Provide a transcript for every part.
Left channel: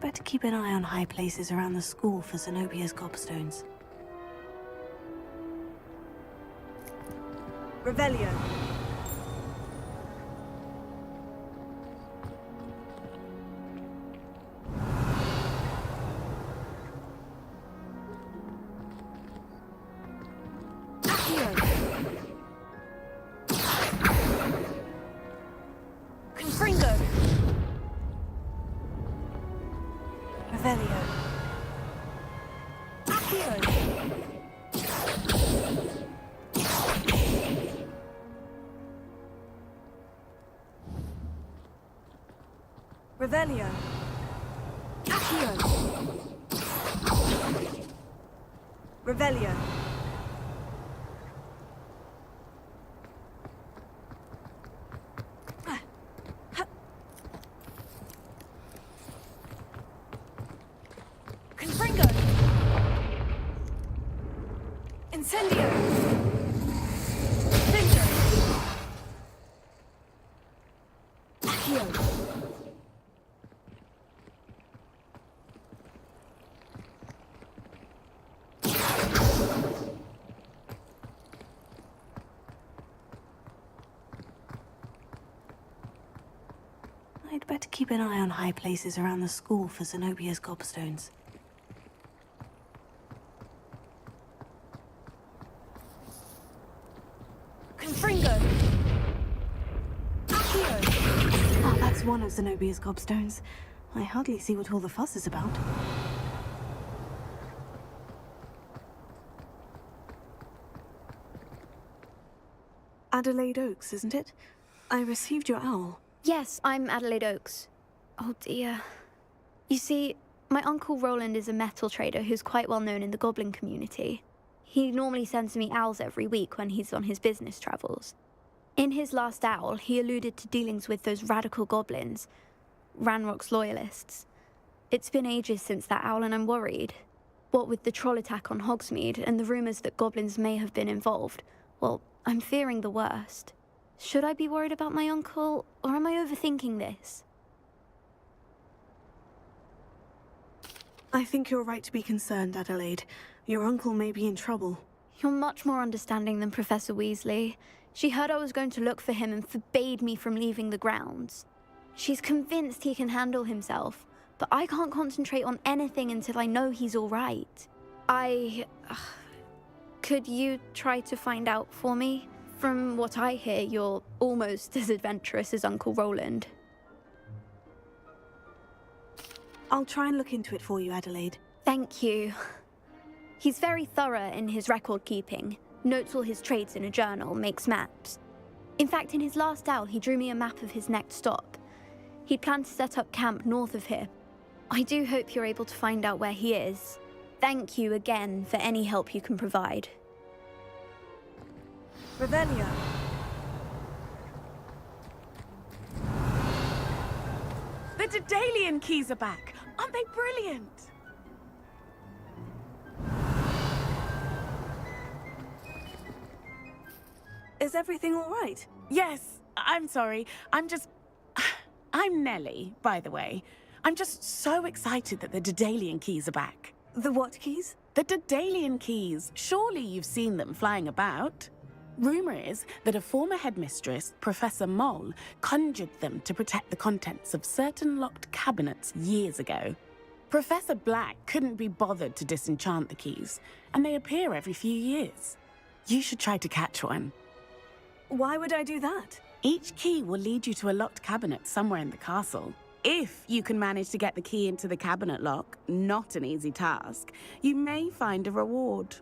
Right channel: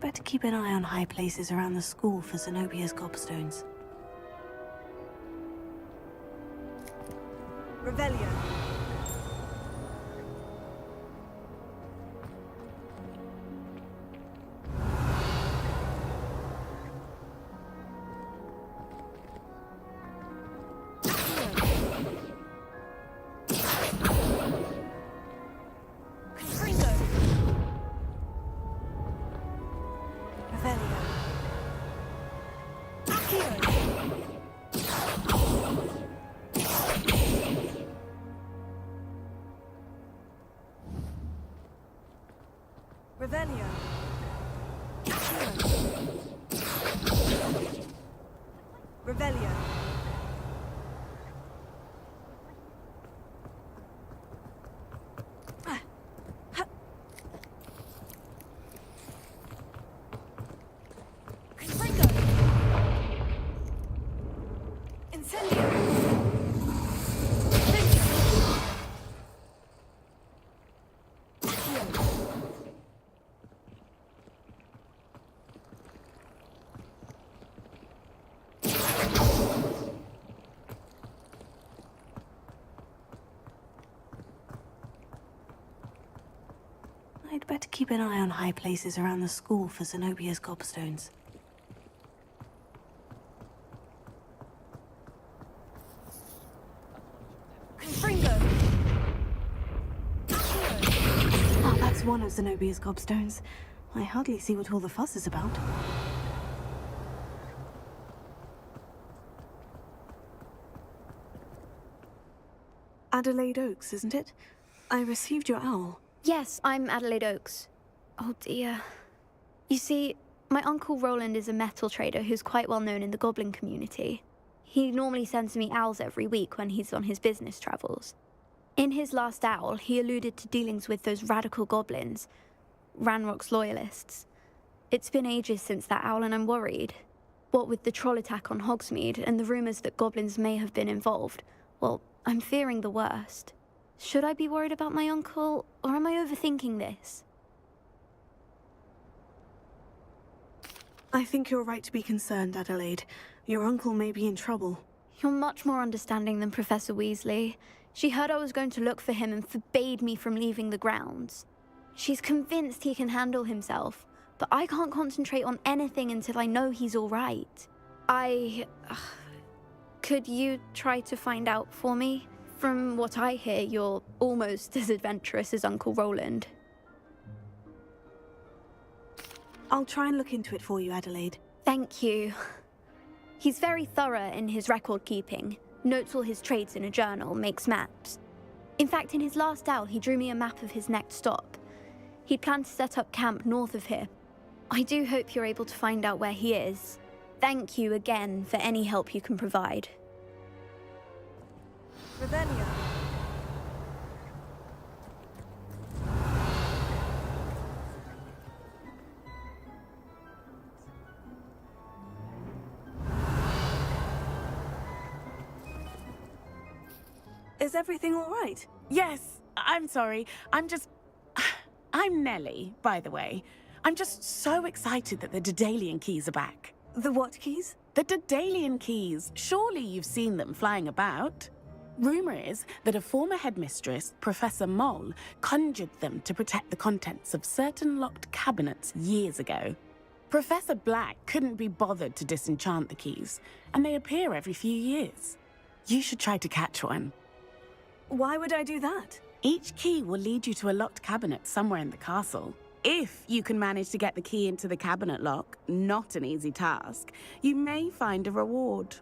I'd better keep an eye on high places around the school for Zenobia's gobstones. Revelio. Revelio. Accio. Revelio. Confringo. Incendio. Venture. Accio. I'd better keep an eye on high places around the school for Zenobia's gobstones. Confringo. Accio. Ah, that's one of Zenobia's gobstones. I hardly see what all the fuss is about. Adelaide Oaks, isn't it? I received your owl. Yes, I'm Adelaide Oaks. Oh dear. You see, my Uncle Roland is a metal trader who's quite well known in the goblin community. He normally sends me owls every week when he's on his business travels. In his last owl, he alluded to dealings with those radical goblins, Ranrock's loyalists. It's been ages since that owl and I'm worried. What with the troll attack on Hogsmeade and the rumours that goblins may have been involved, well, I'm fearing the worst. Should I be worried about my uncle, or am I overthinking this? I think you're right to be concerned, Adelaide. Your uncle may be in trouble. You're much more understanding than Professor Weasley. She heard I was going to look for him and forbade me from leaving the grounds. She's convinced he can handle himself, but I can't concentrate on anything until I know he's all right. Could you try to find out for me? From what I hear, you're almost as adventurous as Uncle Roland. I'll try and look into it for you, Adelaide. Thank you. He's very thorough in his record keeping, notes all his trades in a journal, makes maps. In fact, in his last owl, he drew me a map of his next stop. He'd planned to set up camp north of here. I do hope you're able to find out where he is. Thank you again for any help you can provide. Revelio. The Daedalian keys are back. Aren't they brilliant? Is everything all right? Yes, I'm sorry. I'm Nellie, by the way. I'm just so excited that the Daedalian keys are back. The what keys? The Daedalian keys. Surely you've seen them flying about. Rumour is that a former headmistress, Professor Moll, conjured them to protect the contents of certain locked cabinets years ago. Professor Black couldn't be bothered to disenchant the keys, and they appear every few years. You should try to catch one. Why would I do that? Each key will lead you to a locked cabinet somewhere in the castle. If you can manage to get the key into the cabinet lock, not an easy task, you may find a reward.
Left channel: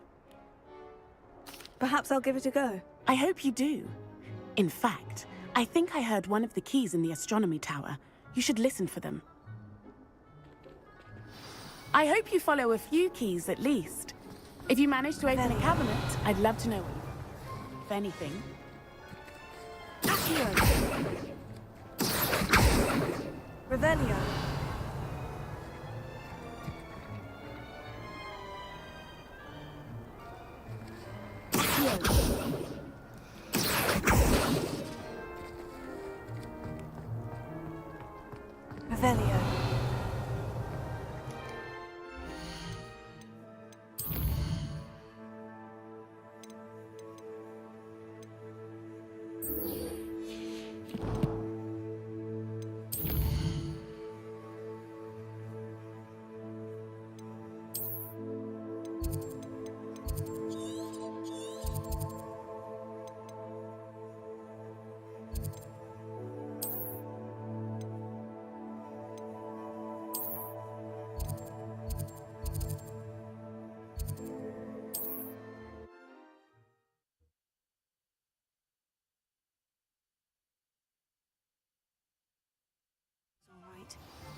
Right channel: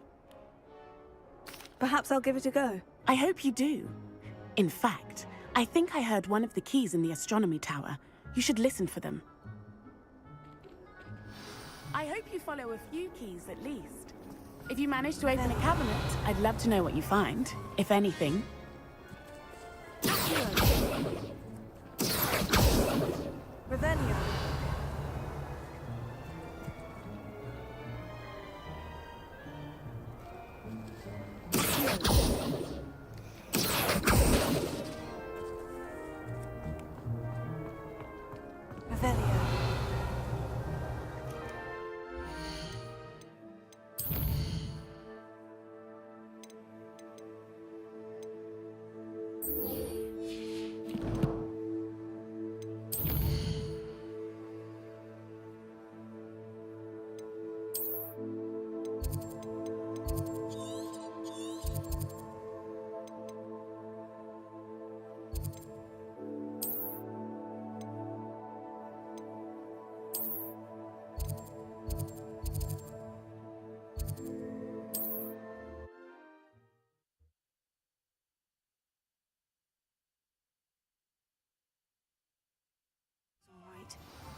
Perhaps I'll give it a go. I hope you do. In fact, I think I heard one of the keys in the astronomy tower. You should listen for them. I hope you follow a few keys at least. If you manage to open a cabinet, I'd love to know what you find, if anything. Accio. Revelio. Revelio.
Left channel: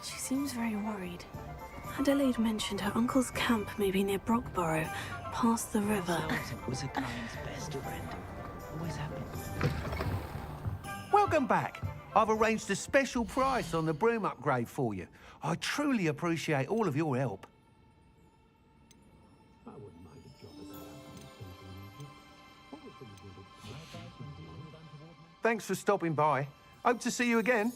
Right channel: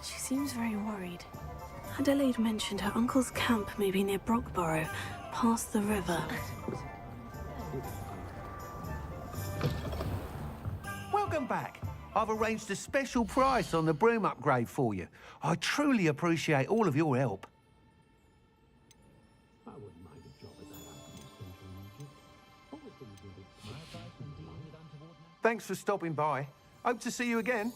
She seems very worried. Adelaide mentioned her uncle's camp may be near Brockborough, past the river. Welcome back. I've arranged a special price on the broom upgrade for you. I truly appreciate all of your help. Thanks for stopping by. Hope to see you again.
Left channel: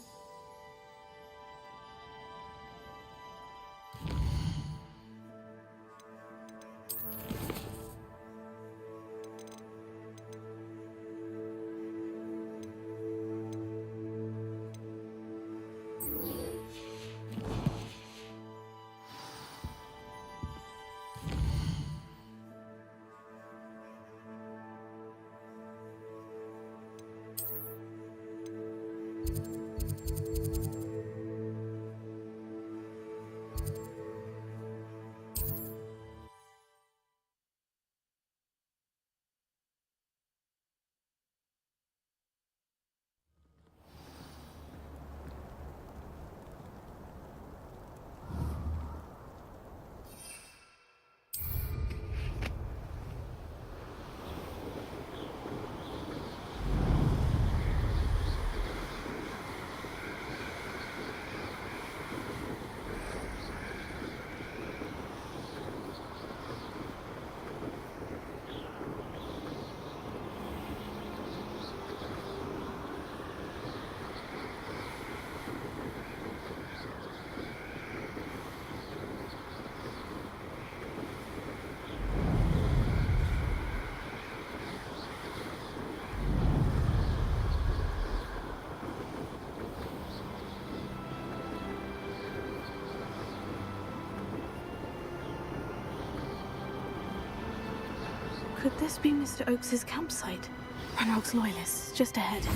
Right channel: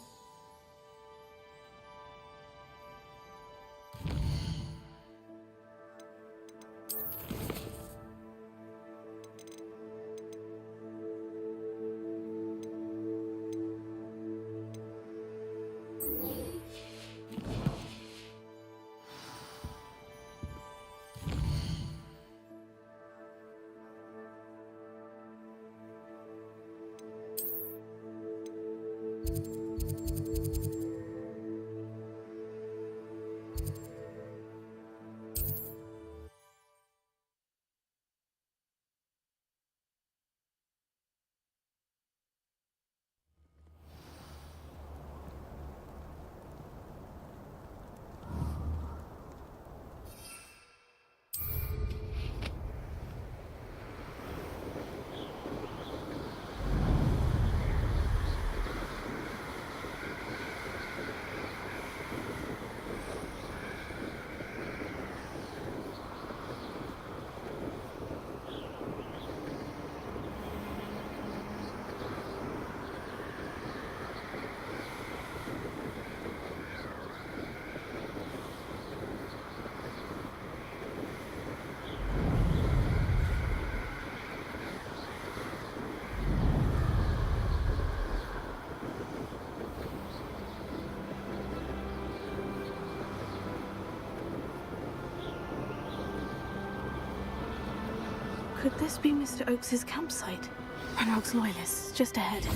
Could this be Mr. Oakes's campsite? Ranrock's loyalists, just ahead.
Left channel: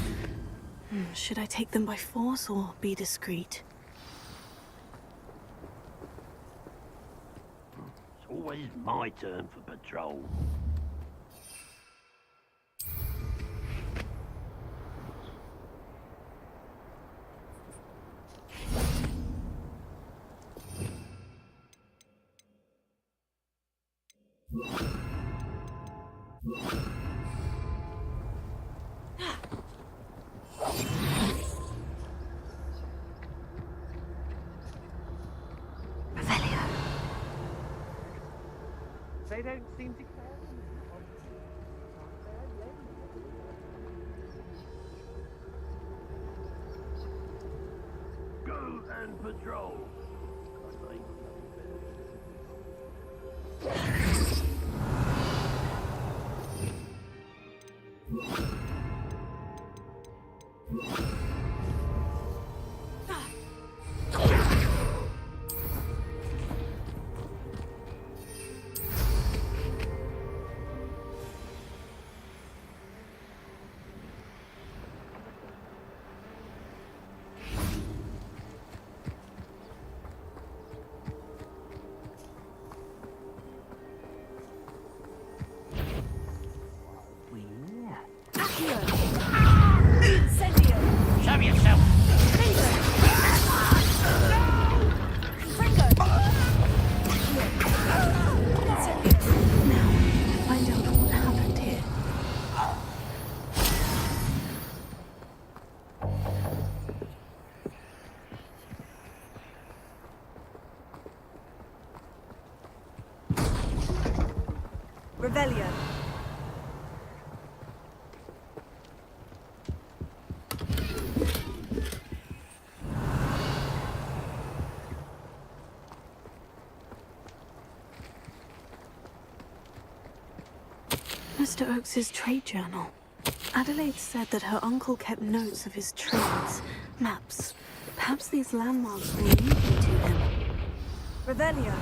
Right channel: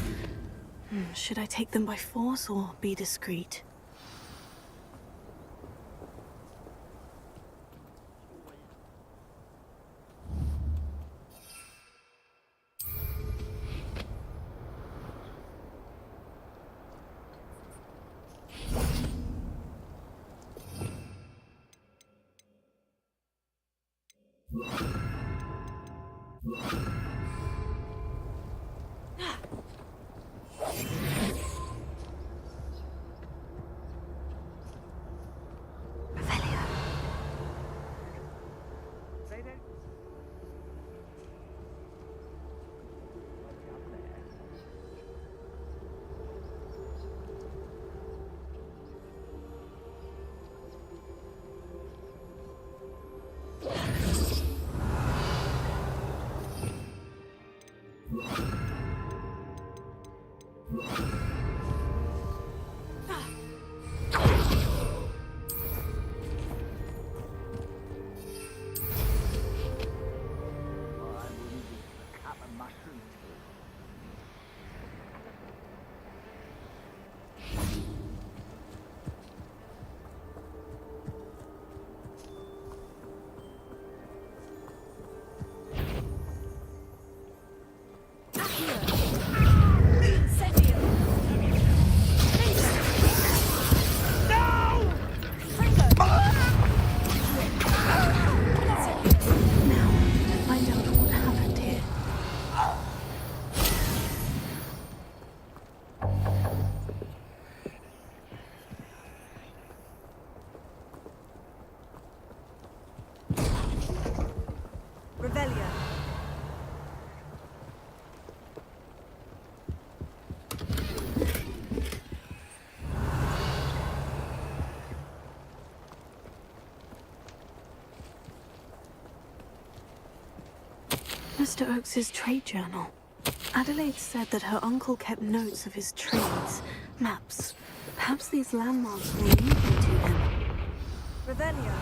Should I take them by force or be discreet? It's always my turn for patrol. They don't seem to... Go and patrol. Show yourself! Now, to find out what happened here. Revelio. Mr. Oakes's trade journal. Adelaide said that her uncle kept notes of his trades, maps. Perhaps these landmarks will lead me to him. Revelio.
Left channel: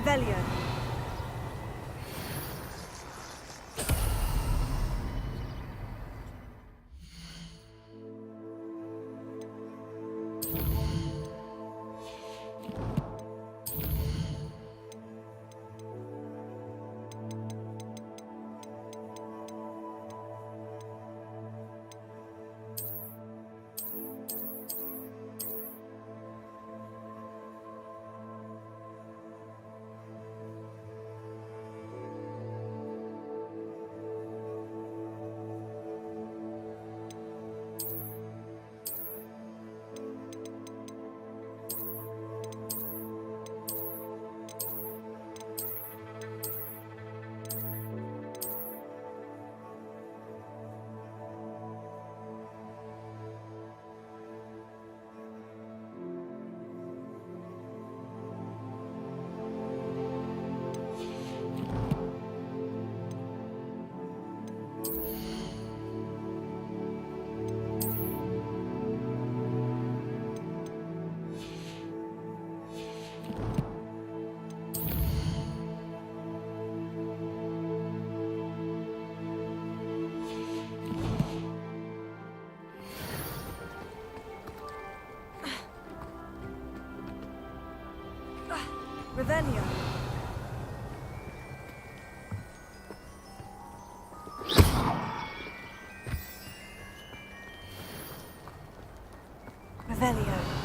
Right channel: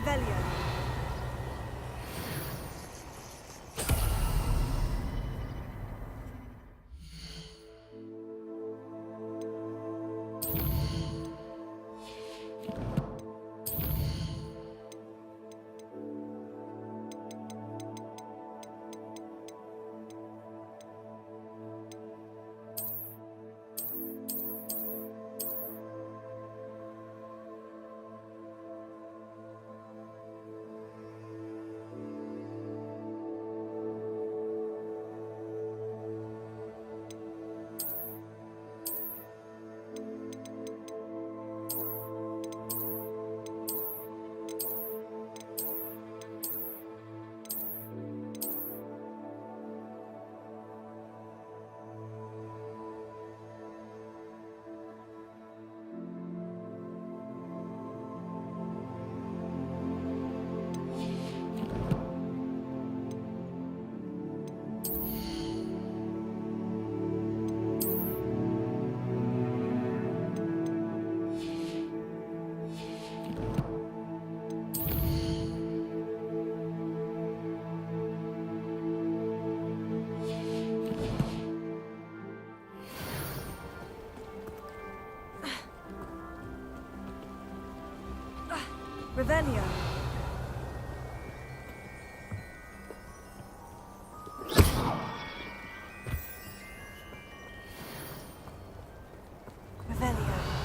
Revelio. Revelio. Revelio.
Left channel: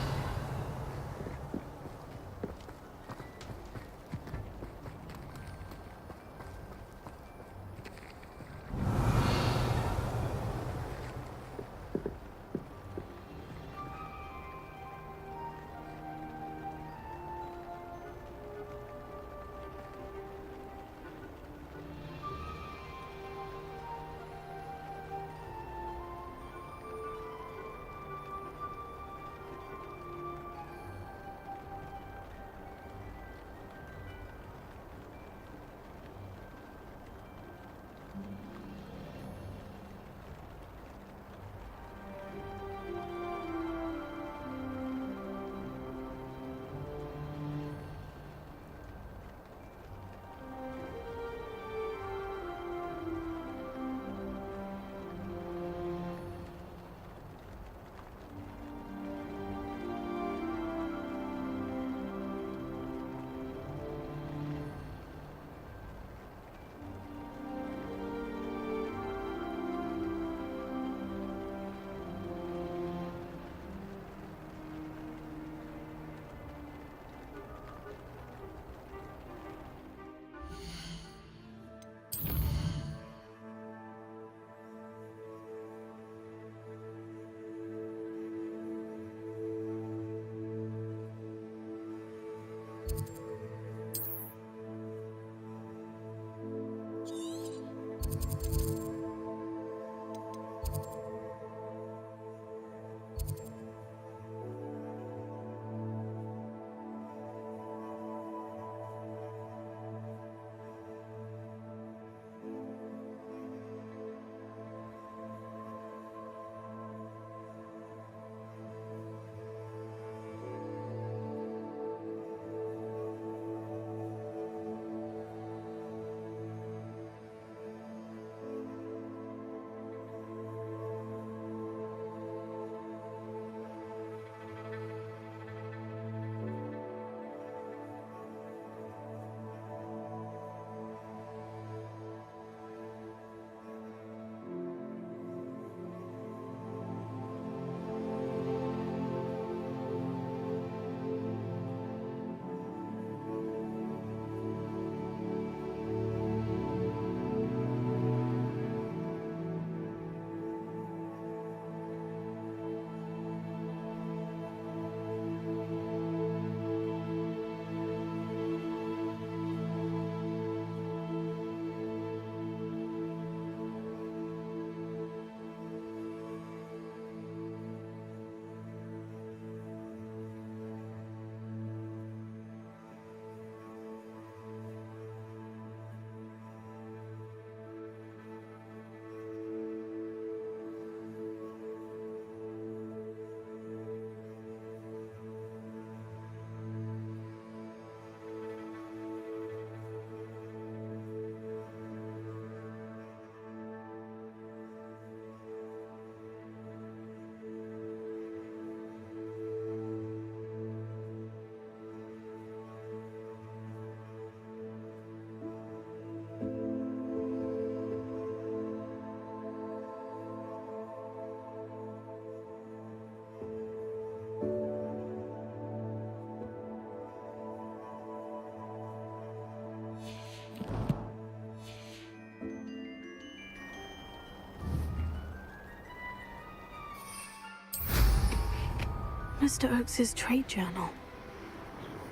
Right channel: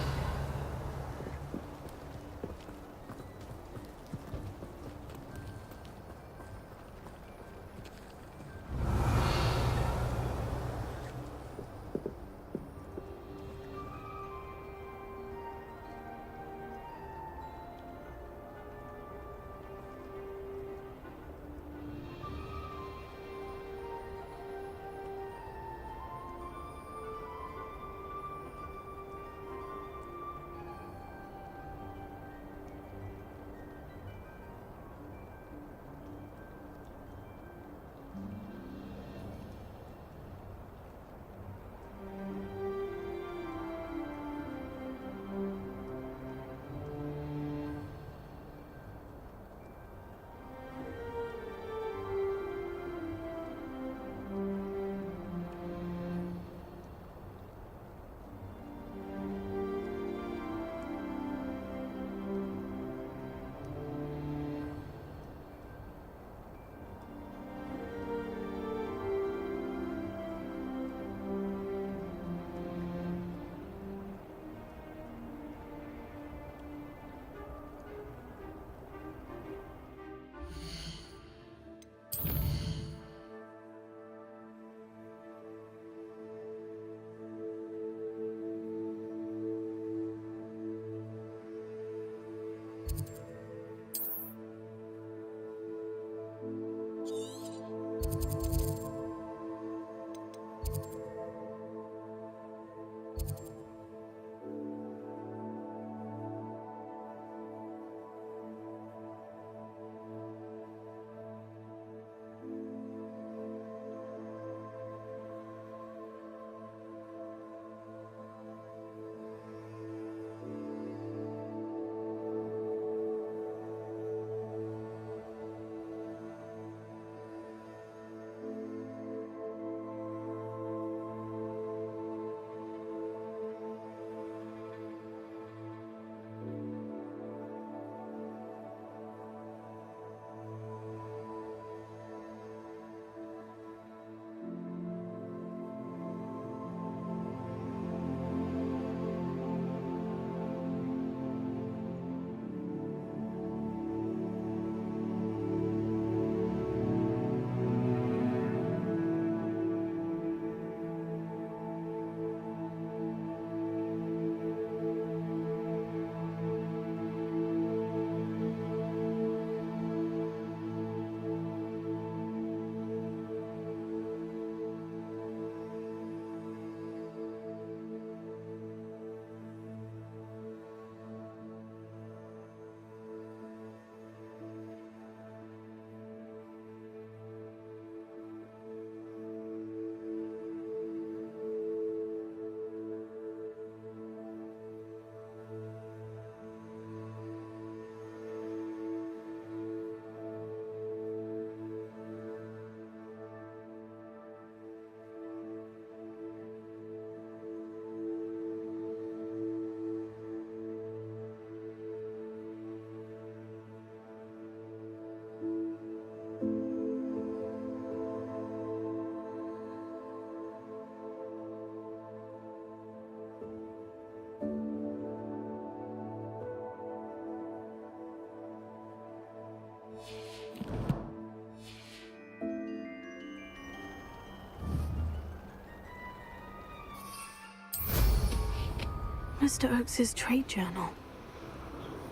Mr. Oakes's trade journal.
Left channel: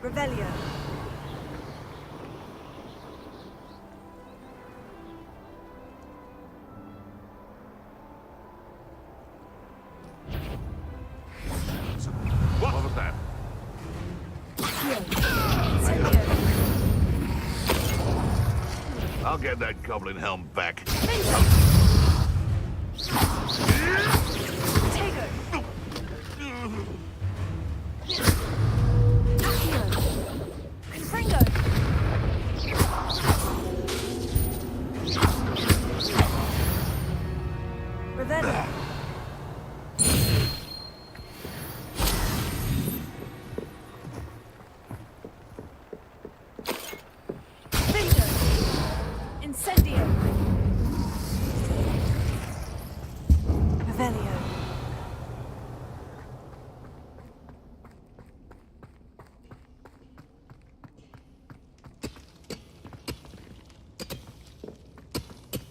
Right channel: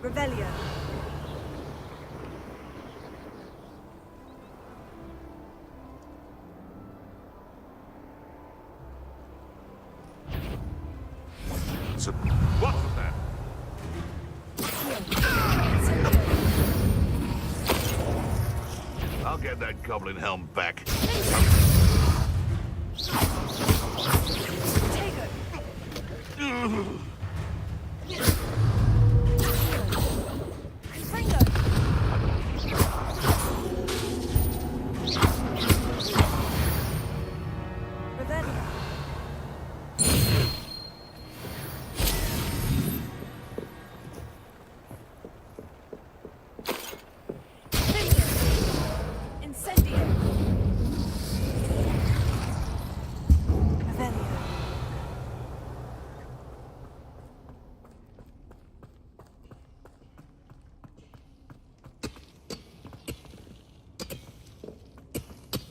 Revelio. So, what was that? I'll get that goblin helm back. Tego. Confringo. Revelio. Incendio. Revelio.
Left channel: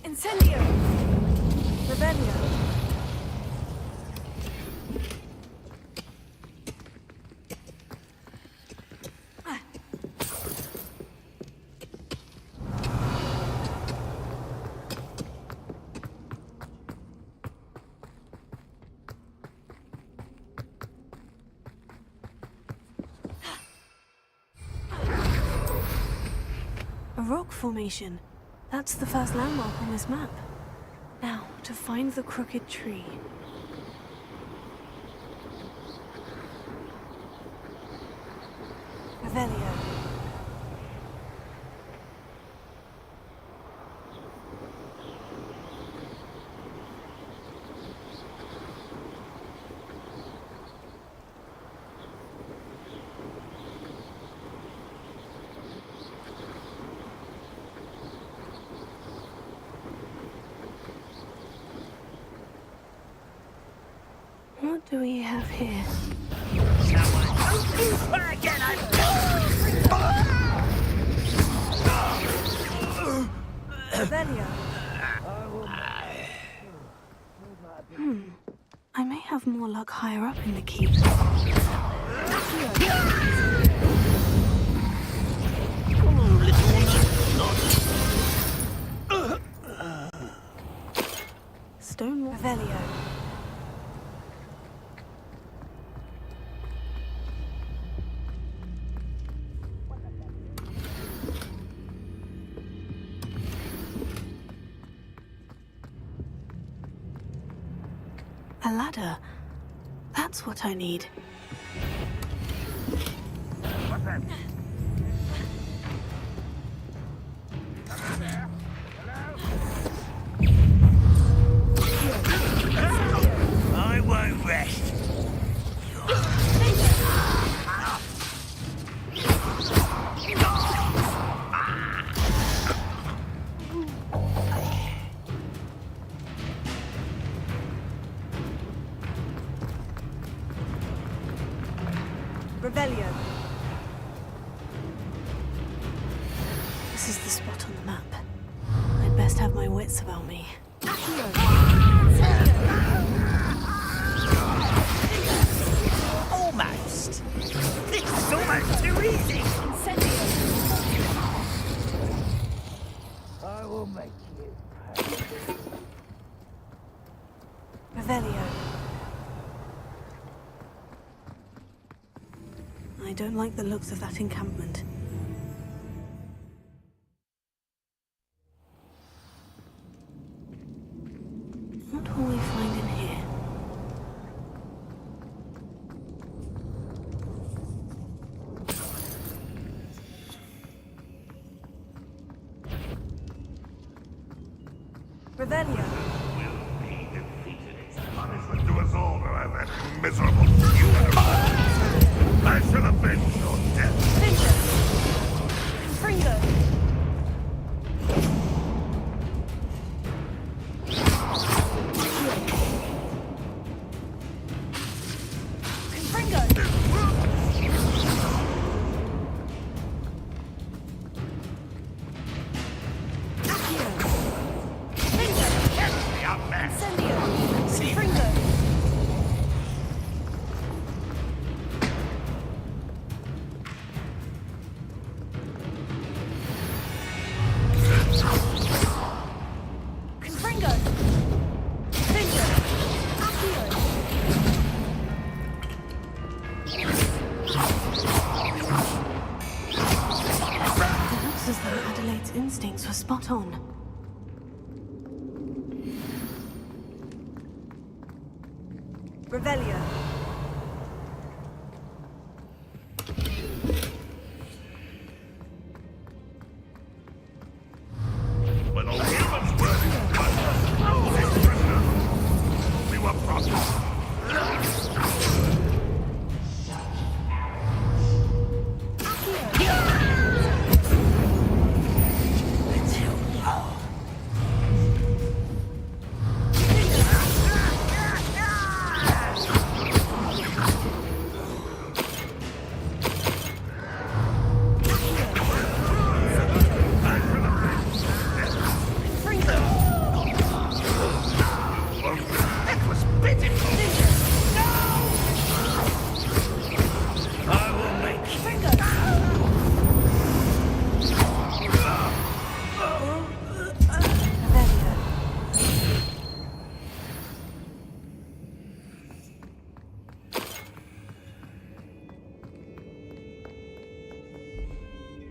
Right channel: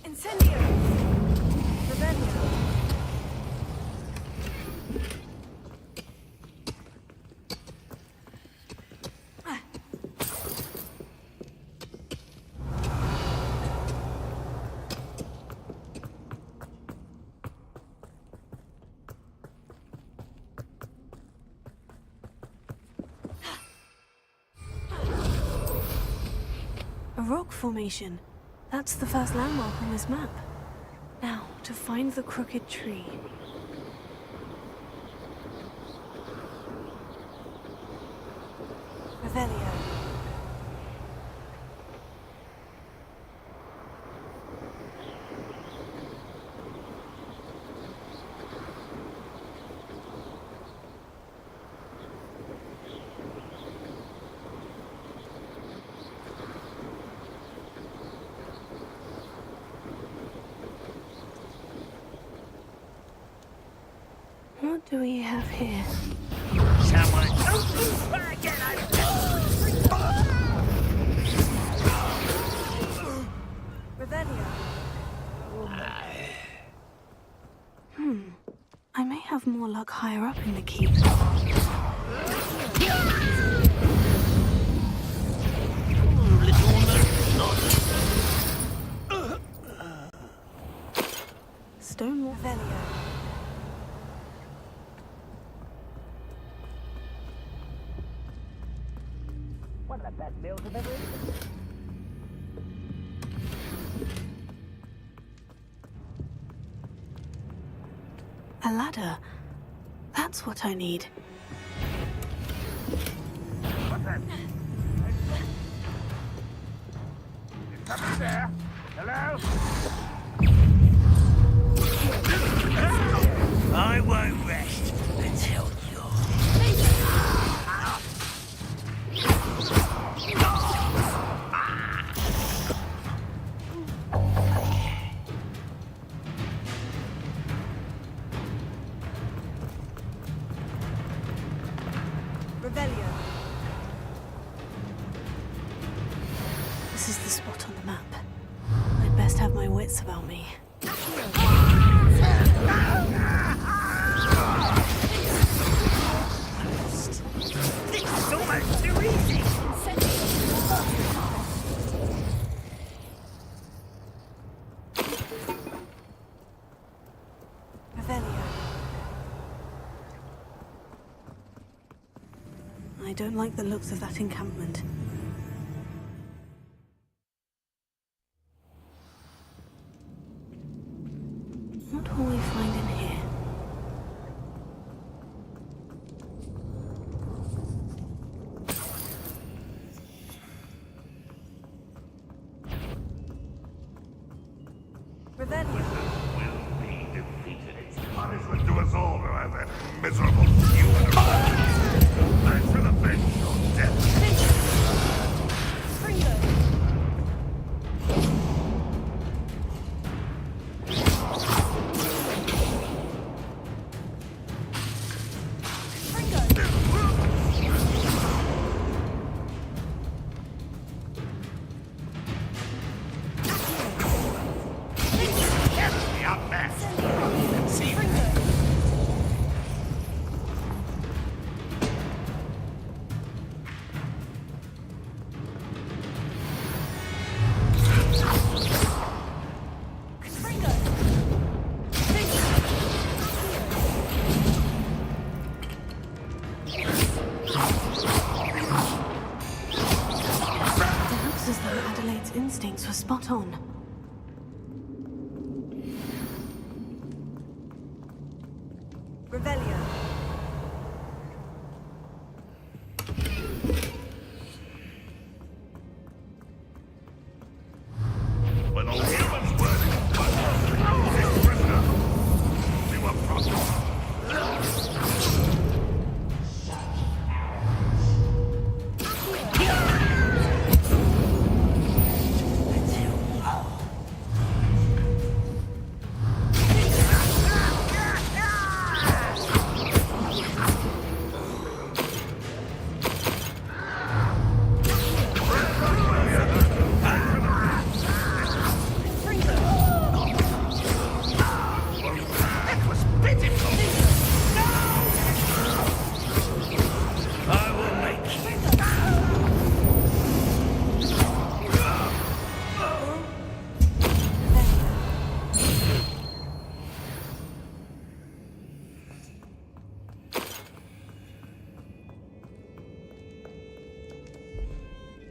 Incendio. Revelio. A rock formation. That's the first landmark on this map. Now, to find the crooked tree. Revelio. What do we have here? Someone don't you try again, Revelio. I may have more luck higher up in the keep. Stonewall. Revelio. A ladder. That's what I need. What's that? Somebody there? Hello? I won't rest until you're... Revelio. This is the spot on the map. I'd best have my wits about me. Almost. This is almost too easy. I will make you. Revelio. I don't like the looks of that encampment. What will we find in here? Revelio. Will be defeated. It's punishment to us all to have that miserable human around. I shall avenge your death. Fringo. Fringo. Looks as though Adelaide's instincts were spot on. Revelio. When all humans were this prisoner, we were promised. That was pitiful. I will make you.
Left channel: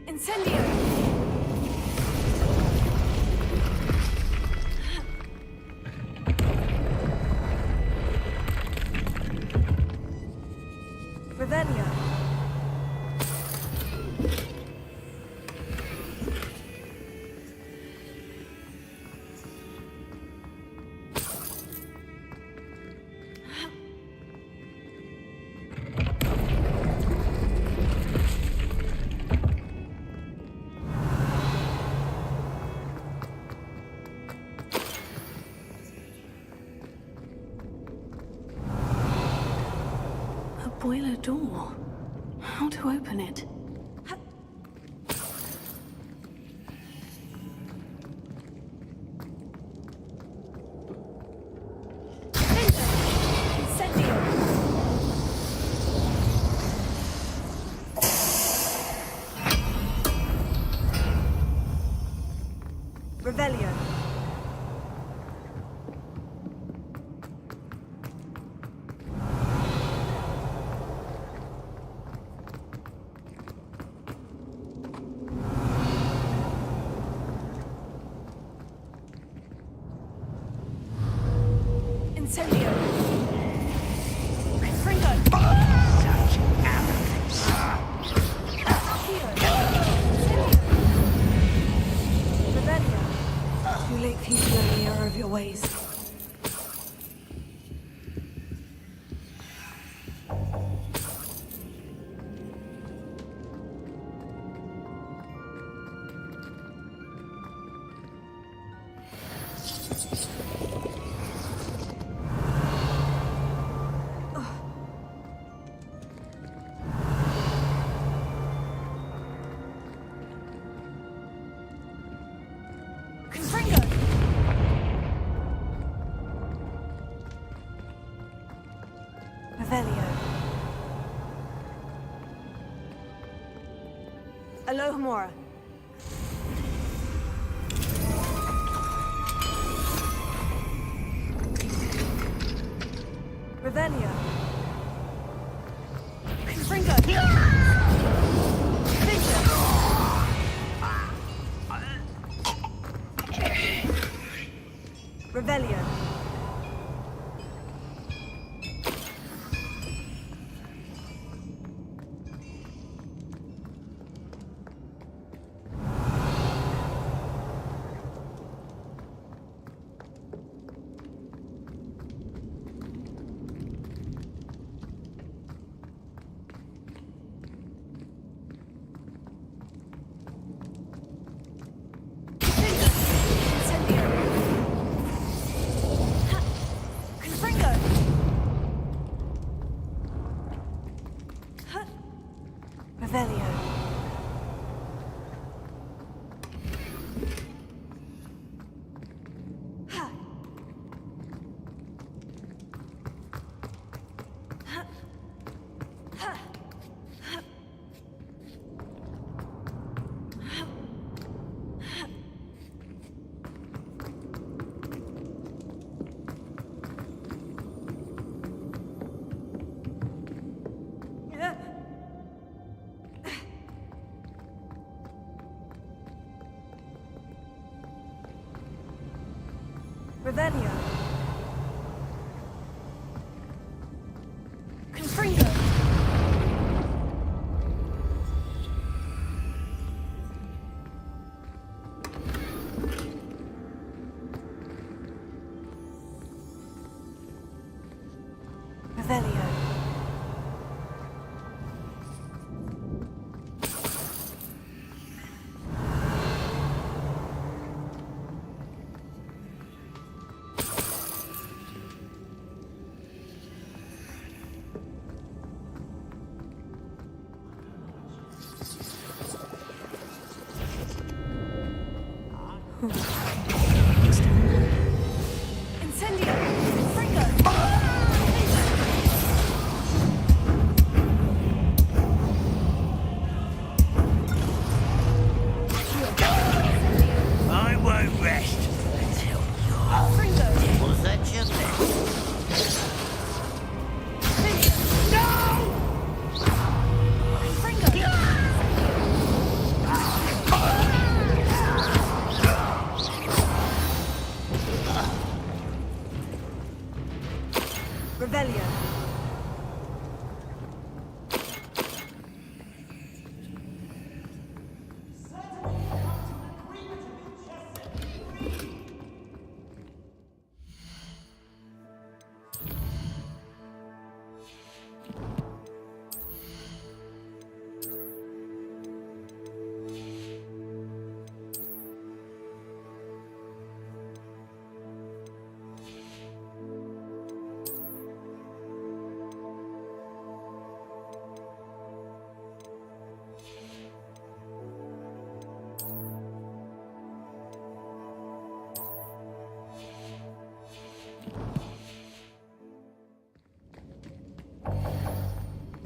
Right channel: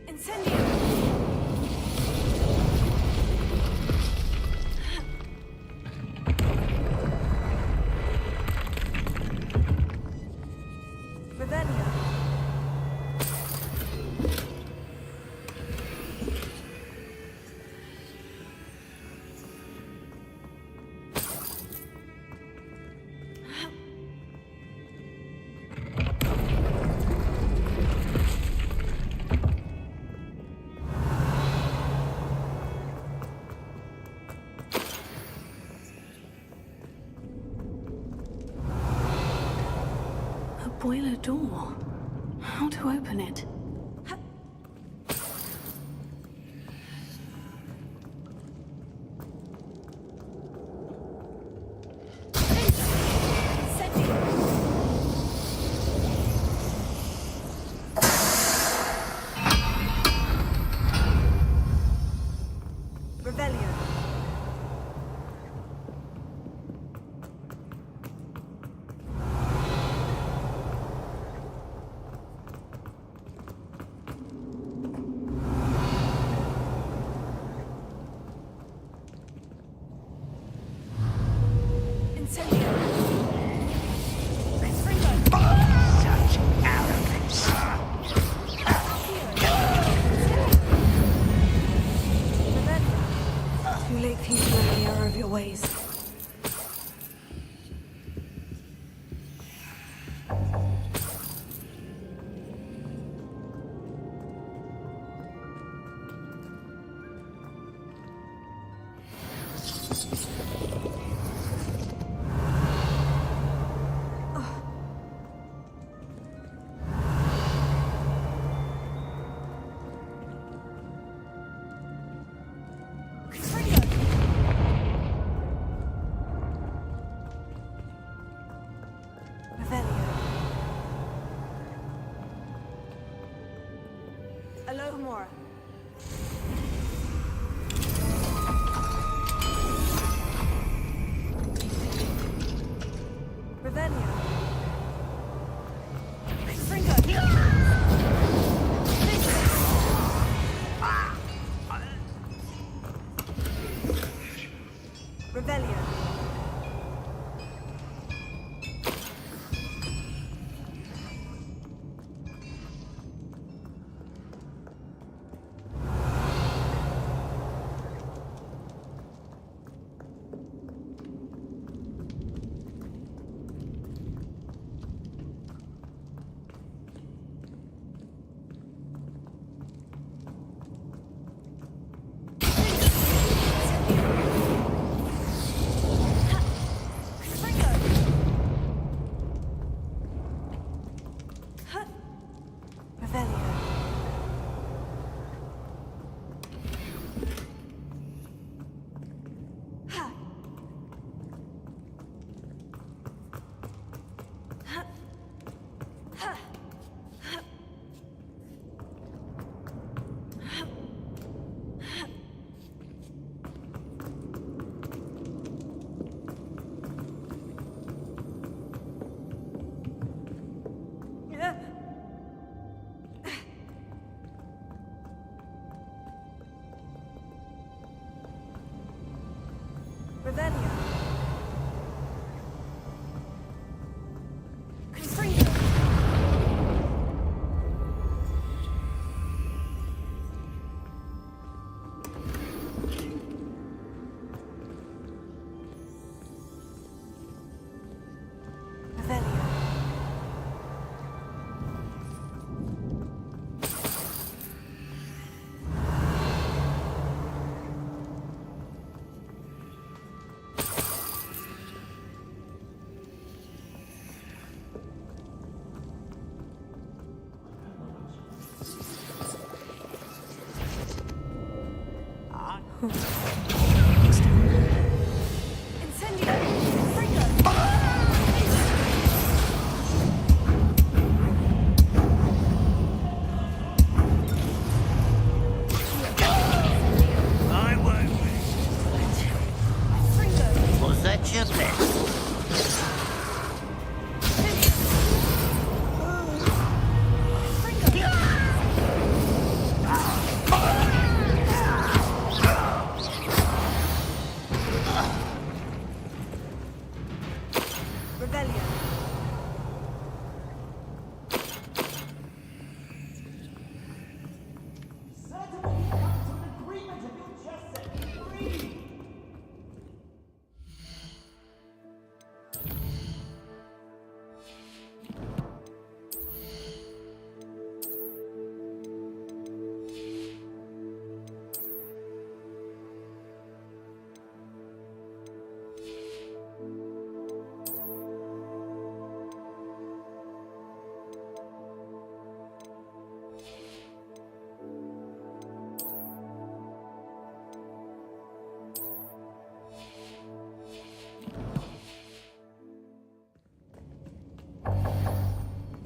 Incendio. Revelio. A boiler door. How to open it? Incendio. Revelio. Incendio. Confringo. Such arrogance. Revelio. Too late for you to learn the error of your ways. Confringo. Revelio. Alohomora. Revelio. Confringo. Revelio. Incendio. Revelio. Confringo. Revelio. Incendio. Fringo. I won't rest until you're... Fringo. Was that your best? Revelio.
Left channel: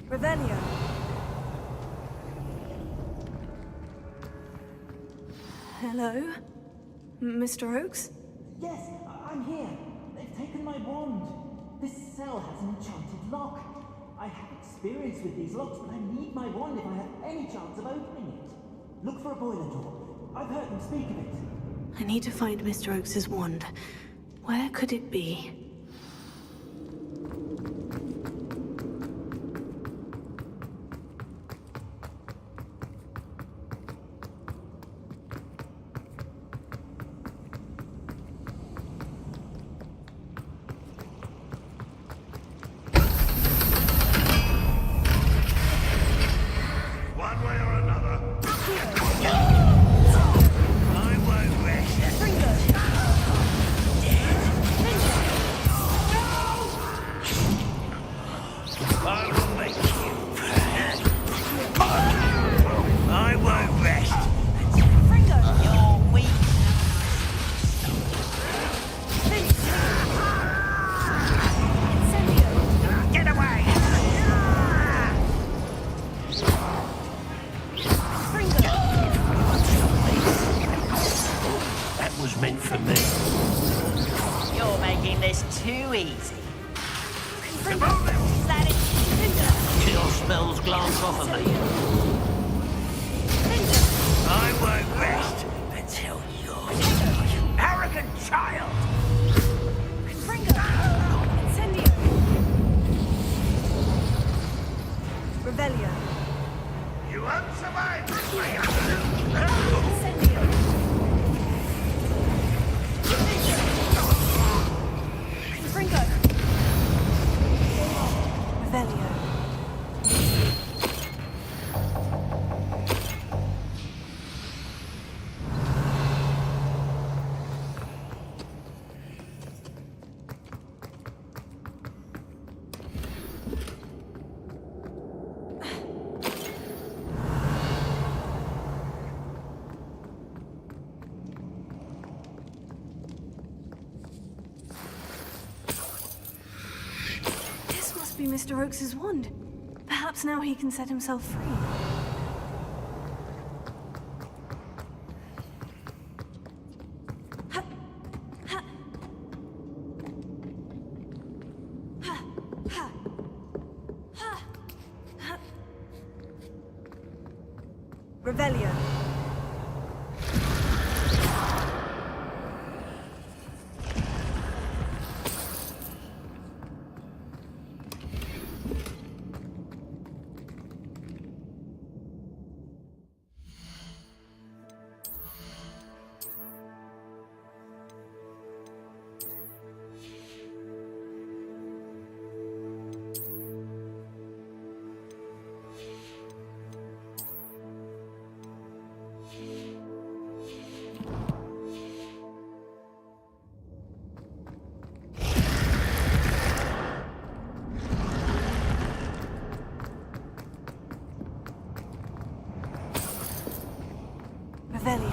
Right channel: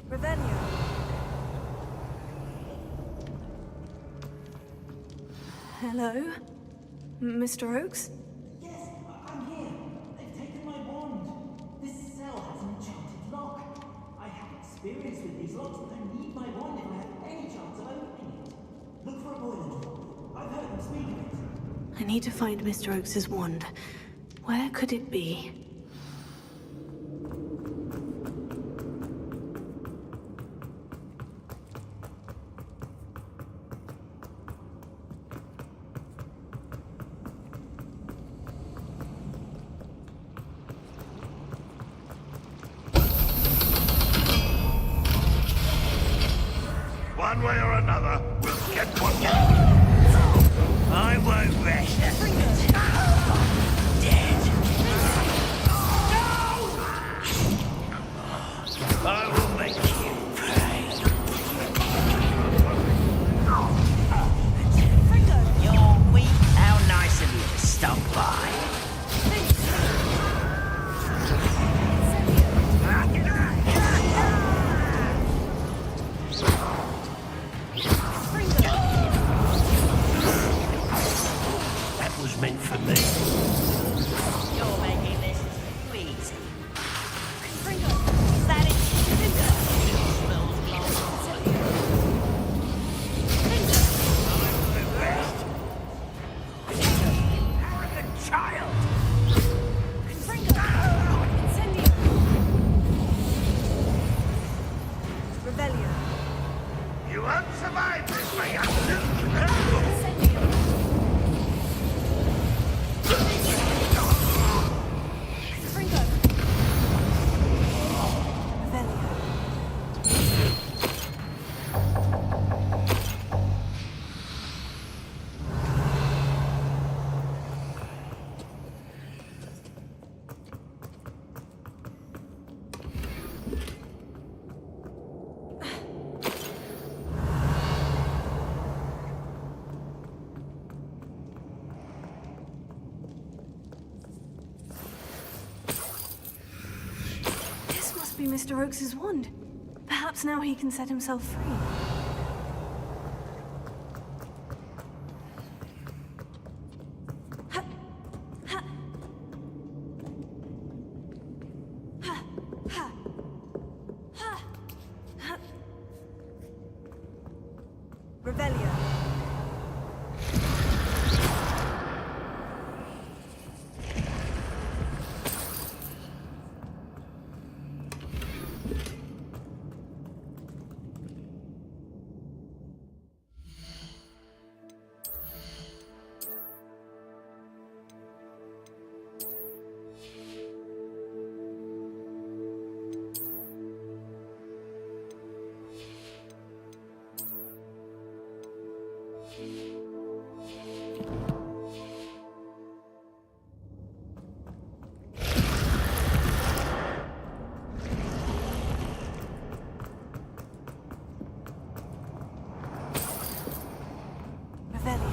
Revelio. Hello? Mr. Oakes? Yes, I'm here. They've taken my wand. This cell has an enchanted lock. I have experience with these locks, but I need my wand if I have any chance of opening it. Look for a boiler door. I've heard them speak of it. I need to find Mr. Oakes' wand. Where could it be? One way or another, we'll get one. I won't rest until you're dead. I will make you proud. I won't rest until you're weak. How nice of you to stop by. Incendio. Get away! That was meant for me. You're making this too easy. Is that it? Kill spells glance off of me. I won't rest until you're dead, you arrogant child! Incendio. Revelio. You won't survive this, my young. Incendio. Confringo. Revelio. Be Mr. Oakes' wand. Perhaps now he can set himself free. Ha! Ha! Ha! Ha! Ha! Ha! Revelio. Revelio.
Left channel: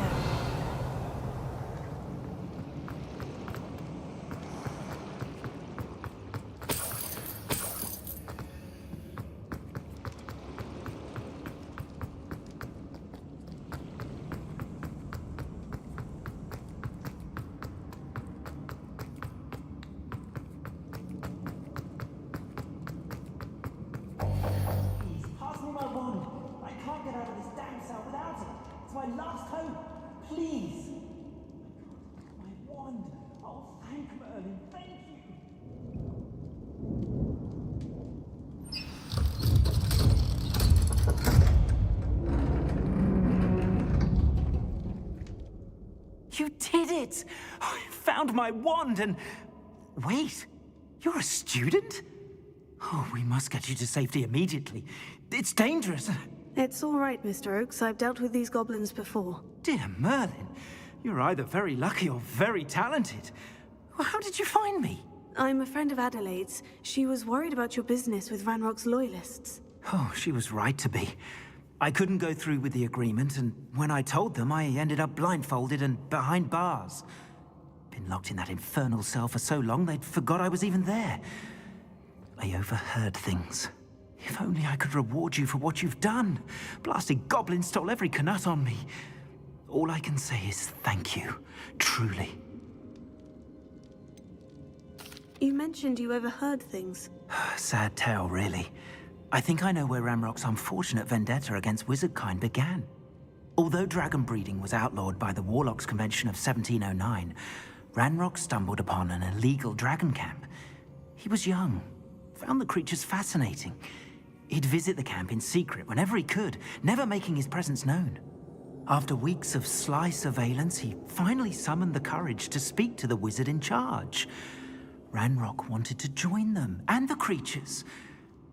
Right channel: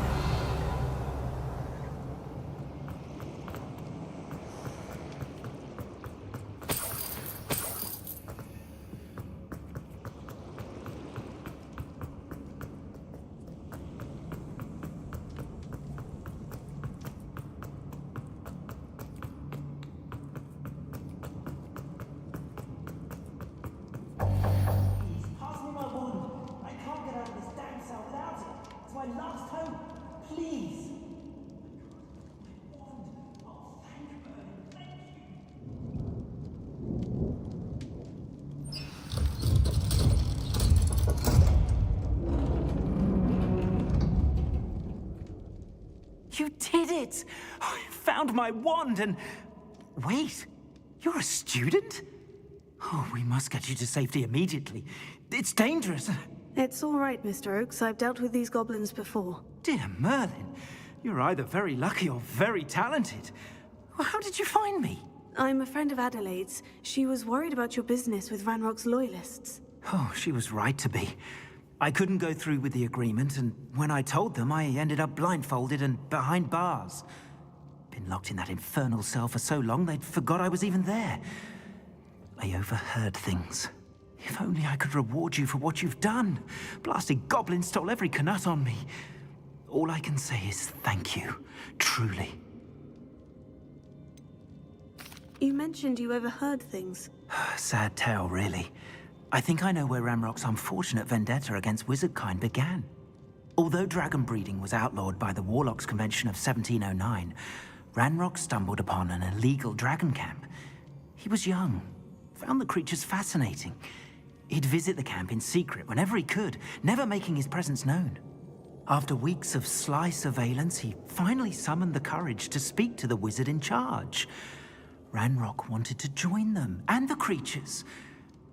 Please, pass me my wand. I can't get out of this damn cell without it. It's my last hope. Please. My wand. Oh, thank Merlin. Thank you. You did it! I found my wand and... Wait, you're a student? Oh, we must get you to safety immediately. It's dangerous. It's all right, Mr. Oaks. I've dealt with these goblins before. Dear Merlin, you're either very lucky or very talented. Well, how did you find me? I'm a friend of Adelaide's. She was worried about your business with Ranrock's loyalists. Oh, she was right to be. I couldn't go through with the agreement, and when I told them, I ended up blindfolded and behind bars. Been locked in that infernal cell for so long, they'd forgot I was even there. I overheard things. If only I could reward you for what you've done. Blasted goblin stole every knut on me. All I can say is thank you, truly. You mentioned you overheard things. Sad tale, really. I think I know where Ranrock's unfortunate vendetta against wizardkind began. Although dragon breeding was outlawed by the Warlocks Convention of 1709, Ranrock stumbled upon an illegal dragon camp. He was young, found the creatures fascinating. He'd visit the camp in secret whenever he could, never making his presence known. After weeks of sly surveillance, he finally summoned the courage to speak to the wizard in charge. Ranrock wanted to join them, and the creatures.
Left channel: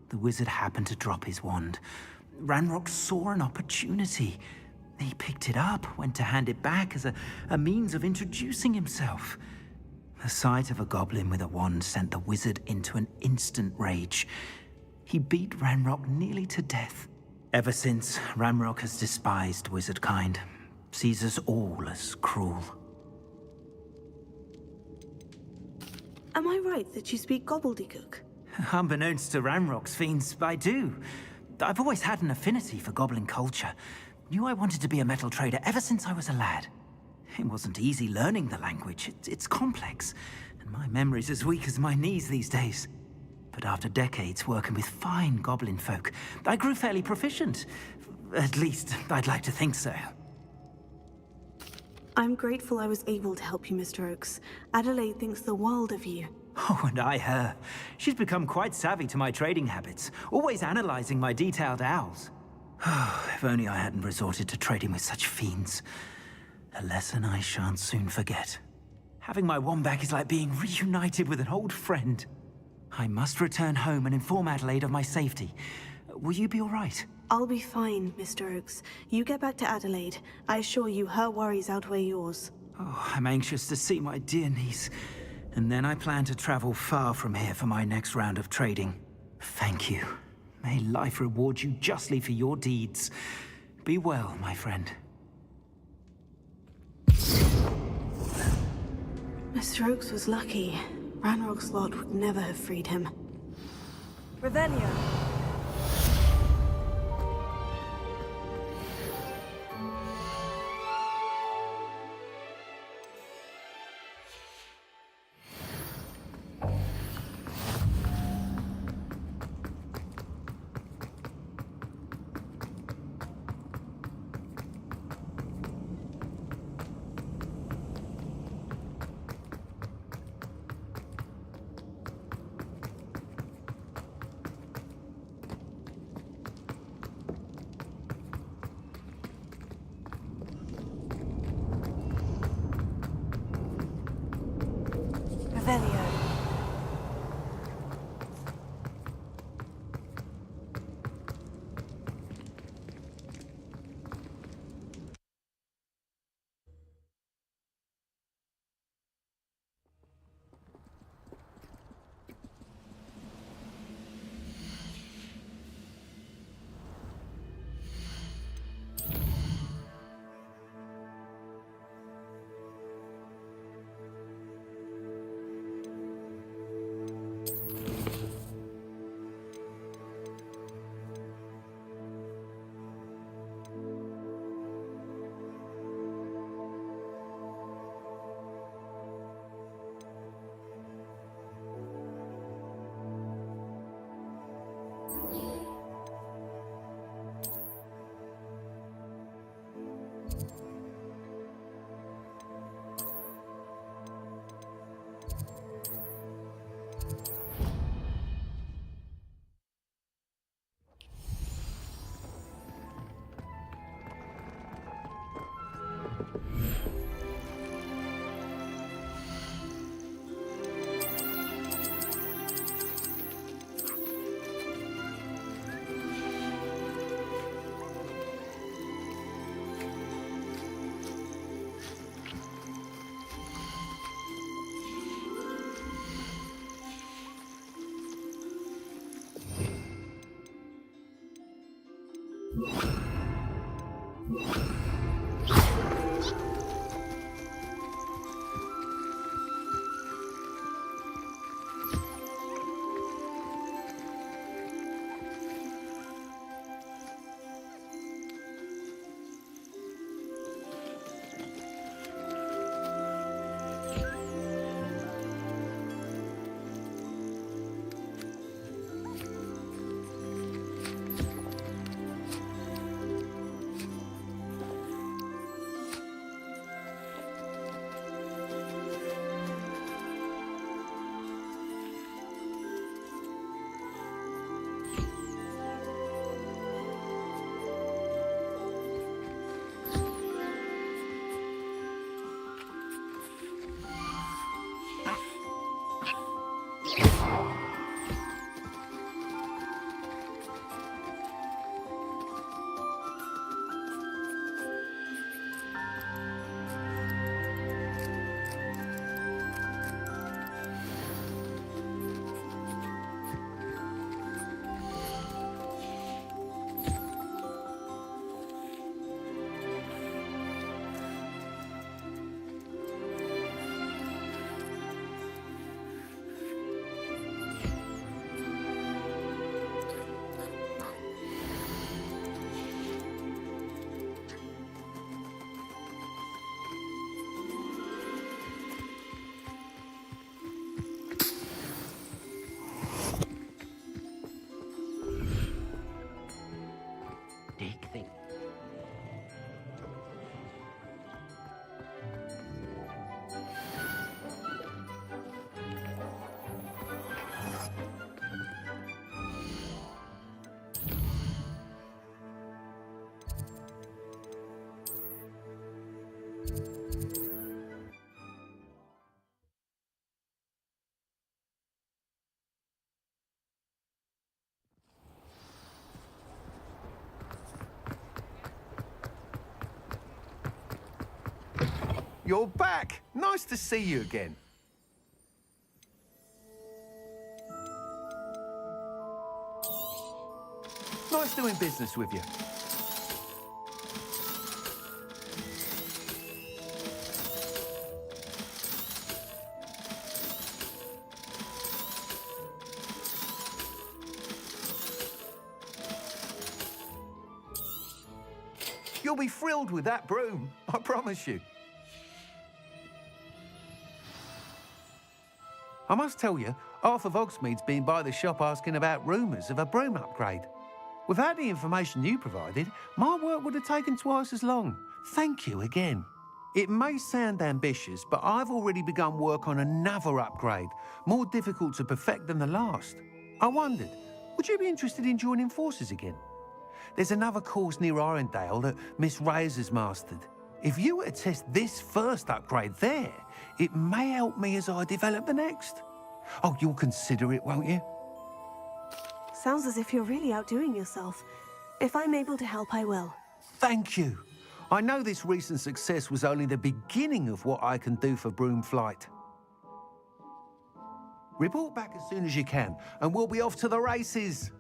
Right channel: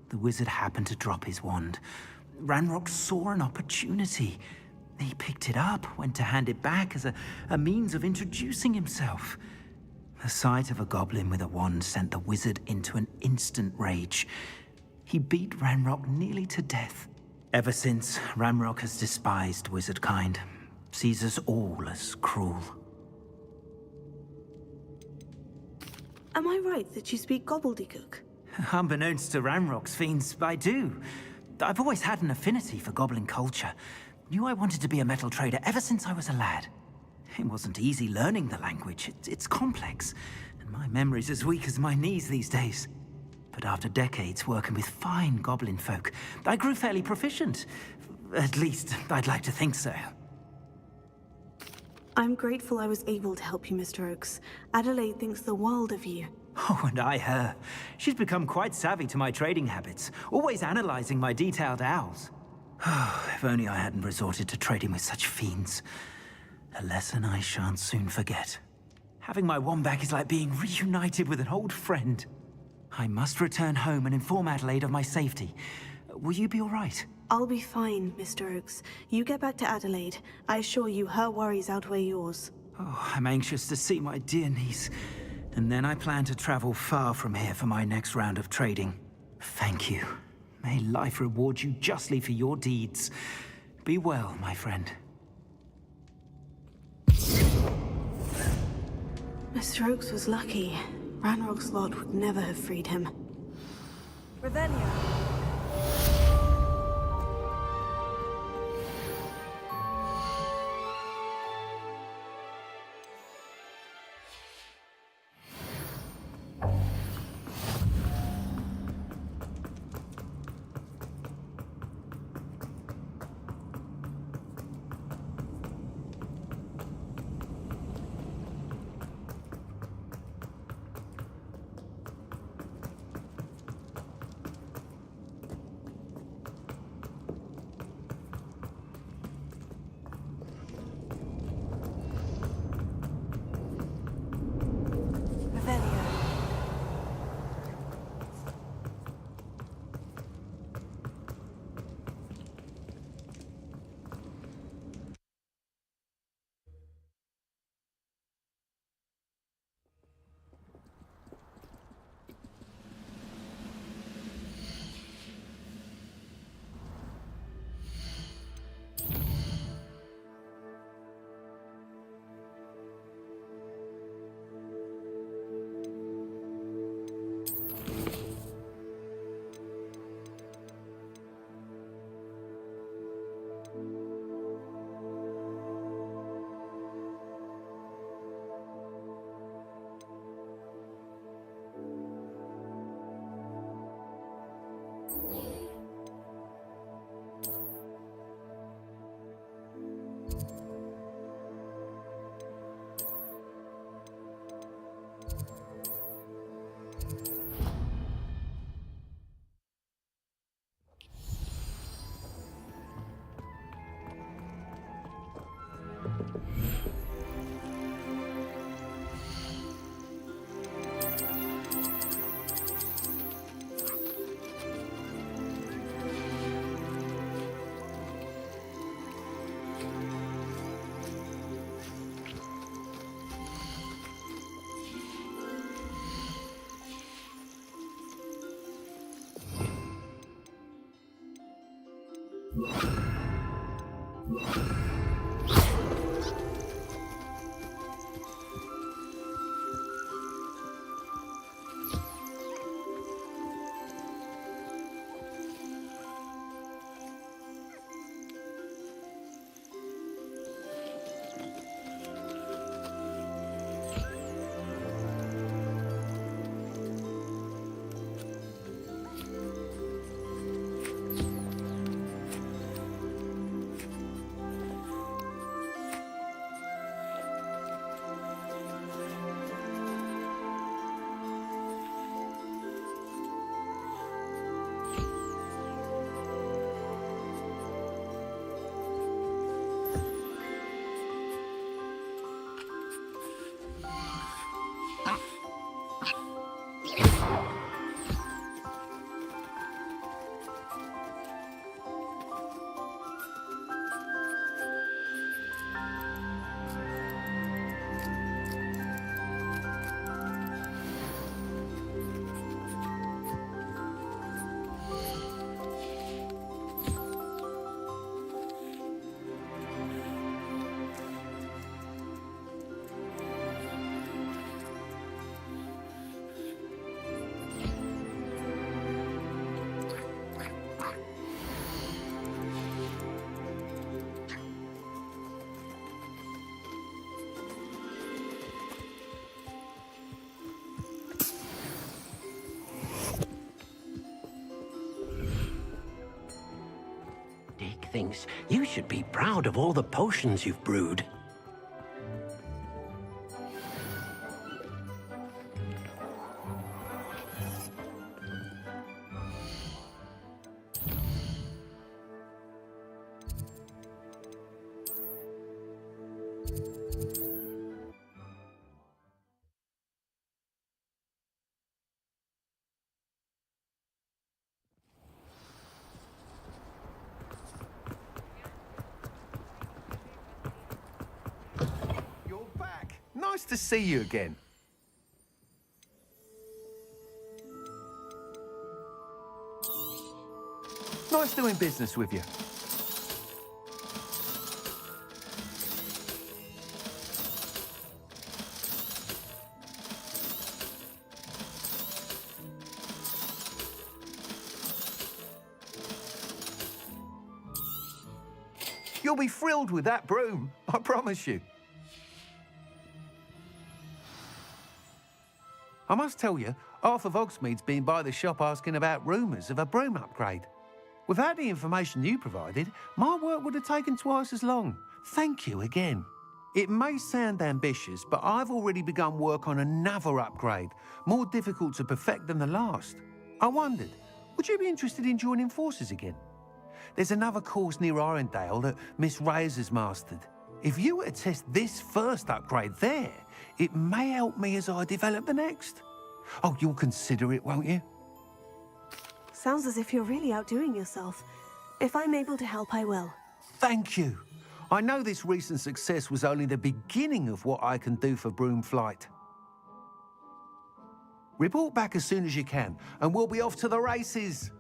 The wizard happened to drop his wand. Ranrock saw an opportunity. He picked it up, went to hand it back as a means of introducing himself. The sight of a goblin with a wand sent the wizard into an instant rage. He beat Ranrock nearly to death. Ever since, Ranrock has despised wizardkind, sees us all as cruel. Am I right that you speak gobbledygook? Unbeknownst to Ranrock's fiends, I do. I've always had an affinity for goblin culture. Knew I wanted to be a metal trader ever since I was a lad. It wasn't easy learning the language. It's complex, and my memory's as weak as my knees these days. But after decades working with fine goblin folk, I grew fairly proficient. At least, I'd like to think so. I'm grateful I was able to help you, Mr. Oaks. Adelaide thinks the world of you. Oh, and I her. She's become quite savvy to my trading habits, always analyzing my detailed owls. If only I hadn't resorted to trading with such fiends. A lesson I shan't soon forget. Having my wand back is like being reunited with an old friend. I must return home and inform Adelaide of my safety. Will you be all right? I'll be fine, Mr. Oaks. You get back to Adelaide. I assure you her worries outweigh yours. Oh, I'm anxious to see my dear niece. And then I plan to travel far from here for my next round of trading. Thank you. May life reward you justly for your deeds. Be well, my friend. Mr. Oaks was lucky. Ranrock's lot would never have freed him. Revelio. things. You should be proud of all the potions you've brewed. You're back. Nice to see you again. Nice doing business with you. You'll be thrilled with that broom, I promise you. I must tell you, half of Hogsmeade's been by the shop asking about rumours of a broom upgrade. Without the information you provided, my work would have taken twice as long. Thank you again. It may sound ambitious, but I've already begun work on another upgrade, more difficult to perfect than the last. I wondered, would you be interested in joining forces again? There's another course near Irondale that Miss Reyes has mastered. If you were to test this first upgrade there, it may help me as I develop the next. Oh, you'll consider it, won't you? Sounds as if you're really outdoing yourself. If I'm able to help, I will. Thank you. I know this recent success was only the beginning of what I can do for Broom Flight. Report back as soon as you can, and we'll be off to the races.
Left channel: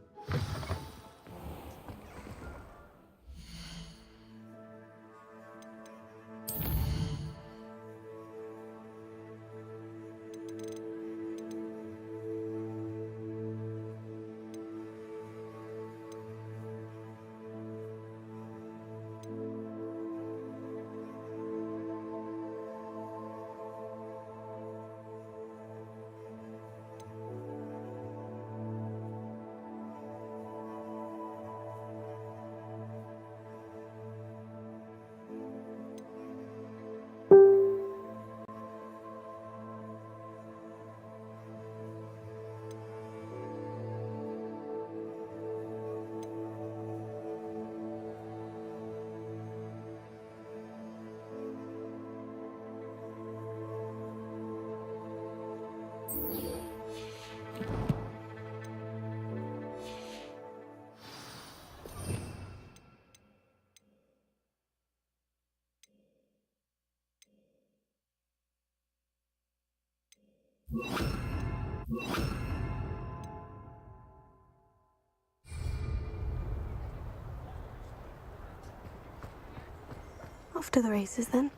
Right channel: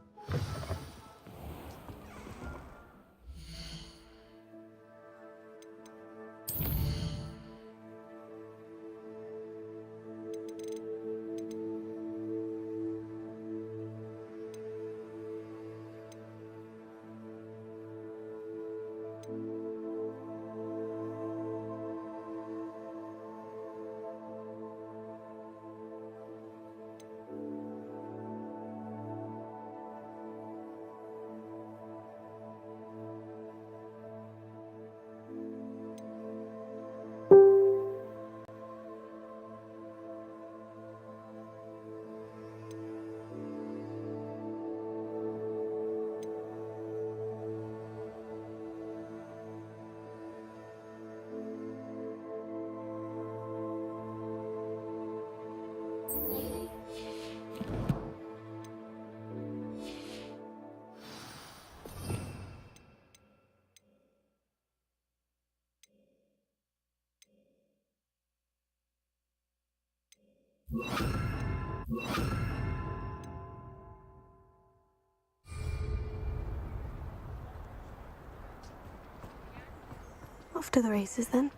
Off to the races, then.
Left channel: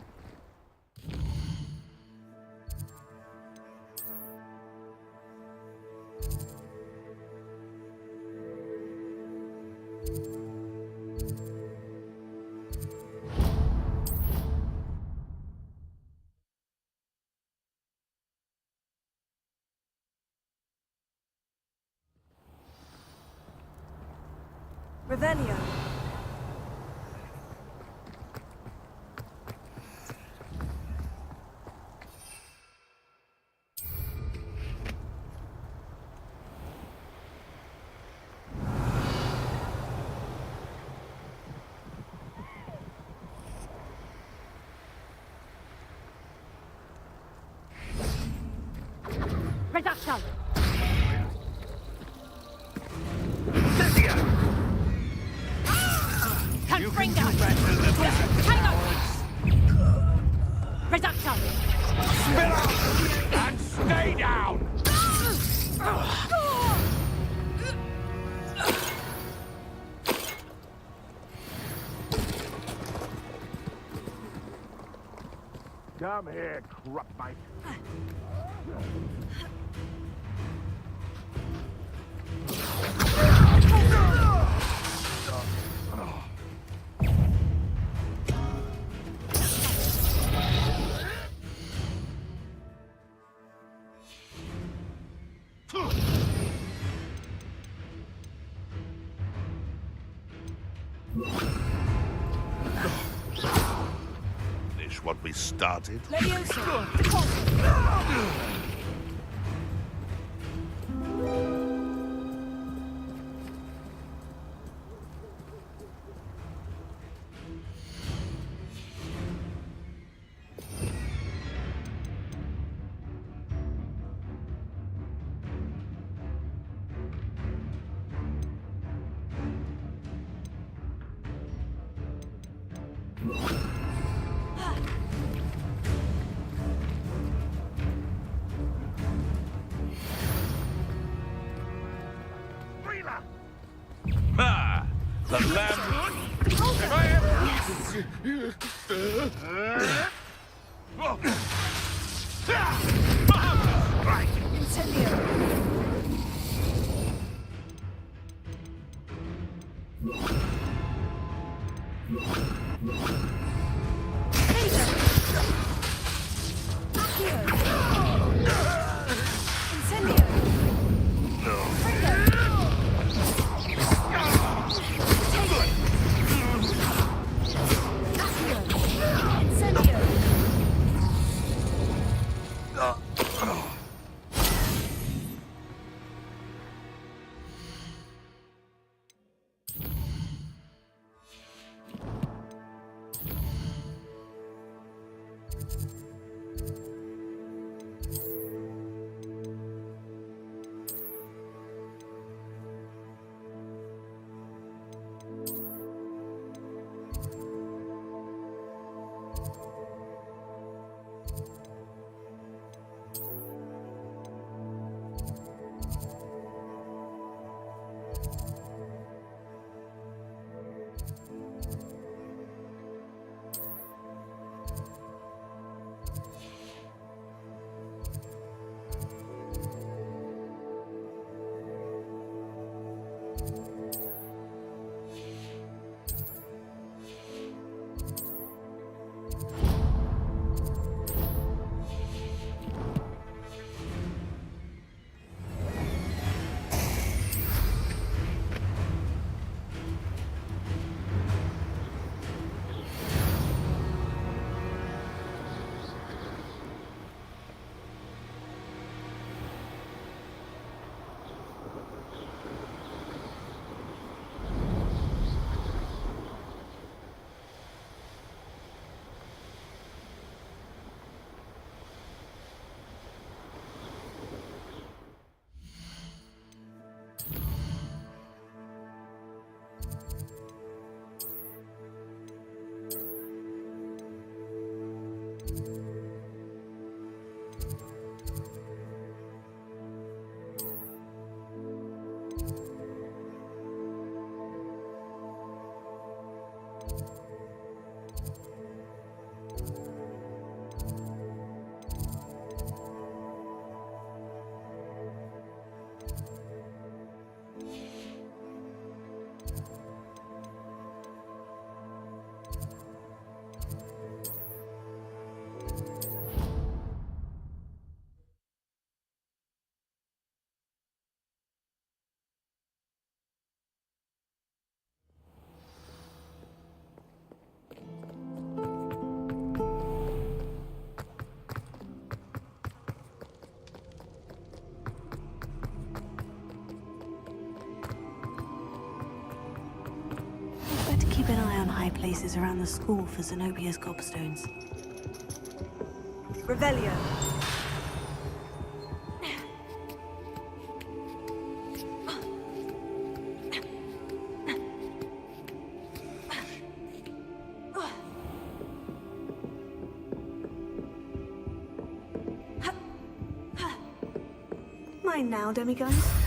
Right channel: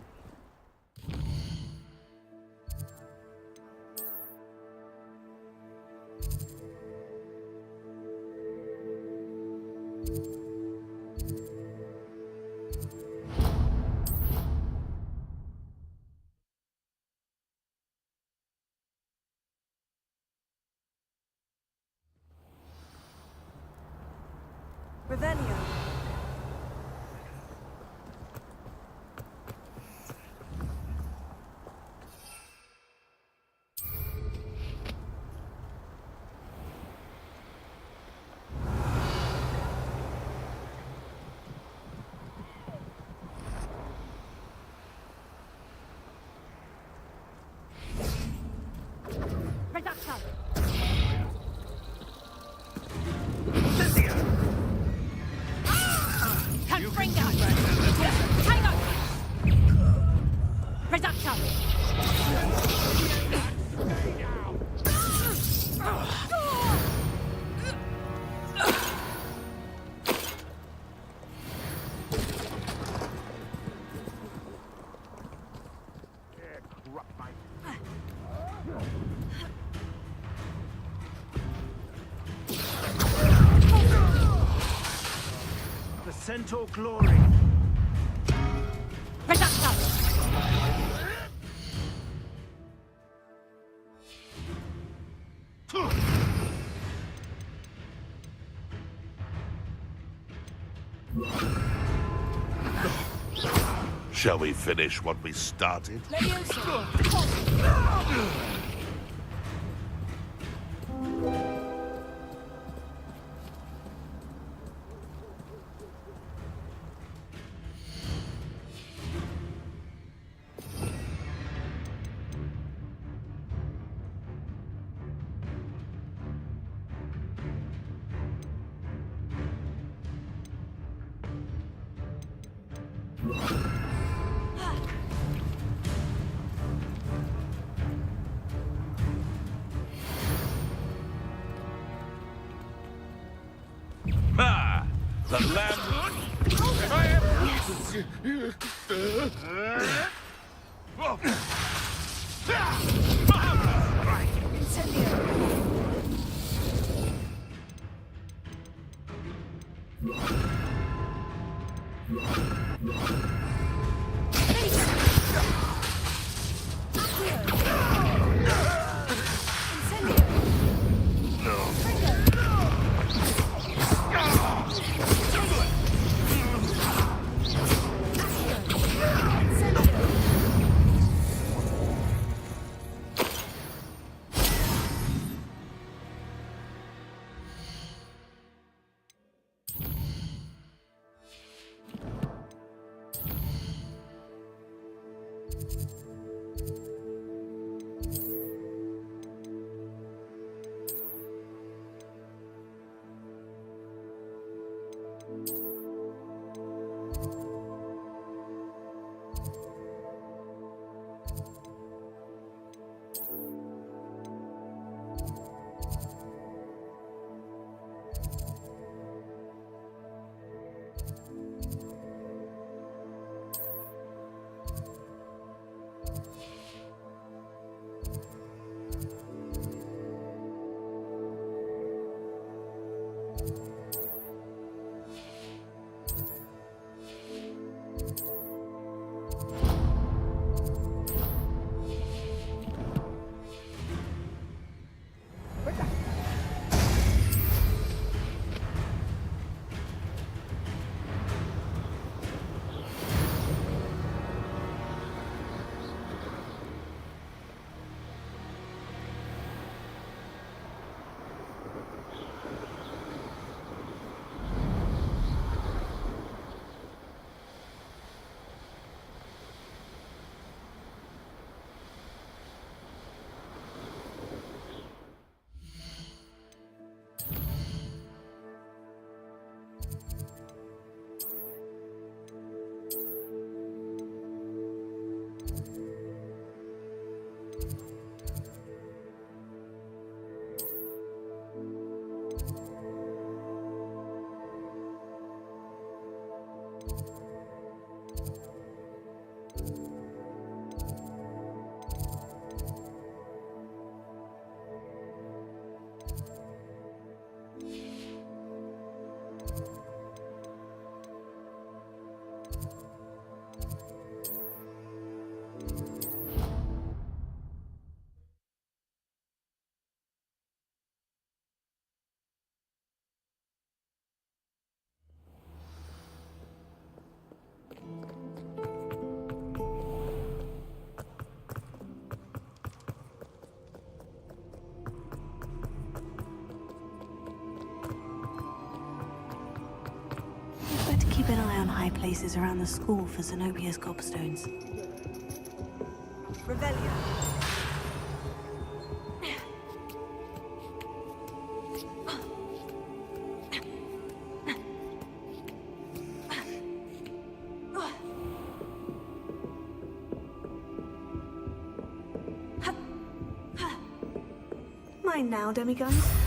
Revelio. Reduction! Confringo! Tango! Reduction! And stay down! Come here, corrupt mate. The Centaur glory. Reduction! Shall we finish what we started? Leviosa! Deposit! Ah! The lamb... Right! Incendio! Keep an eye on high places around the school for Zenobia's gobstones. Revelio. Mine now, demiguise.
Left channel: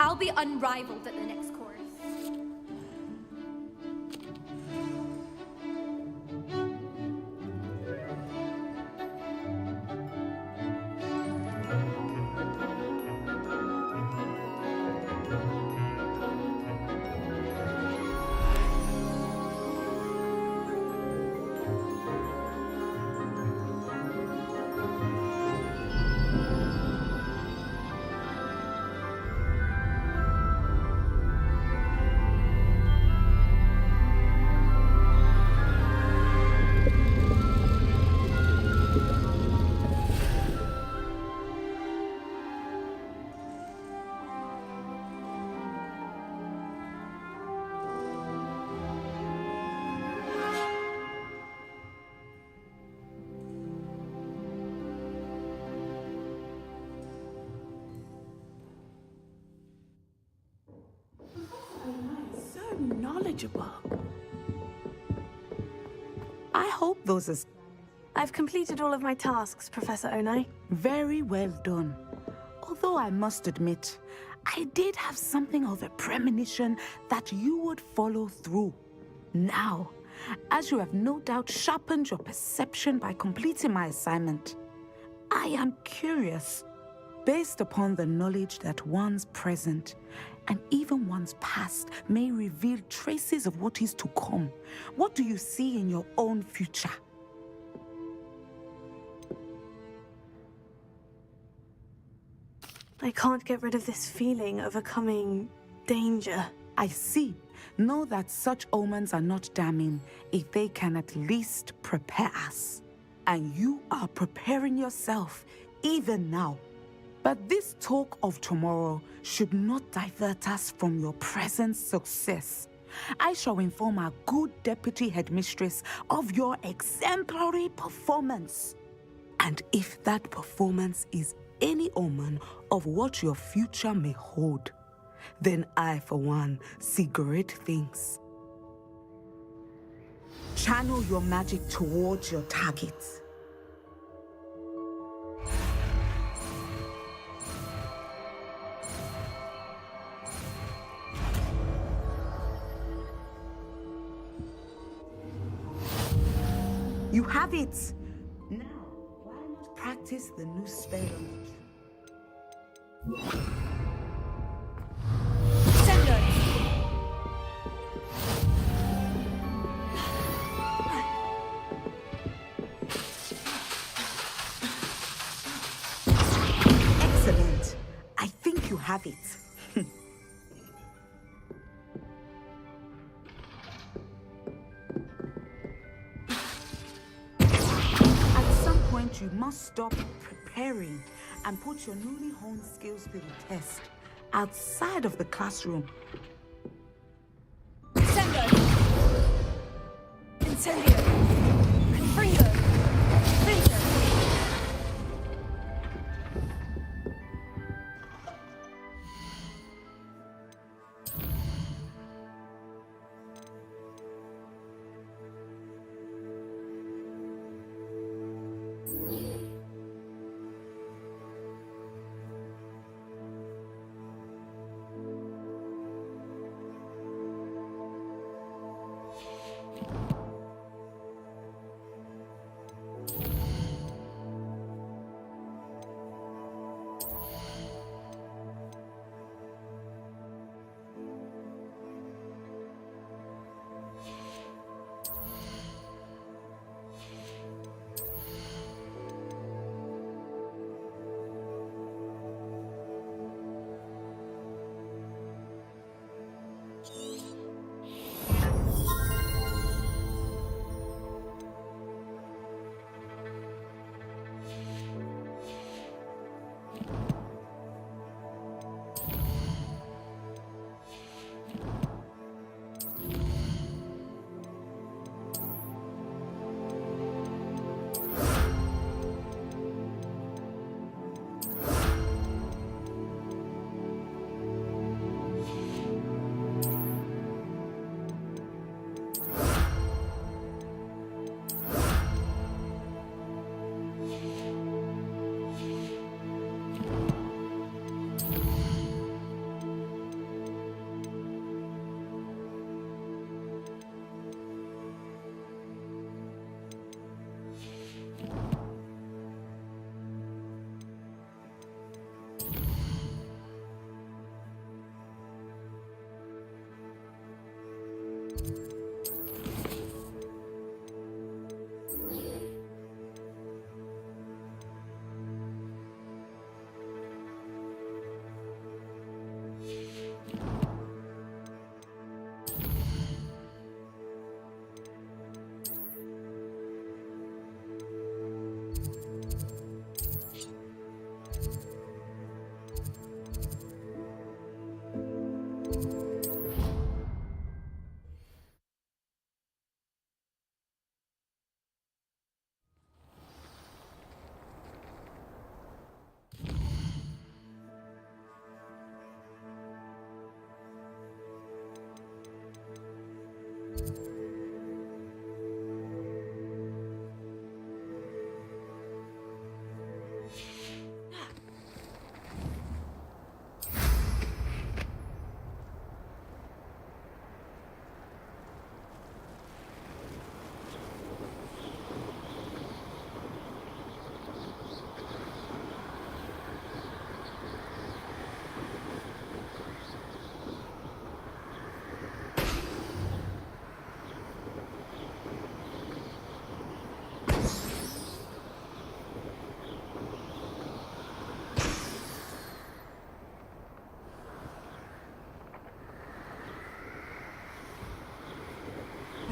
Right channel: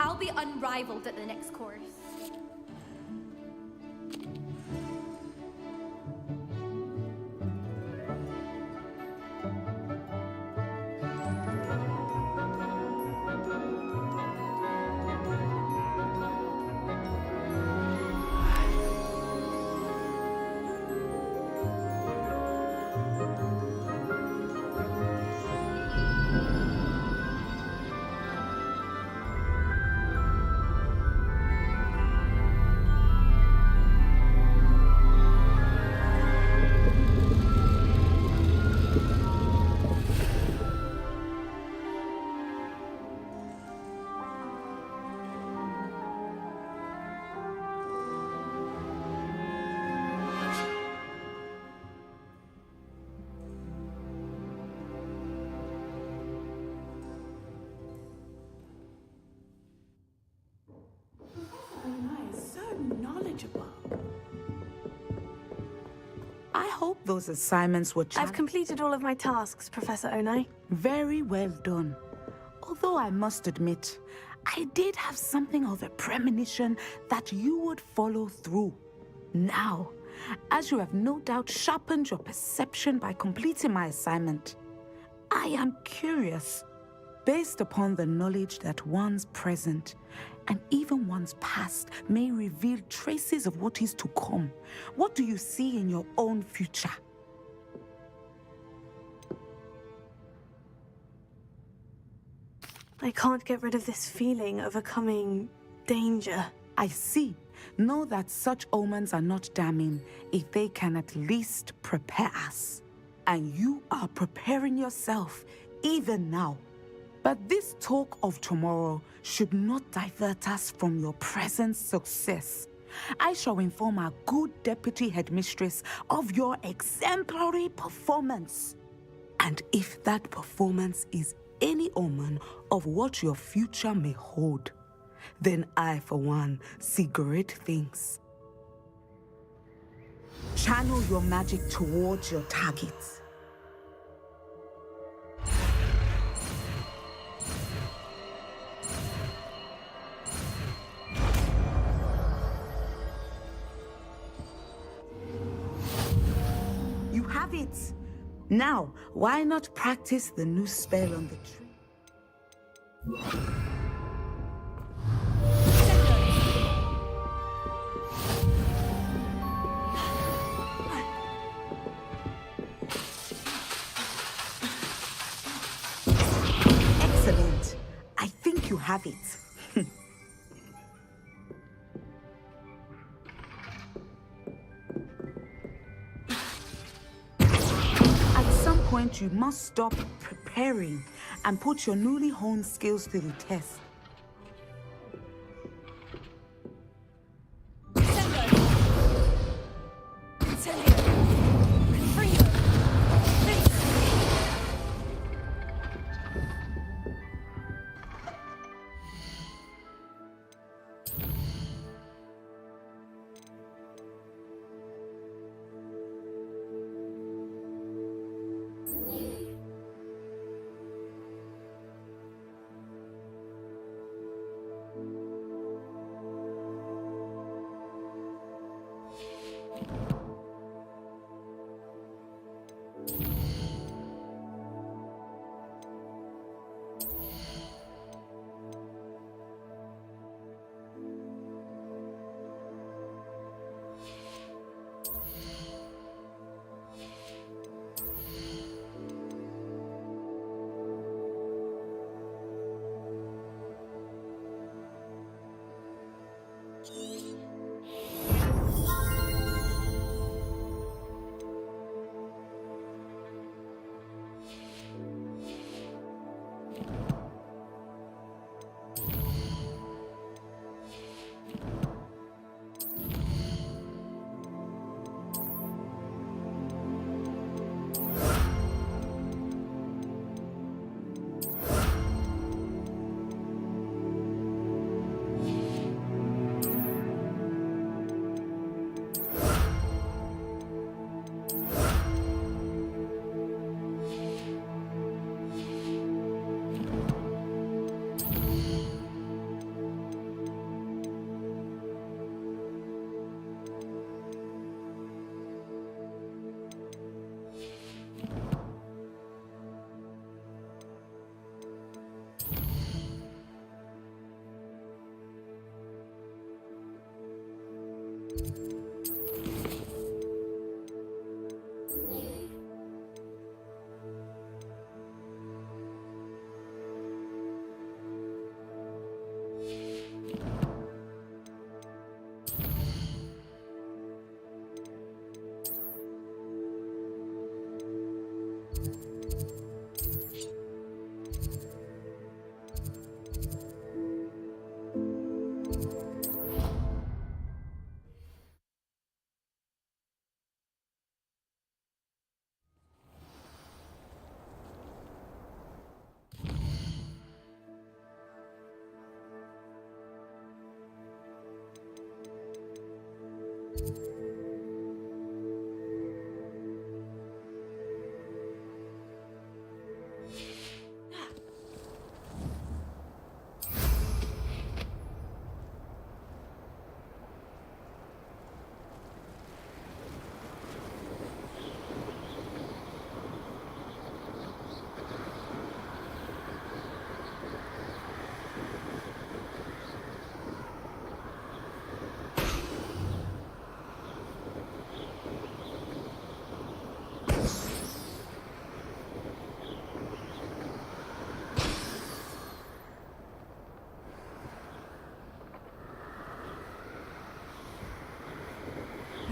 I'll be unrivaled at the next course. knowledgeable. I hope those assignments were... I've completed all of my tasks, Professor Onai. Very well done. Although I must admit, I did have something of a premonition that you would follow through. Now, as you have no doubt sharpened your perception by completing my assignment, I am curious, based upon the knowledge that one's present and even one's past may reveal traces of what is to come. What do you see in your own future? I can't get rid of this feeling of a coming danger. I see. Know that such omens are not damning if they can at least prepare us. And you are preparing yourself, even now. But this talk of tomorrow should not divert us from your present success. I shall inform our good deputy headmistress of your exemplary performance. And if that performance is any omen of what your future may hold, then I, for one, see great things. Channel your magic towards your targets. You have it! Now, why not practice the new spell on the tree? Excellent. I think you have it. At some point, you must stop preparing and put your newly honed skills to the test outside of the classroom. Incendio! Confringo! Finto!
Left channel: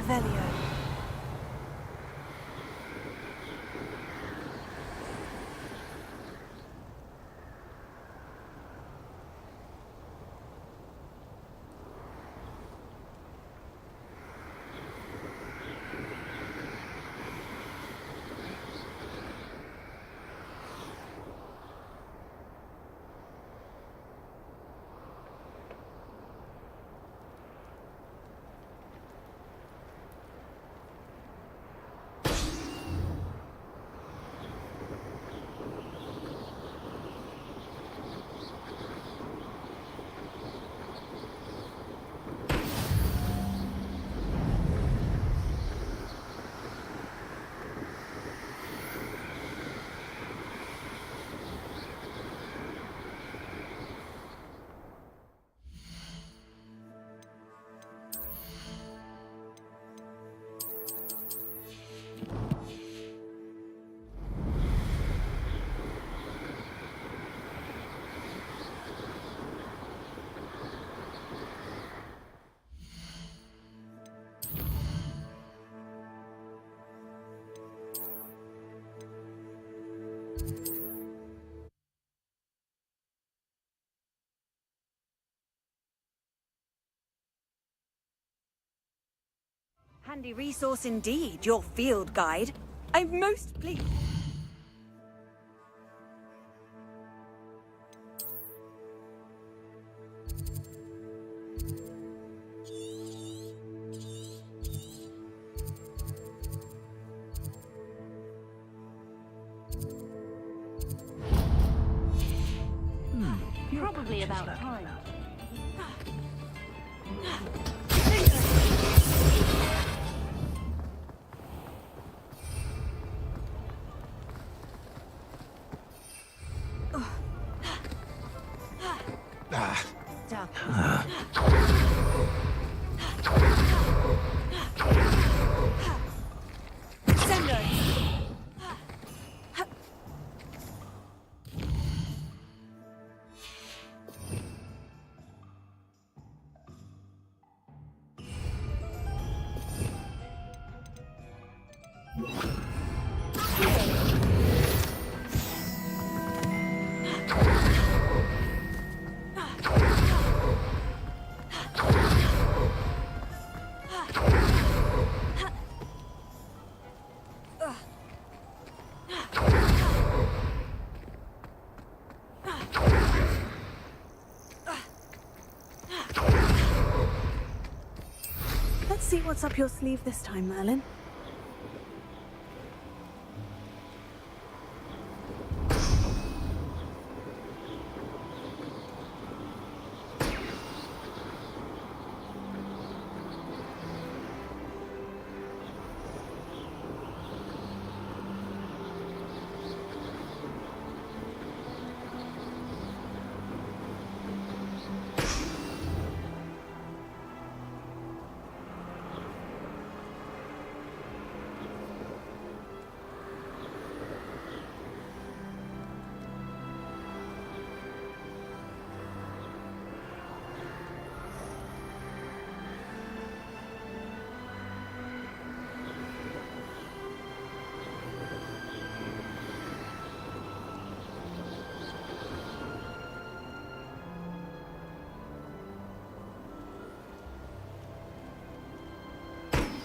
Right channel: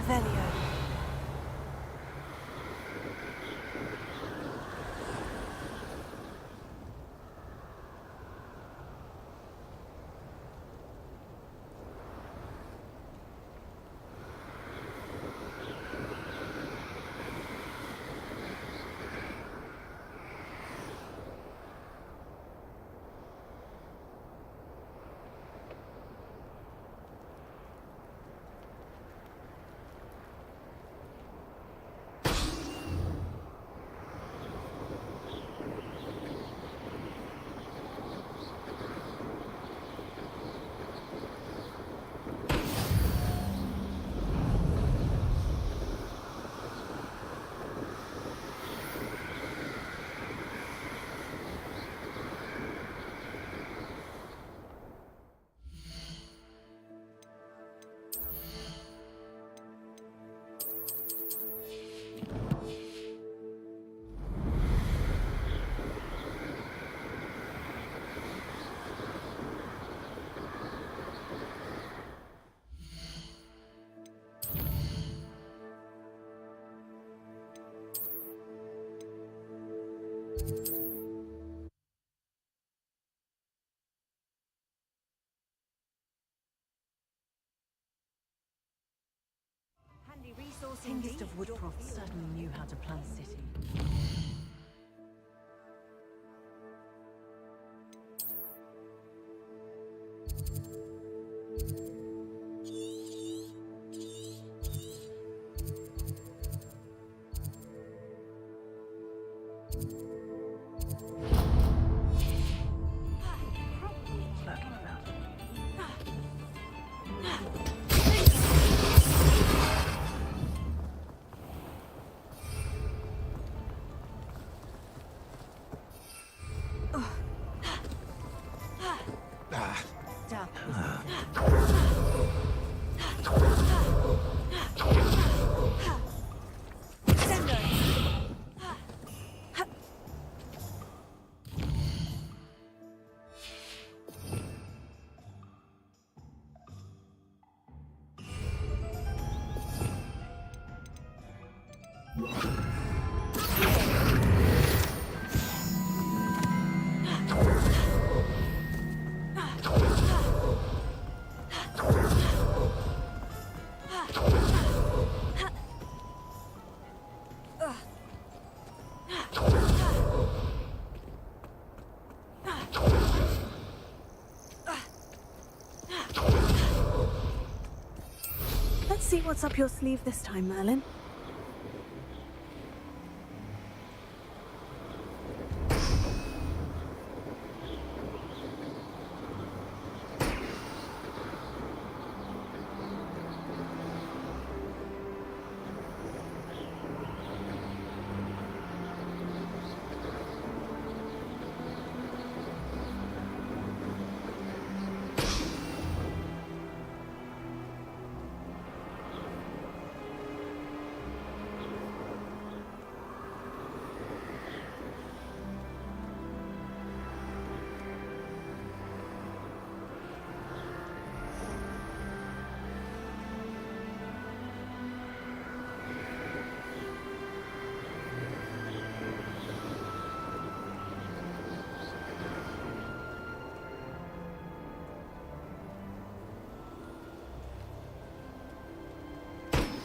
Revelio. Handy resource indeed, your field guide. I'm most pleased. Probably about time. Let's see what's up your sleeve this time, Merlin.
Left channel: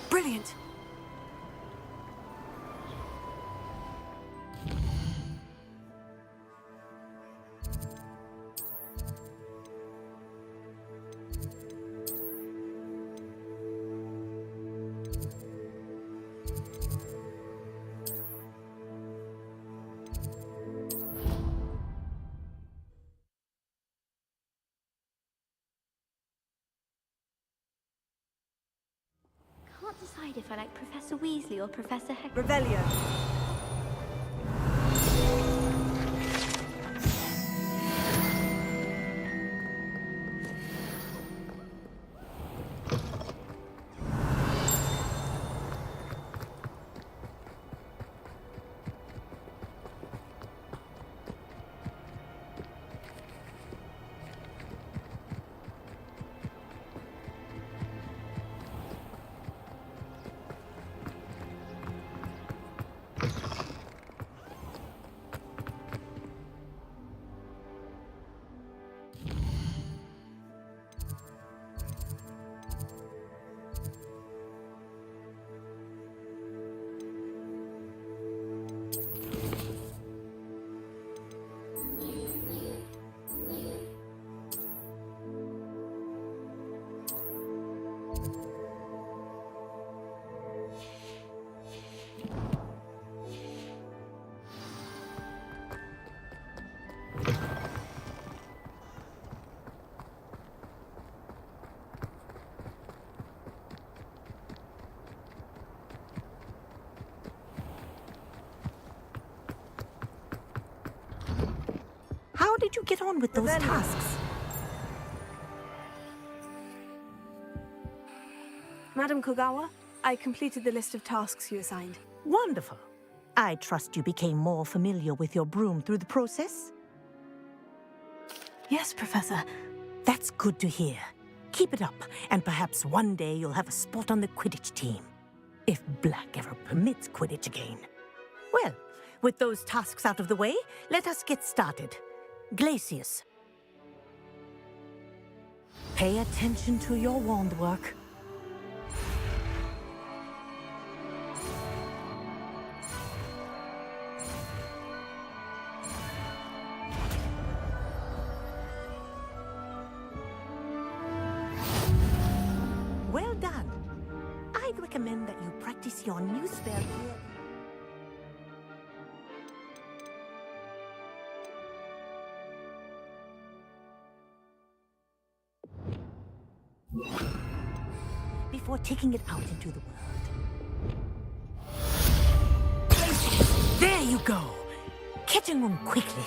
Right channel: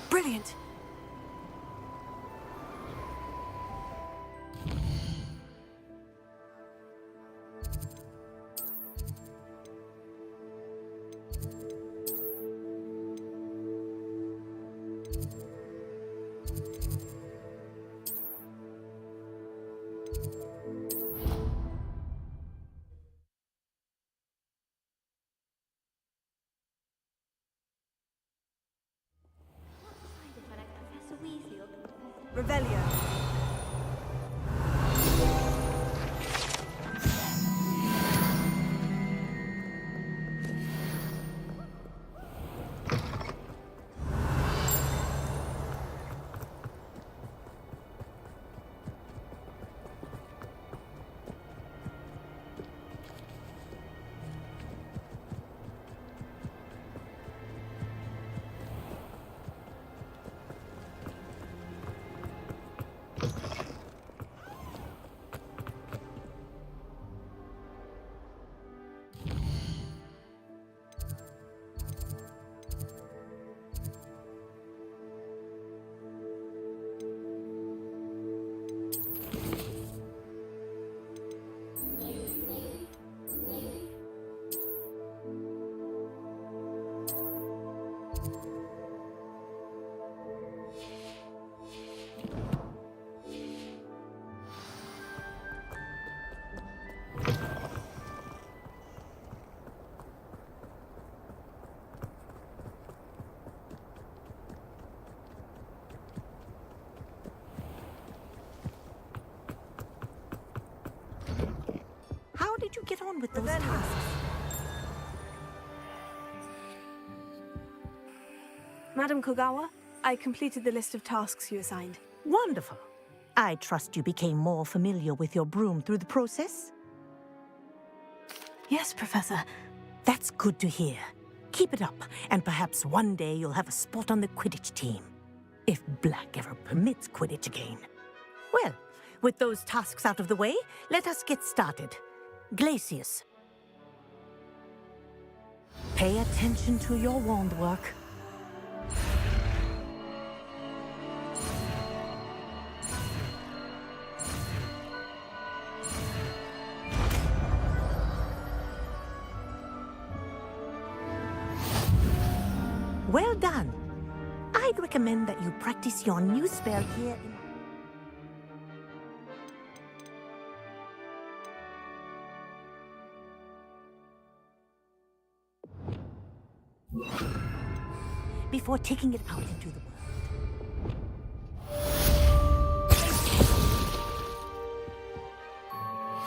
Brilliant. Professor Weasley or Professor Heck? Revelio. How did you get on with those tasks? Madam Kogawa, I completed the list of tasks you assigned. Wonderful. I trust you became more familiar with your broom through the process? Yes, Professor. That's good to hear. Keep it up, and perhaps one day you'll have a spot on the Quidditch team. If Black ever permits Quidditch again. Well, with those tasks out of the way, let us get started. Glacius. Pay attention to your wand work. Well done. I'd recommend that you practice your new spell here in... before taking it out into the world. There you go. Catching them quickly.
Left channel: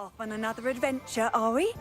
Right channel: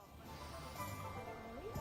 Off on another adventure, are we?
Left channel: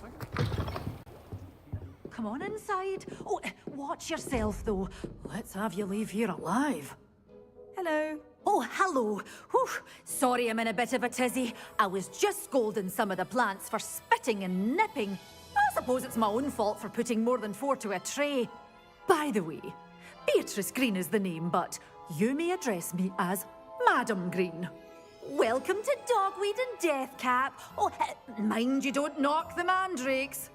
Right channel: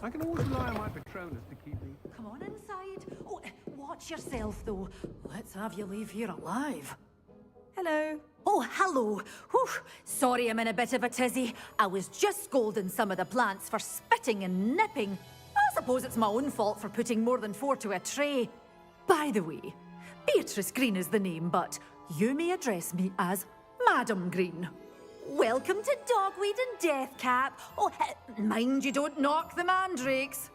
I can always rely on my Patronus to keep me. Come on inside. Oh, watch yourself, though. Let's have you leave here alive. Hello. Oh, hello. Whew. Sorry I'm in a bit of a tizzy. I was just scolding some of the plants for spitting and nipping. I suppose it's my own fault for putting more than 4 to a tray. By the way, Beatrice Green is the name, but you may address me as Madam Green. Welcome to Dogweed and Deathcap. Oh, mind you don't knock the mandrakes.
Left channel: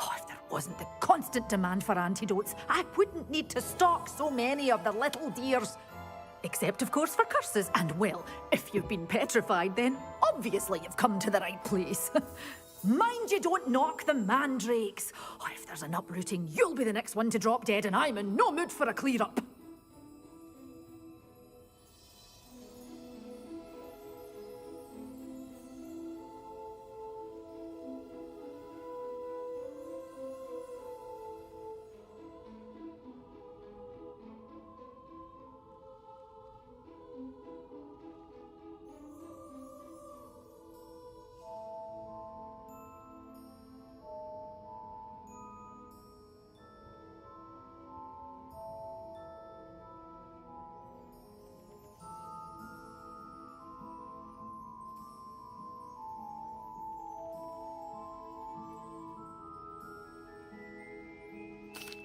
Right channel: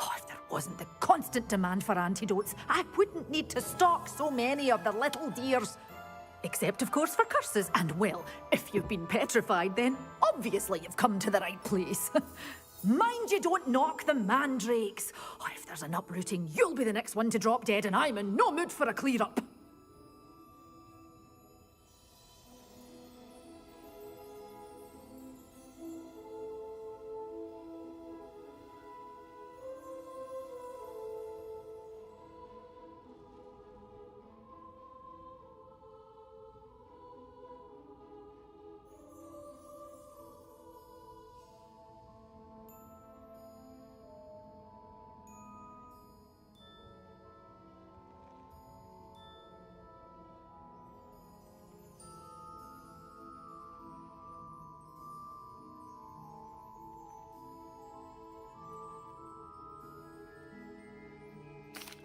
Oh, if there wasn't the constant demand for antidotes, I wouldn't need to stock so many of the little dears. Except, of course, for curses. And, well, if you've been petrified, then obviously you've come to the right place. Mind you don't knock the mandrakes. Oh, if there's an uprooting, you'll be the next one to drop dead, and I'm in no mood for a clear-up.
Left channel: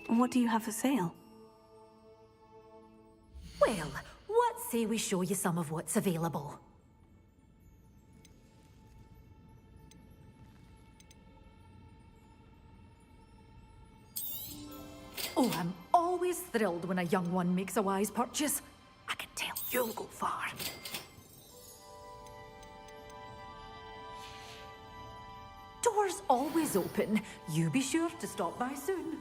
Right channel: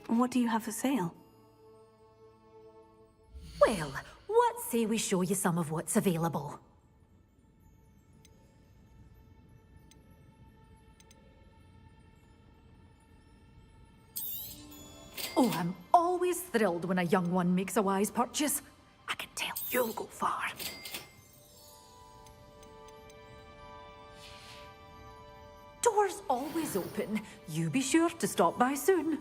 What do you have for sale? Well, what say we show you some of what's available? Oh, I'm always thrilled when a young one makes a wise purchase. I can tell you'll go far. Doors always open. You be sure to stop by soon.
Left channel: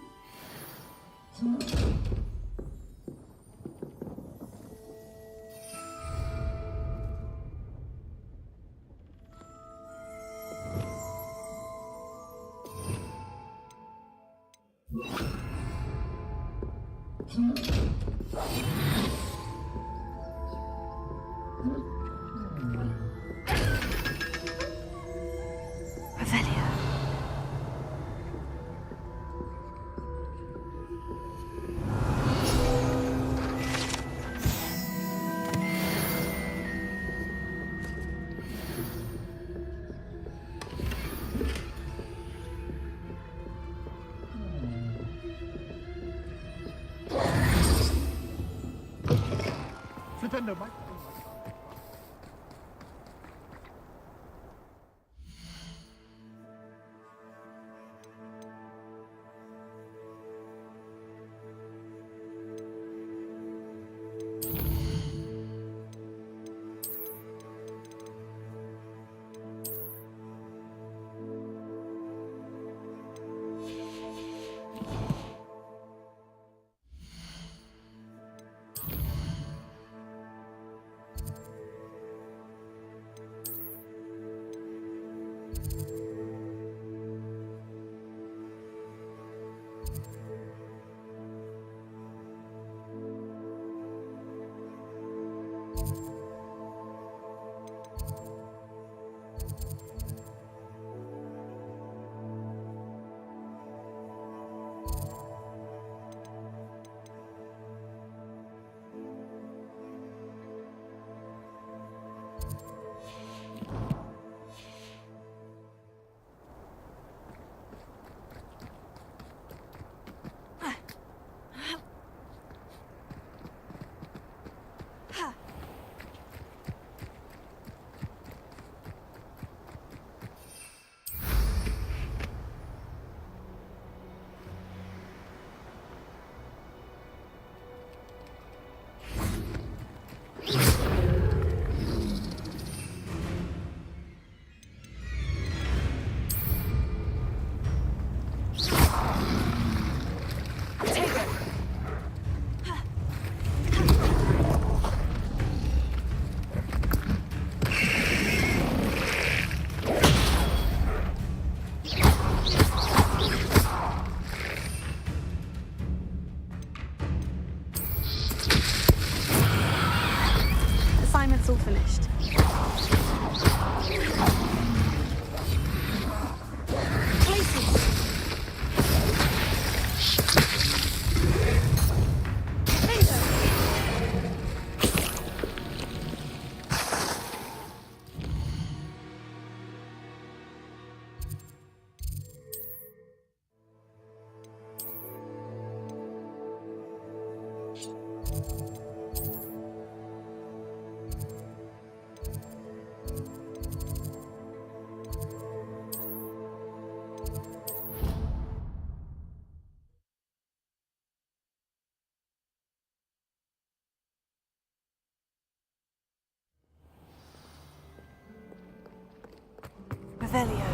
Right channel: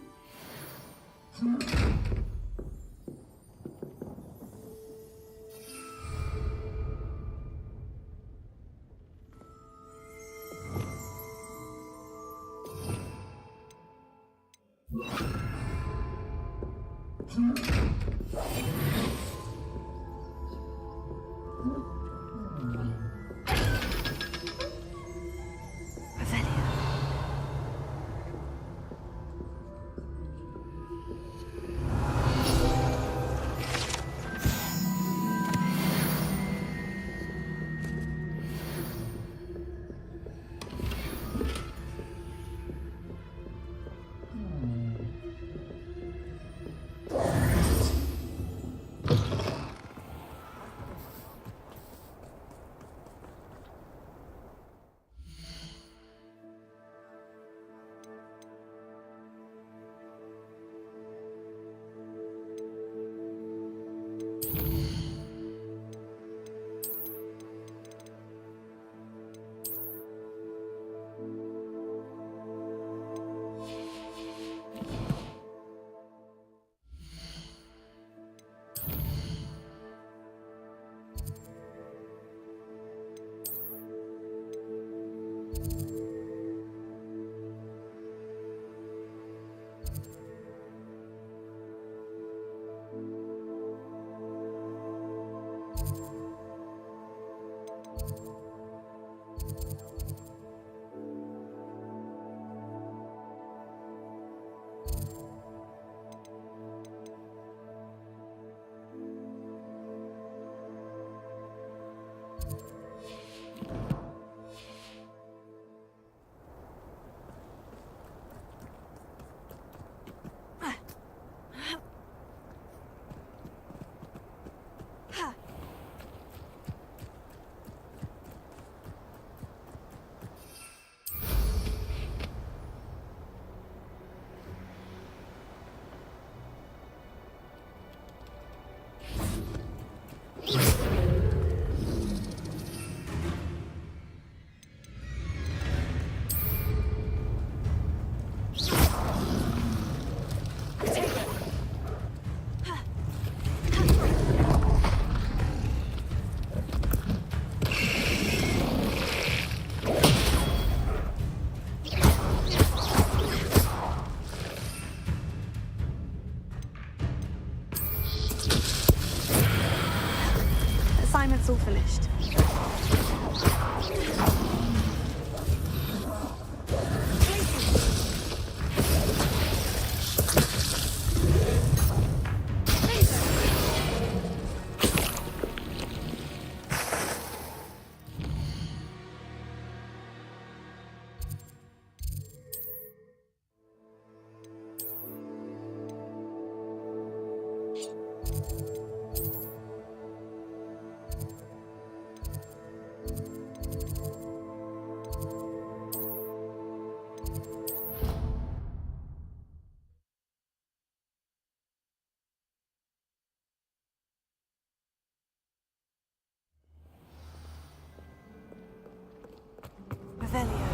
Revelio.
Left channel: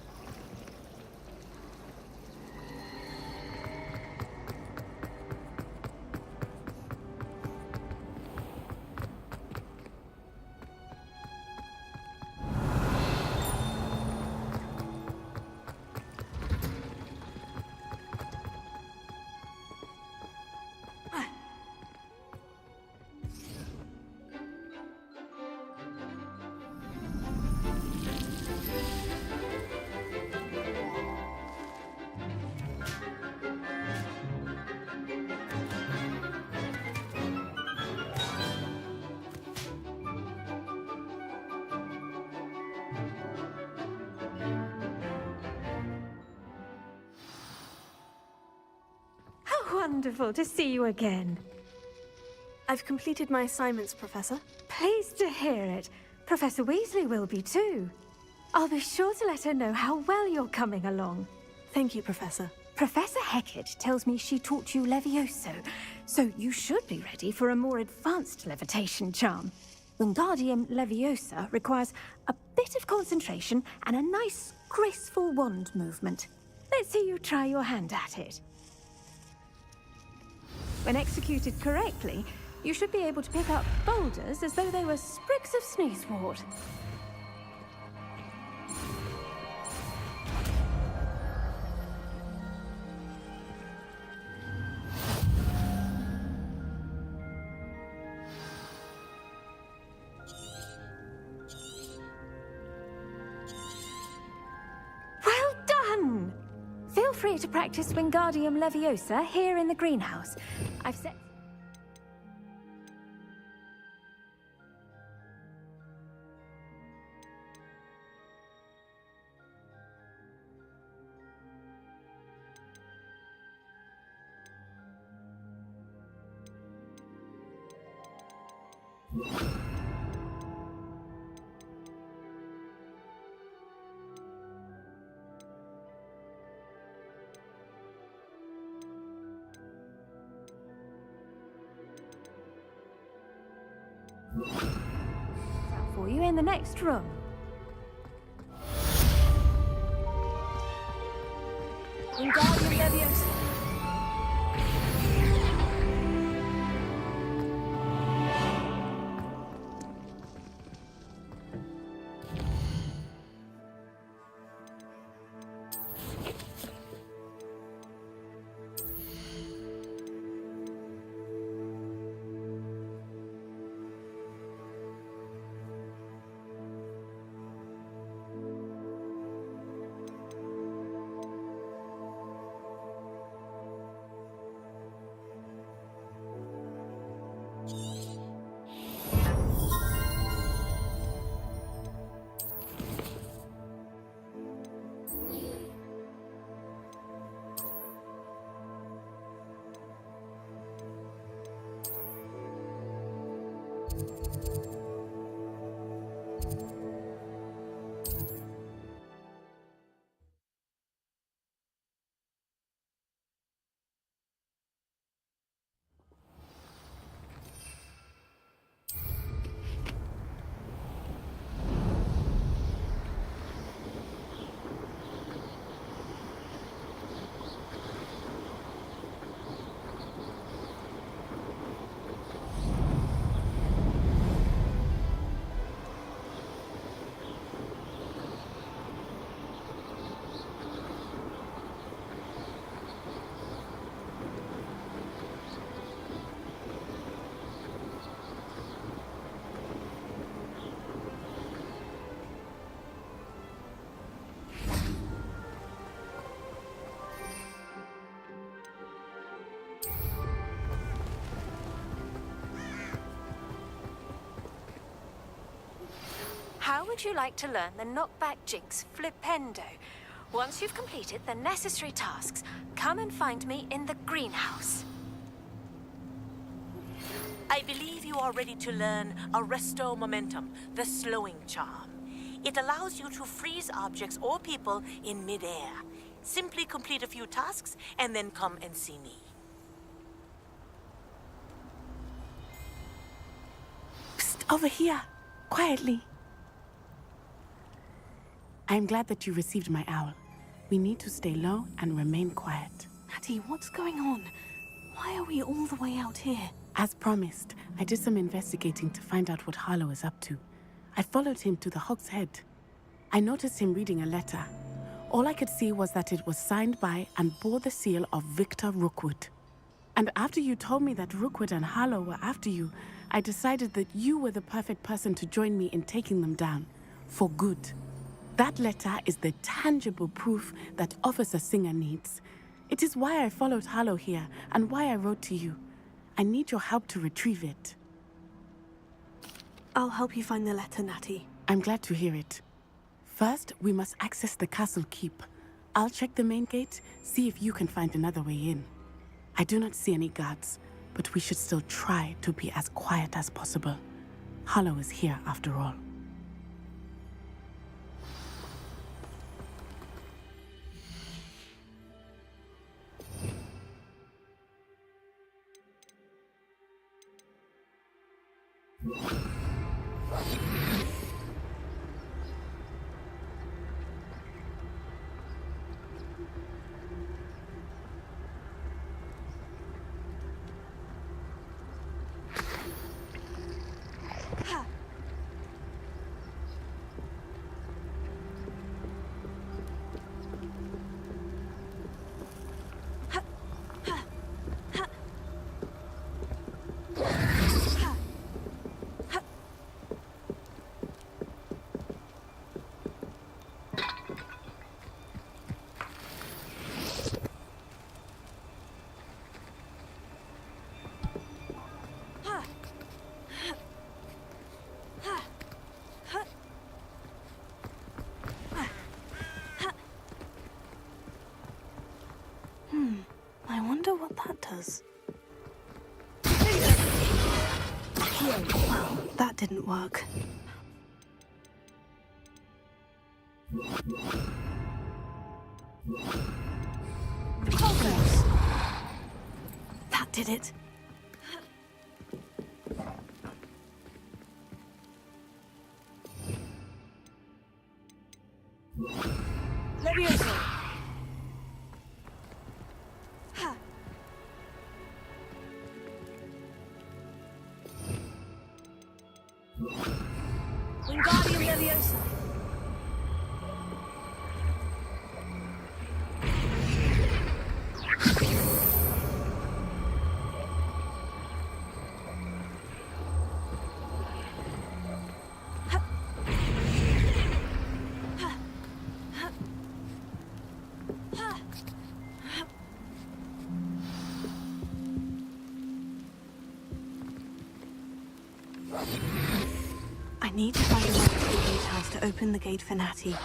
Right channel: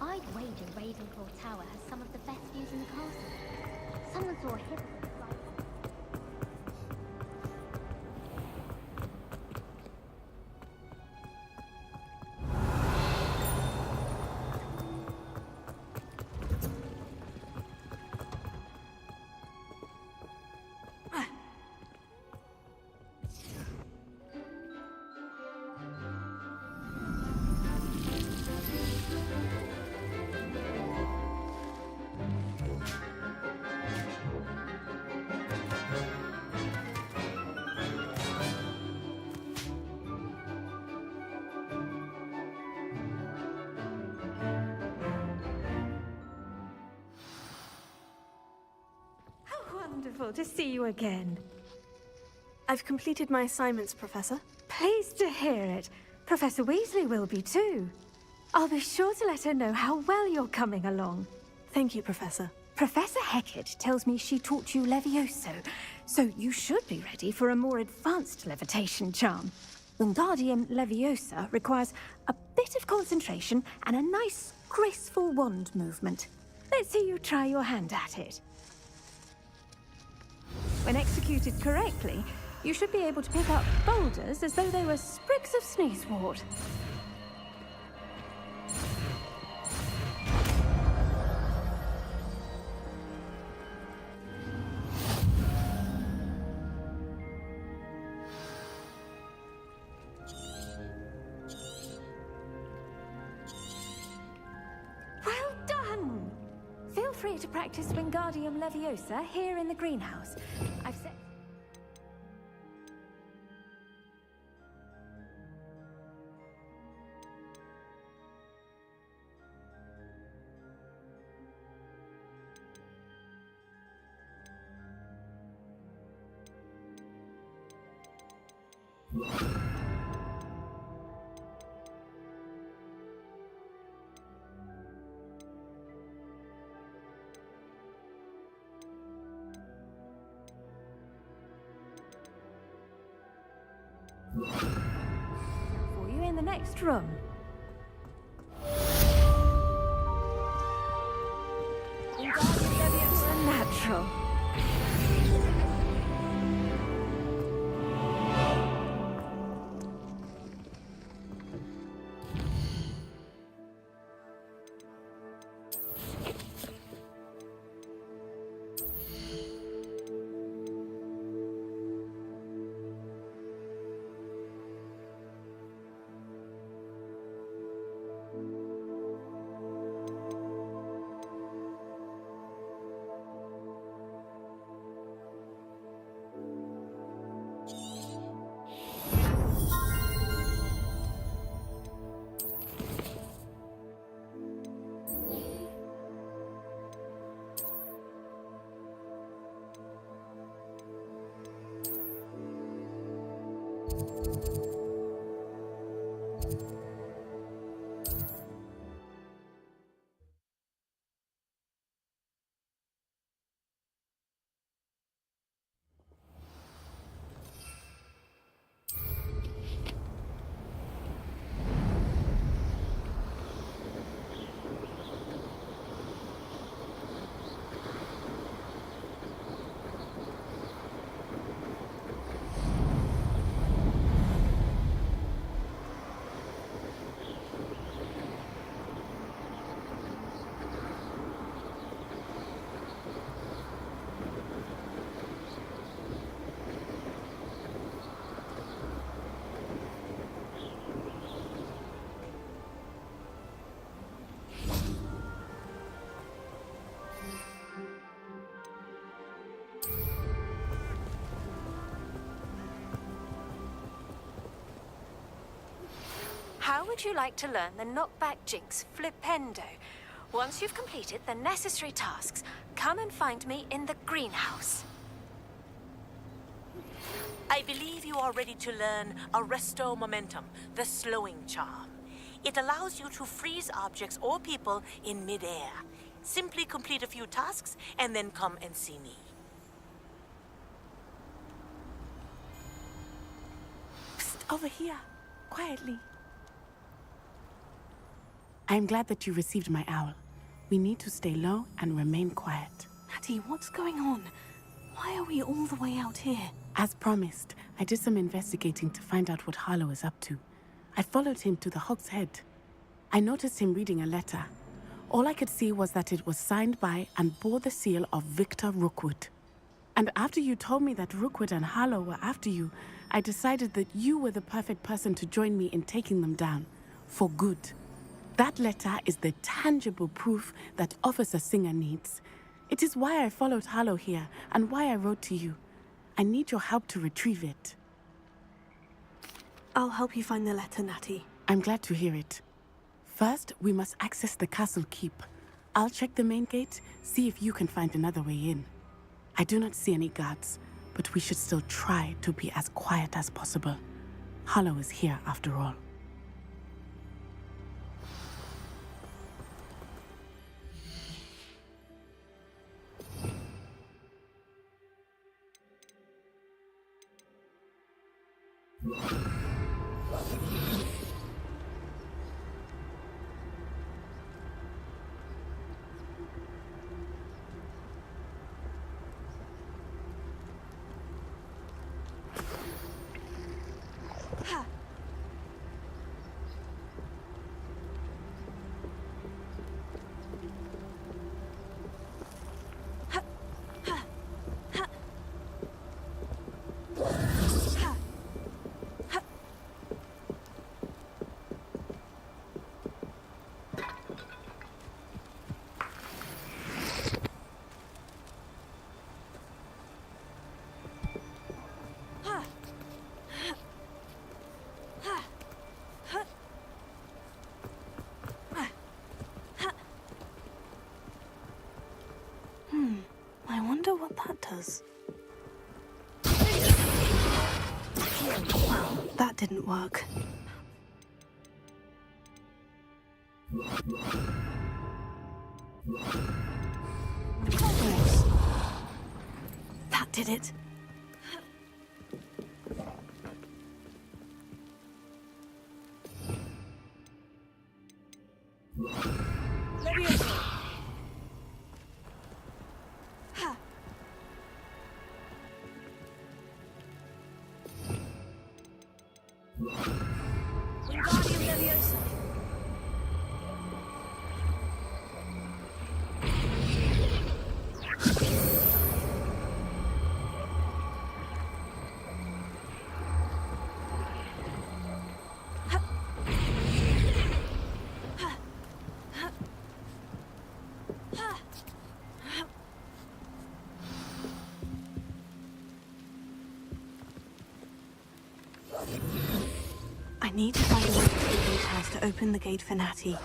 I'd wager Ravenclaw Tower has some of the best views in the castle. Someone saw a hit. Wonderful to see you again. I've completed my assignments, Professor. Pleased to hear it. Professor Weasley will be too. I'll be sure to let her know how well you're coming along. Thank you, Professor. Professor Hecat tells me she taught you Levioso, so you should be ready for a more advanced levitation charm. Wingardium Leviosa requires a bit of concentration and a nice, graceful wand movement. Let's see you try your hand at it. When executed correctly, you should be able to pick up boulders as though they were sprigs of sneezewort. Well done! Feel free to practice Wingardium Leviosa here in the greenhouse. I've set... out for you in the next room. Wingardium Leviosa natural. How would you like to learn the knockback jinx flipendo? Once you've completed the necessary tasks, come and find me in the greenhouse. I believe you are ready to learn Arresto Momentum, the slowing charm. It allows you to freeze objects or people in midair. Simply complete a few tasks and then come and see me. Psst, Over here, quietly. I am glad that you received my owl. We need to stay low and remain quiet. Natty, what's going on? Why are we all the way out here? As promised, I did some investigating to find out what Harlow is up to. I followed him to the Hog's Head. I noticed him reading a letter. All I could see was that it was signed by and bore the seal of Victor Rookwood. And after you told me that Rookwood and Harlow were after you, I decided that you were the perfect person to join me in taking them down. For good. That letter is the tangible proof that Officer Singer needs. It is why I followed Harlow here and why I wrote to you. I need your help to retrieve it. I'll help you find the letter, Natty. I'm glad to hear it. First, we must access the castle keep. I'll check the main gate, see if you can find another way in. I do not see any guards, but we should still try to be as quiet as possible. Harlow is here after all. I wonder what that does. Well, that didn't work. Yes. That did it. Levioso. Wingardium Leviosa. I need to find a way to the gatehouse to open the gate for Natty.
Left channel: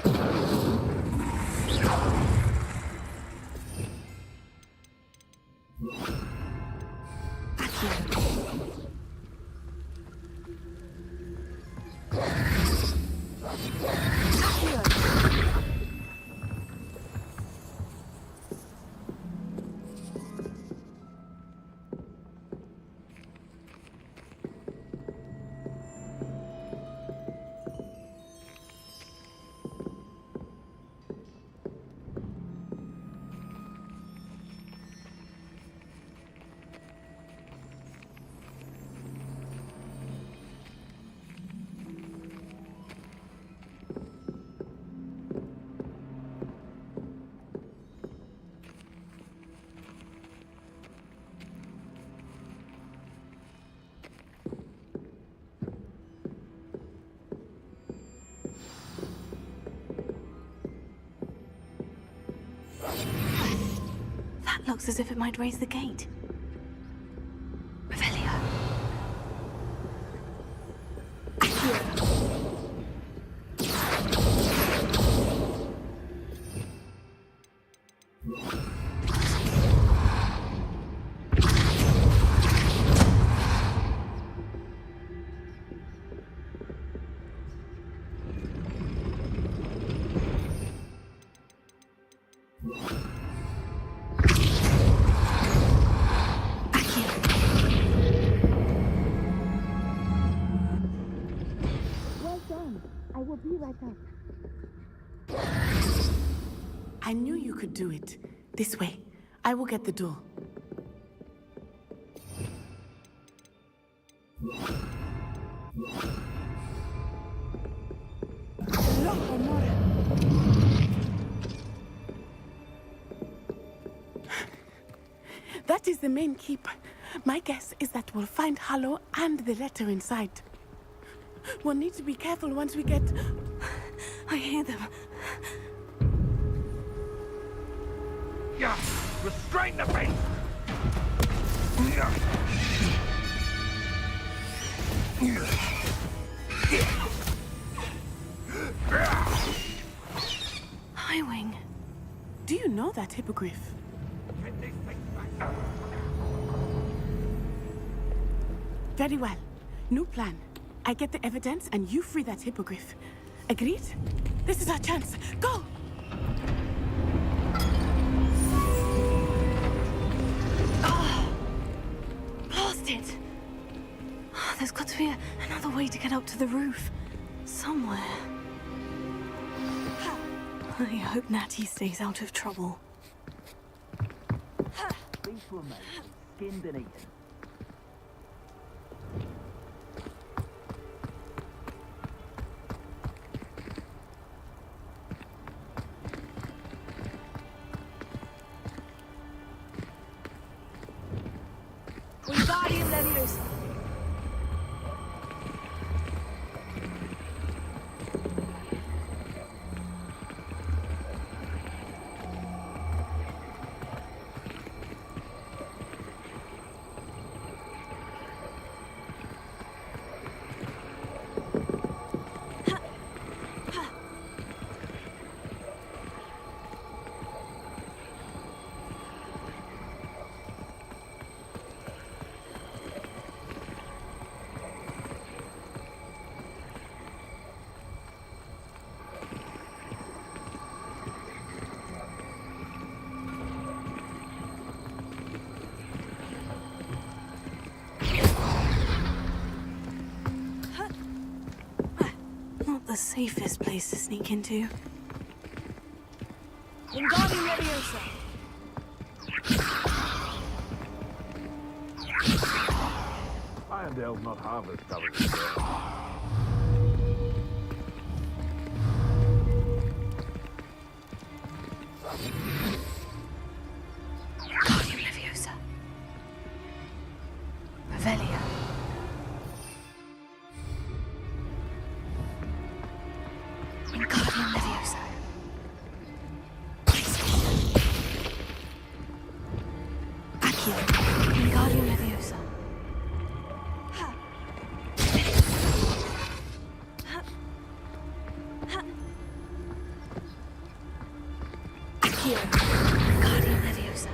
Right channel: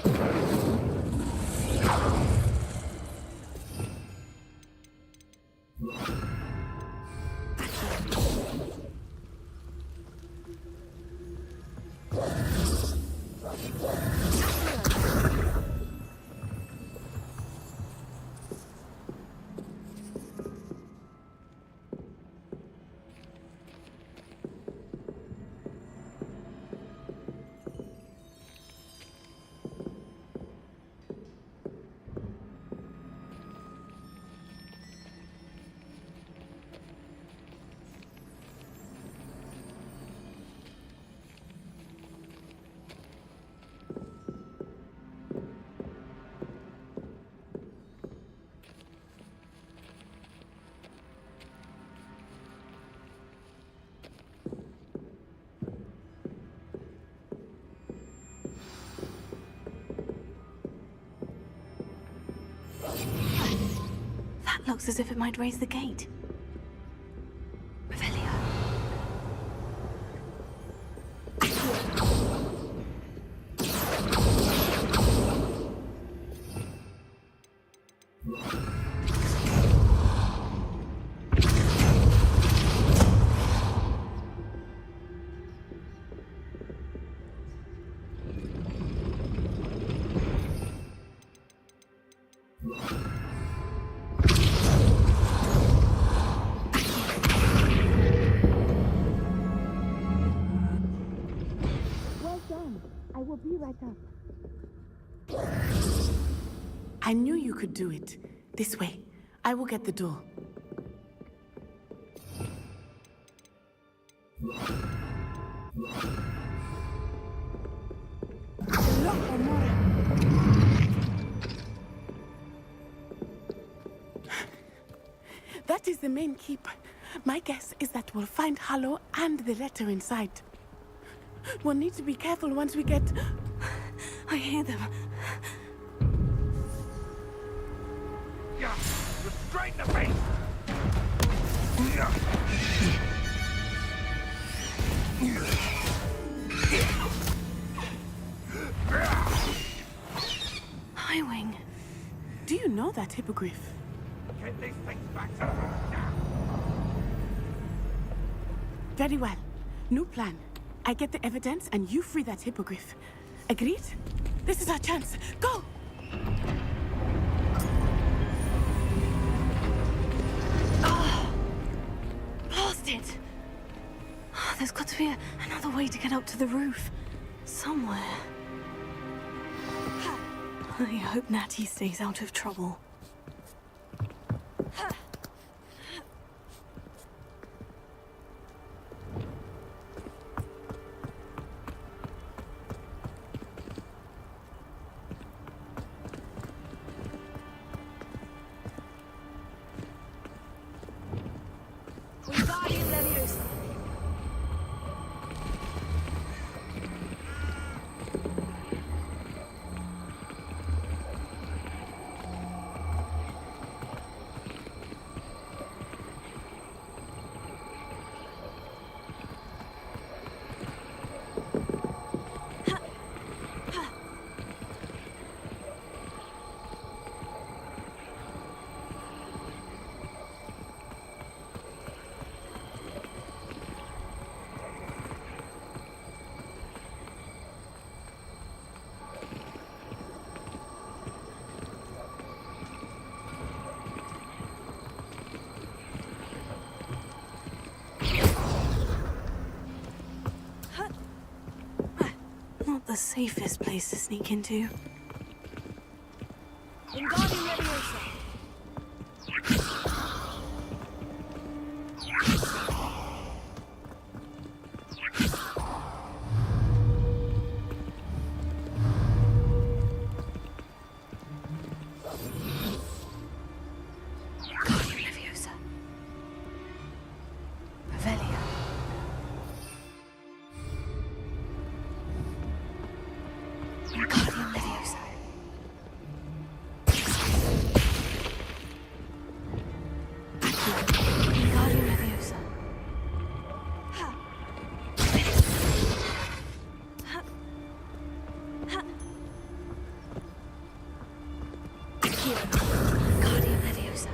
That looks as if it might raise the gate. Revelio. will be right up. I knew you could do it. This way. I will get the door. That is the main keep. My guess is that we'll find Hallow and the letter inside. We'll need to be careful once we get... I hear them. Yeah, restrain the beast! Highwing. Do you know that hippogriff? Get these things back to us now! Very well. New plan. I get the evidence and you free that hippogriff. Agreed? This is our chance. Go! Blasted! Oh, there's got to be another way to get up to the roof. Somewhere. I hope Natty stays out of trouble. Skin beneath. Wingardium Leviosa. Not the safest place to sneak into. Wingardium Leviosa. Irondale's not half as stubborn. Wingardium Leviosa. Revelia. Wingardium Leviosa. Accio. Wingardium Leviosa. Ha. Ha. Ha. Accio. Wingardium Leviosa.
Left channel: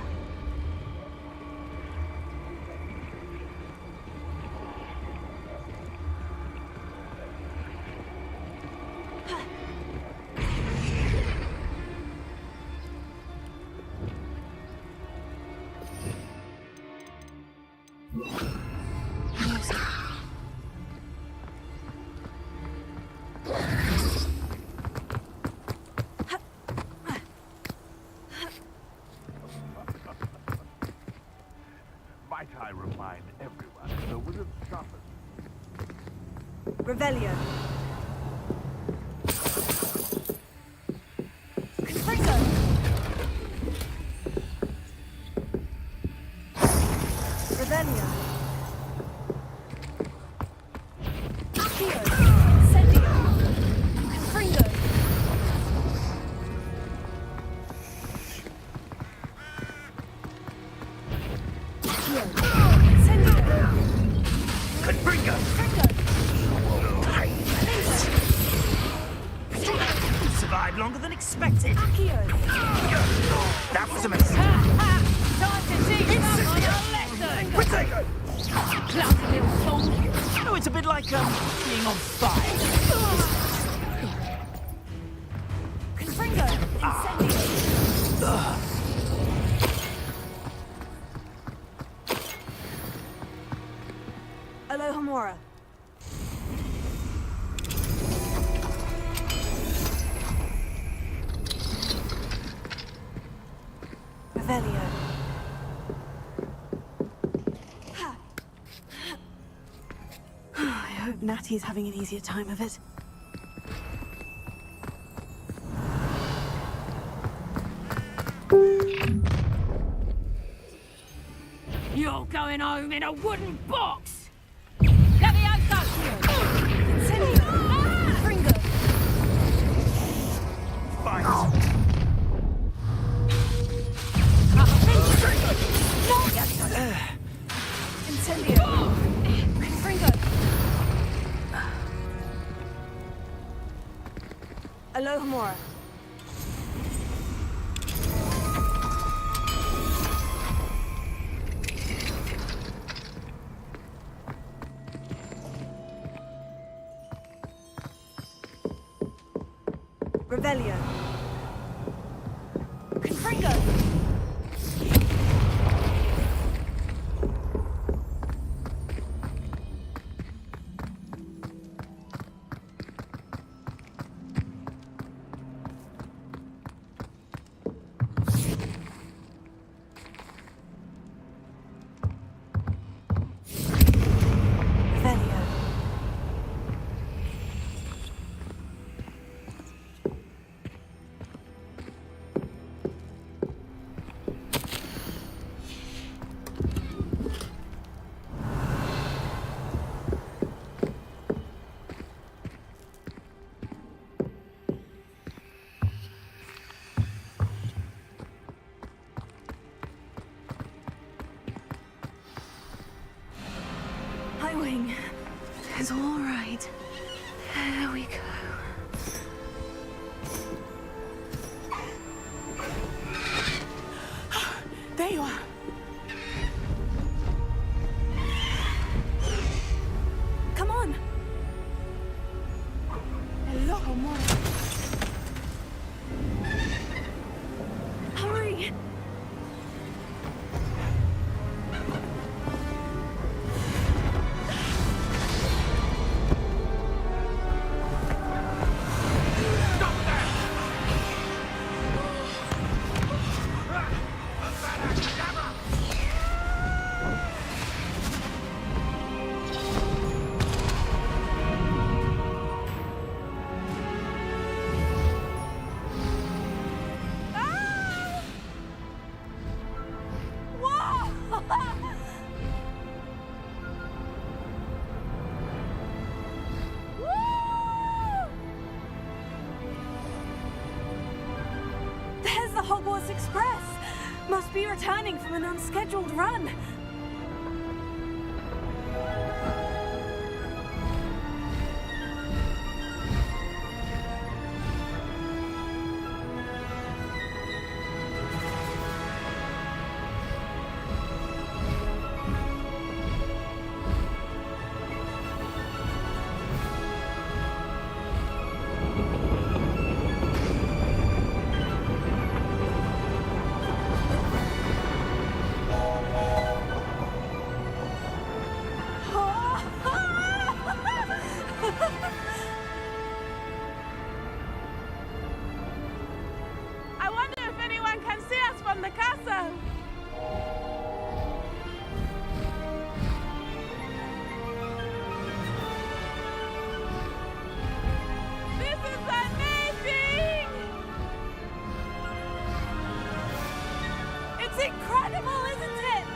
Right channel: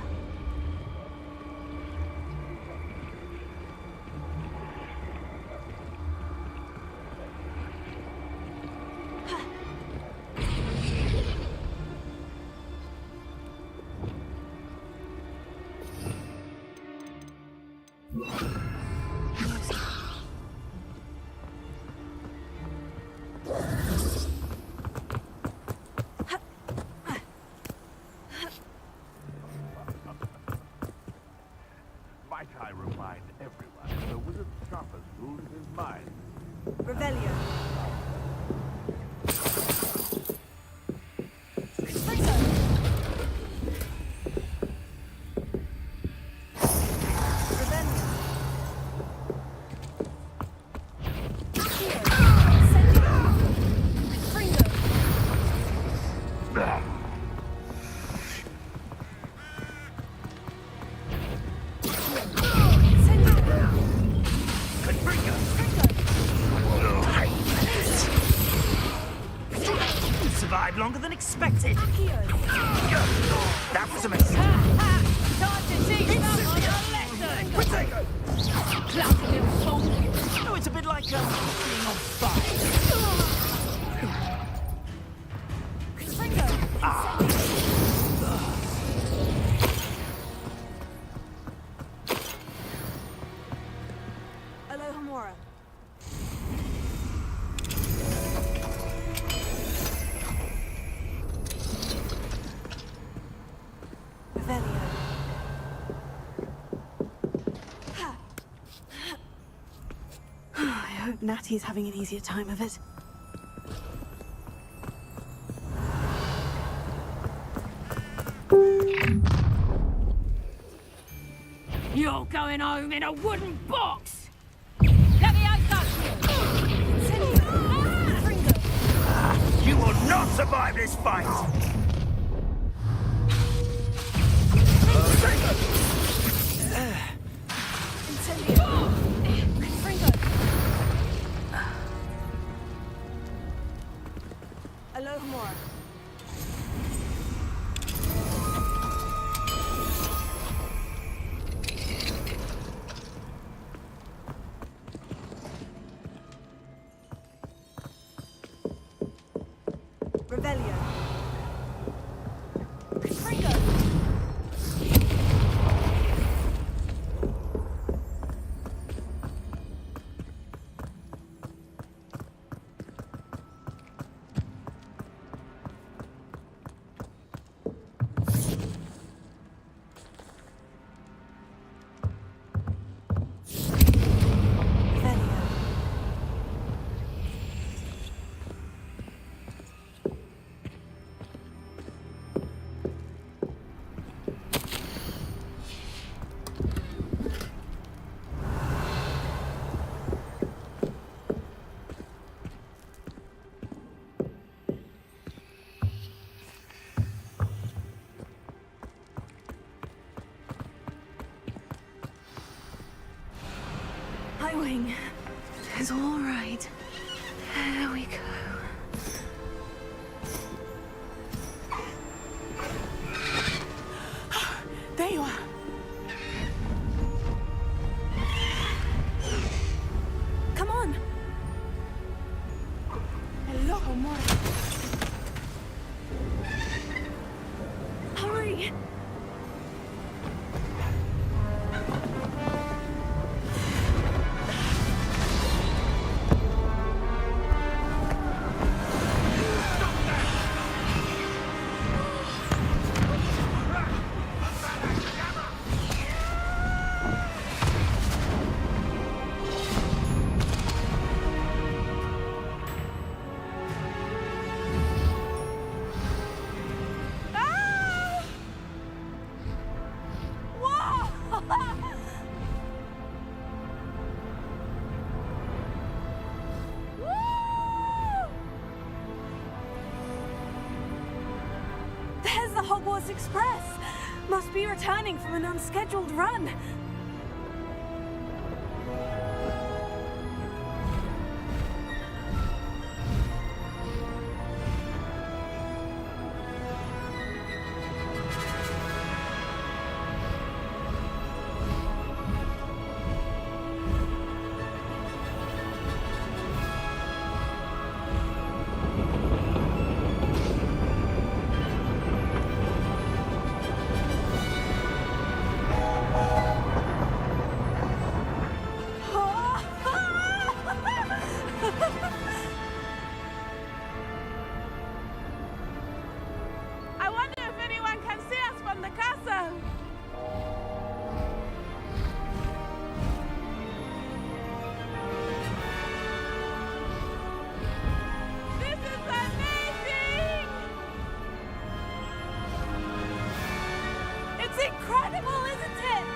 Leviosa. Might I remind everyone, the wizard's sharpest tool is his mind. Revelio. Revelio. Accio. Incendio. Confringo. Accio. Incendio. Confringo! You survived longer than expected. Accio. That was a mistake. Time to teach someone a lesson! Protego! Cloudy little fool! No, it's a bit like, being on fire. Confringo. Incendio. Alohomora. Natty's having an easier time of it. You're going home in a wooden box! Levioso! You will not survive this fight! Incendio! Fringo! Alohomora. Revelio. Confringo. Highwing is all right. There we go. There you are. Come on. Hello, Mora. Hurry. There's the Hogwarts Express! Must be returning from an unscheduled run. I wonder if anyone can see us from the castle. This is amazing! It's incredible, isn't it?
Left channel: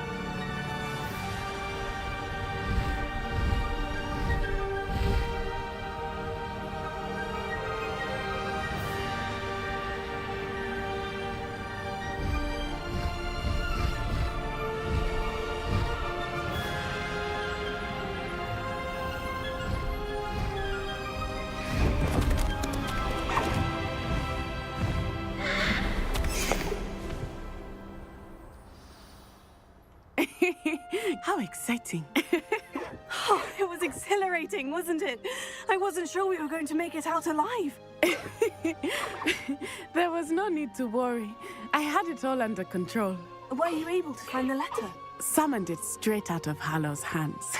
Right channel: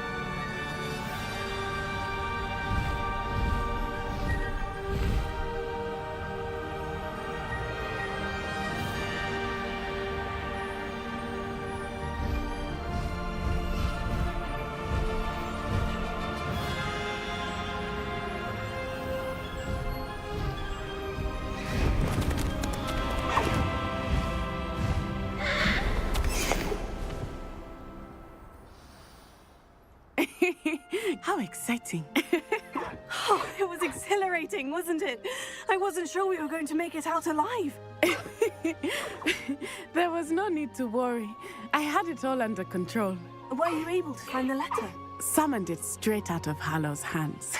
How exciting. Oh, it was exhilarating, wasn't it? I wasn't sure we were going to make it out alive. There was no need to worry. I had it all under control. Were you able to find the letter? Summoned it straight out of Hallow's hands.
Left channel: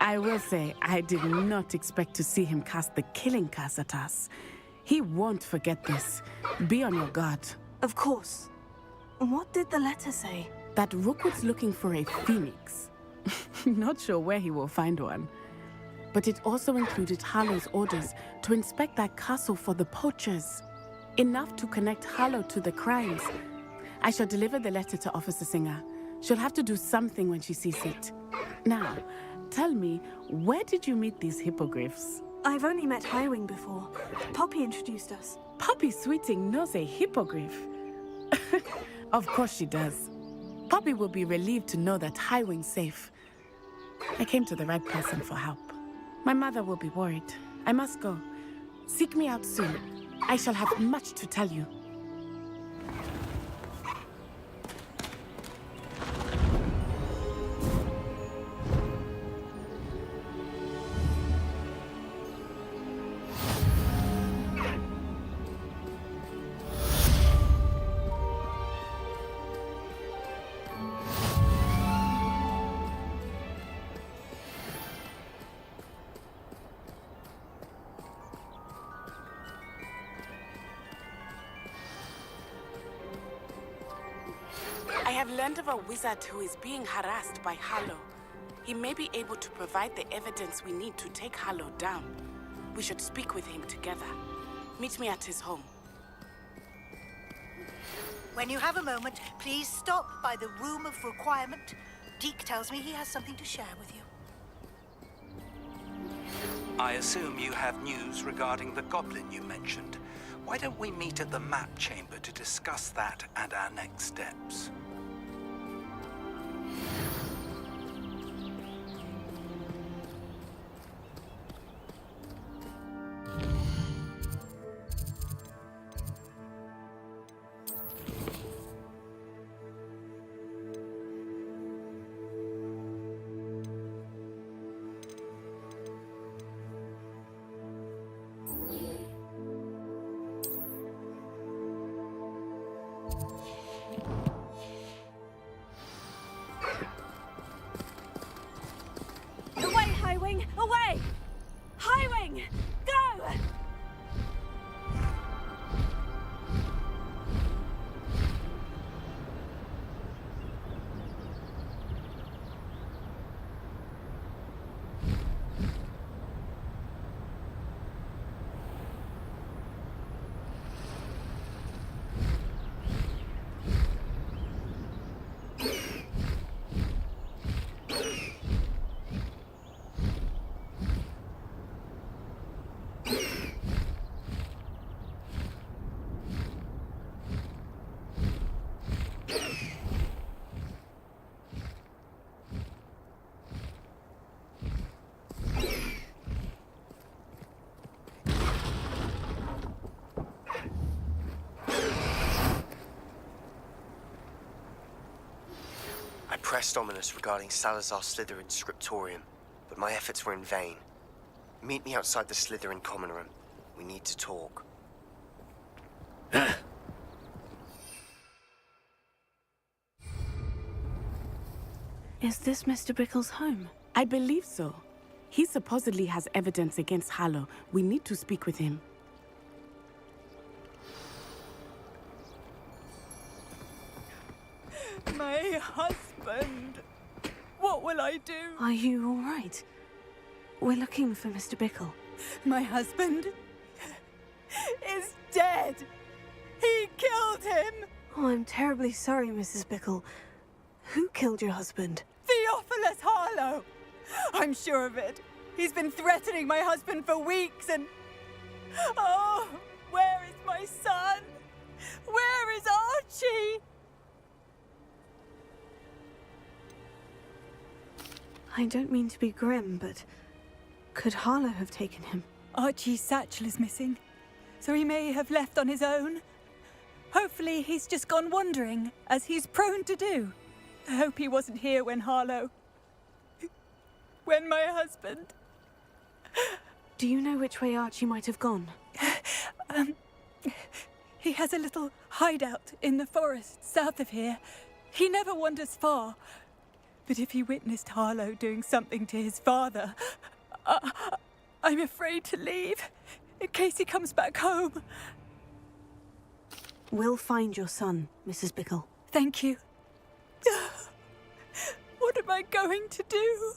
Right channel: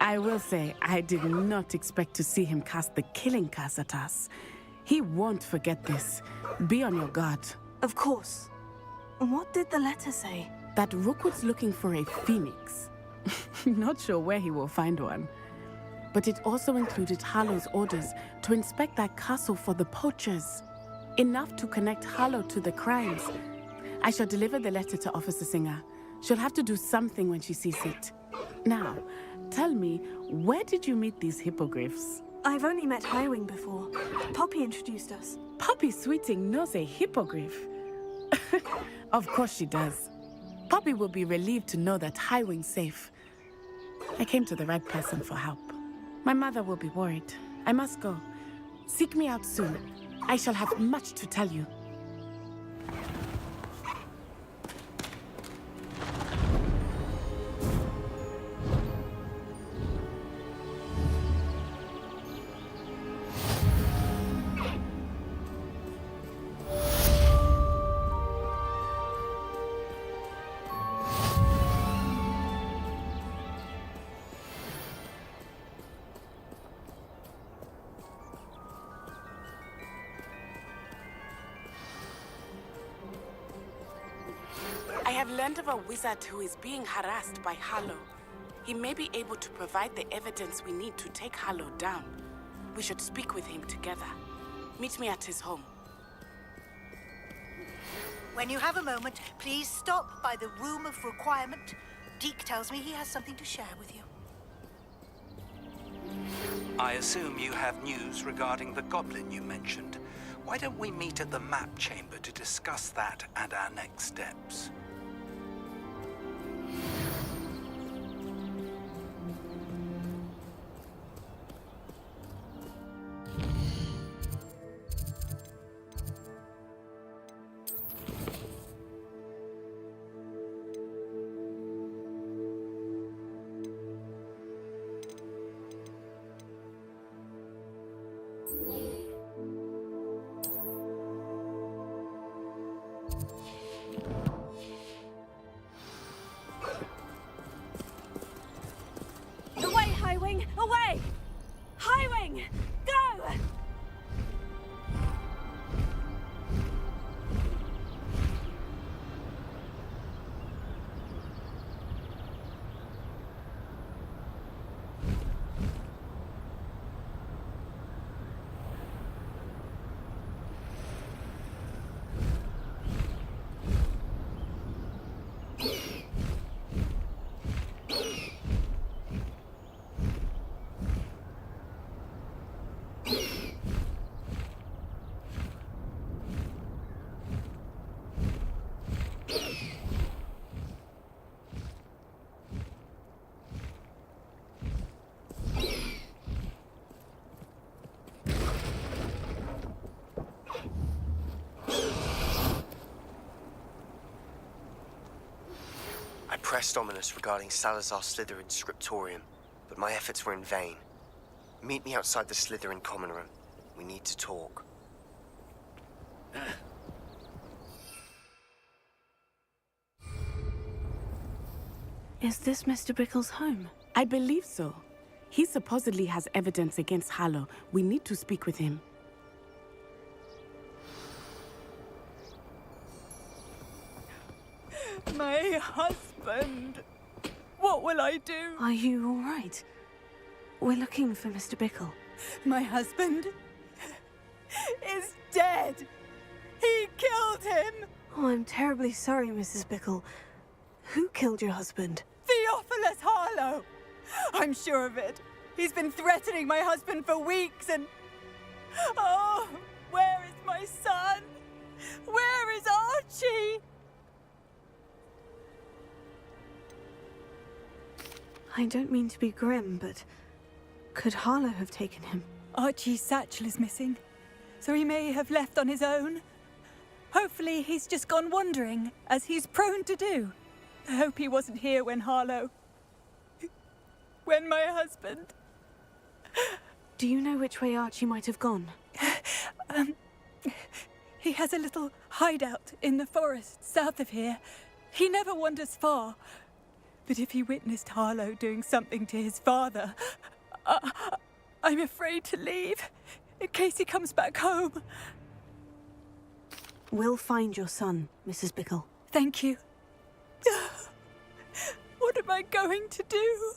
I will say, I did not expect to see him cast the killing curse at us. He won't forget this. Be on your guard. Of course. What did the letter say? That Rookwood's looking for a phoenix. Not sure where he will find one. but it also included Harlow's orders to inspect that castle for the poachers. Enough to connect Harlow to the crimes. I shall deliver the letter to Officer Singer. She'll have to do something when she sees it. Now, tell me, where did you meet these hippogriffs? I've only met Highwing before. Poppy introduced us. Poppy Sweeting knows a hippogriff. Of course she does. Poppy will be relieved to know that Highwing's safe. I came to the right person for help. My mother will be worried. I must go. Seek me out soon. I shall have much to tell you. I have learned of a wizard who is being harassed by Harlow. He may be able to provide the evidence we need to take Harlow down. We should speak with him together. Meet me at his home. When you have a moment, please stop by the Room of Requirement. Deke tells me he has something to share with you. I assume you have news regarding the goblin you mentioned. Why don't we meet at the map chamber to discuss that and our next steps? Away, Highwing! Away! Highwing! Go! I pressed Ominous regarding Salazar Slytherin's scriptorium, but my efforts were in vain. Meet me outside the Slytherin common room. We need to talk. Is this Mr. Brickle's home? I believe so. He supposedly has evidence against Harlow. We need to speak with him. My husband. What will I do? Are you all right? We're looking for Mr. Bickle. My husband is dead. He killed him. Oh, I'm terribly sorry, Mrs. Bickle. Who killed your husband? Theophilus Harlow. I'm sure of it. He's been threatening my husband for weeks and... Oh, where is my son? Where is Archie? I don't mean to be grim, but could Harlow have taken him? Archie's satchel is missing, so he may have left on his own. Hopefully he's just gone wandering, as he's prone to do. I hope he wasn't here when when my husband... Do you know which way Archie might have gone? He has a little hideout in the forest south of here. He never wanders far. But if he witnessed Harlow doing something to his father, I'm afraid to leave, in case he comes back home. We'll find your son, Mrs. Bickle. Thank you. What am I going to do?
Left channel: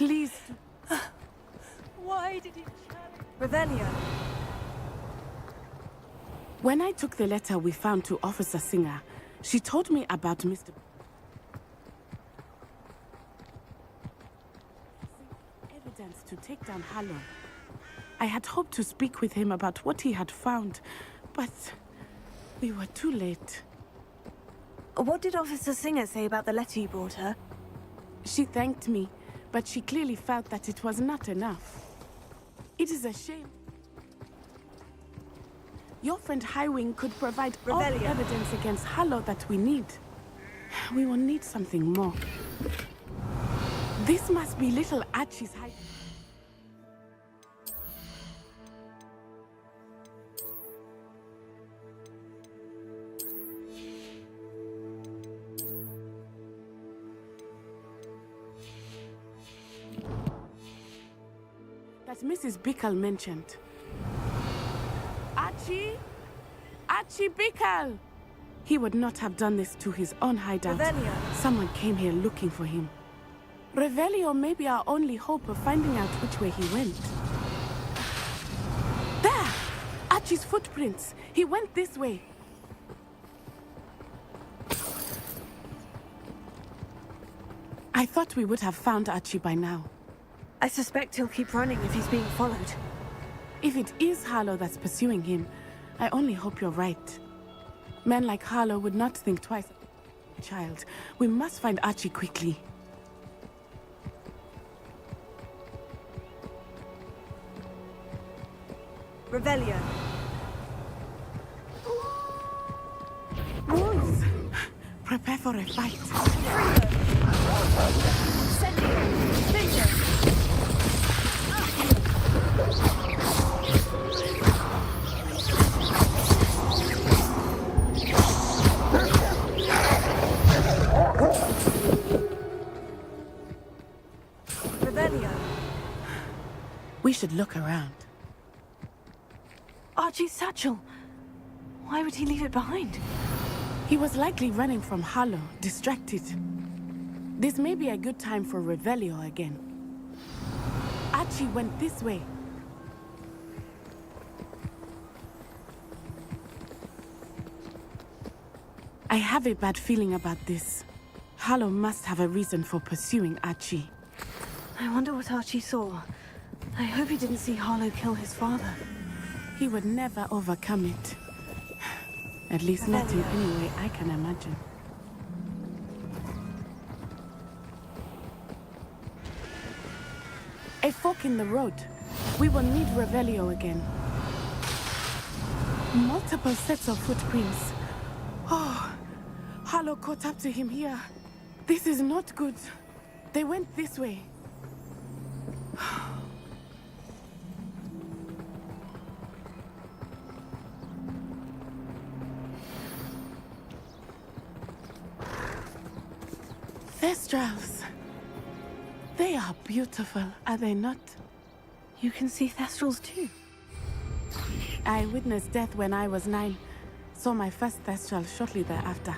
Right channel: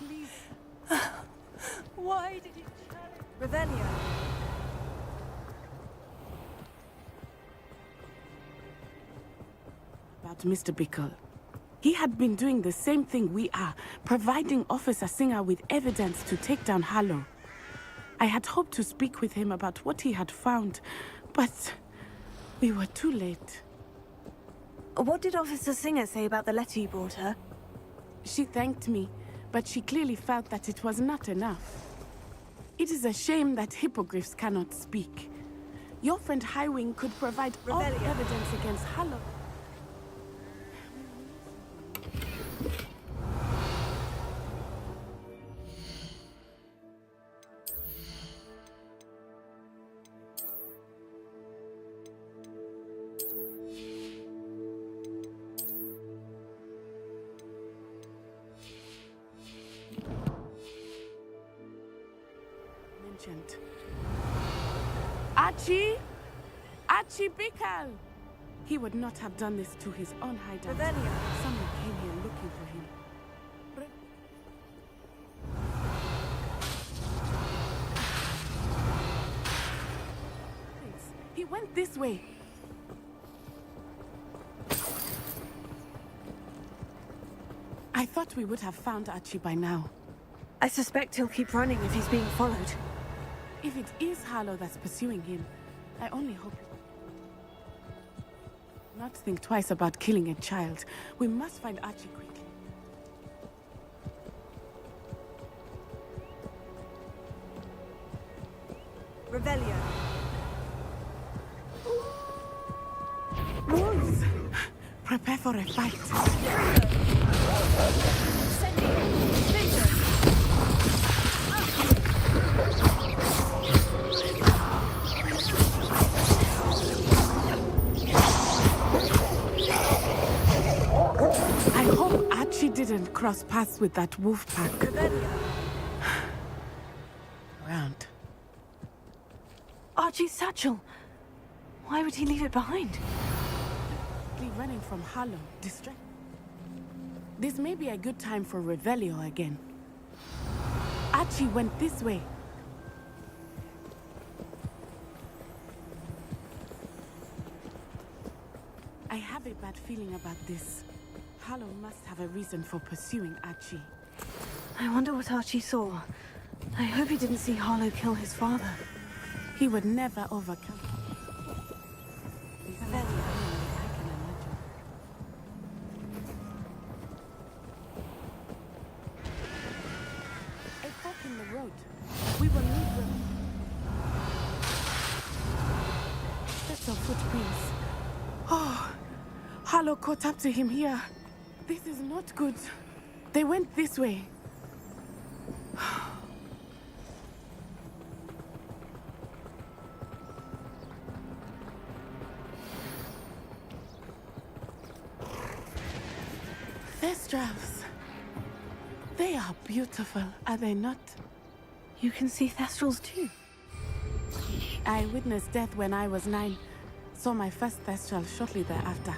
please. Why did he challenge? Revelio. When I took the letter we found to Officer Singer, she told me about Mr. Bickle. He had been doing the same thing we are, providing Officer Singer with evidence to take down Hallow. I had hoped to speak with him about what he had found, but we were too late. What did Officer Singer say about the letter you brought her? She thanked me, but she clearly felt that it was not enough. It is a shame that hippogriffs cannot speak. Your friend Highwing could provide all the evidence against Hallow that we need. We will need something more. This must be little Archie's hiding. That Mrs. Bickle mentioned. Archie? Archie Bickle! He would not have done this to his own hideout. Revelio. Someone came here looking for him. Revelio may be our only hope of finding out which way he went. There! Archie's footprints. He went this way. I thought we would have found Archie by now. I suspect he'll keep running if he's being followed. If it is Hallow that's pursuing him, I only hope you're right. Men like Hallow would not think twice about killing a child. We must find Archie quickly. Revelio. Wolves! Prepare for a fight. Trigger. Sending. Spinter. I hope Archie didn't cross paths with that wolf pack. Revelio. We should look around. Archie's satchel. Why would he leave it behind? He was likely running from Hallow, distracted. This may be a good time for Revelio again. Archie went this way. I have a bad feeling about this. Hallow must have a reason for pursuing Archie. I wonder what Archie saw. I hope he didn't see Hallow kill his father. He would never overcome it. At least not in any way I can imagine. A fork in the road. We will need Revelio again. Multiple sets of footprints. Oh, Hallow caught up to him here. This is not good. They went this way. Thestrals. They are beautiful, are they not? You can see Thestrals too. I witnessed death when I was 9. Saw my first Thestral shortly thereafter.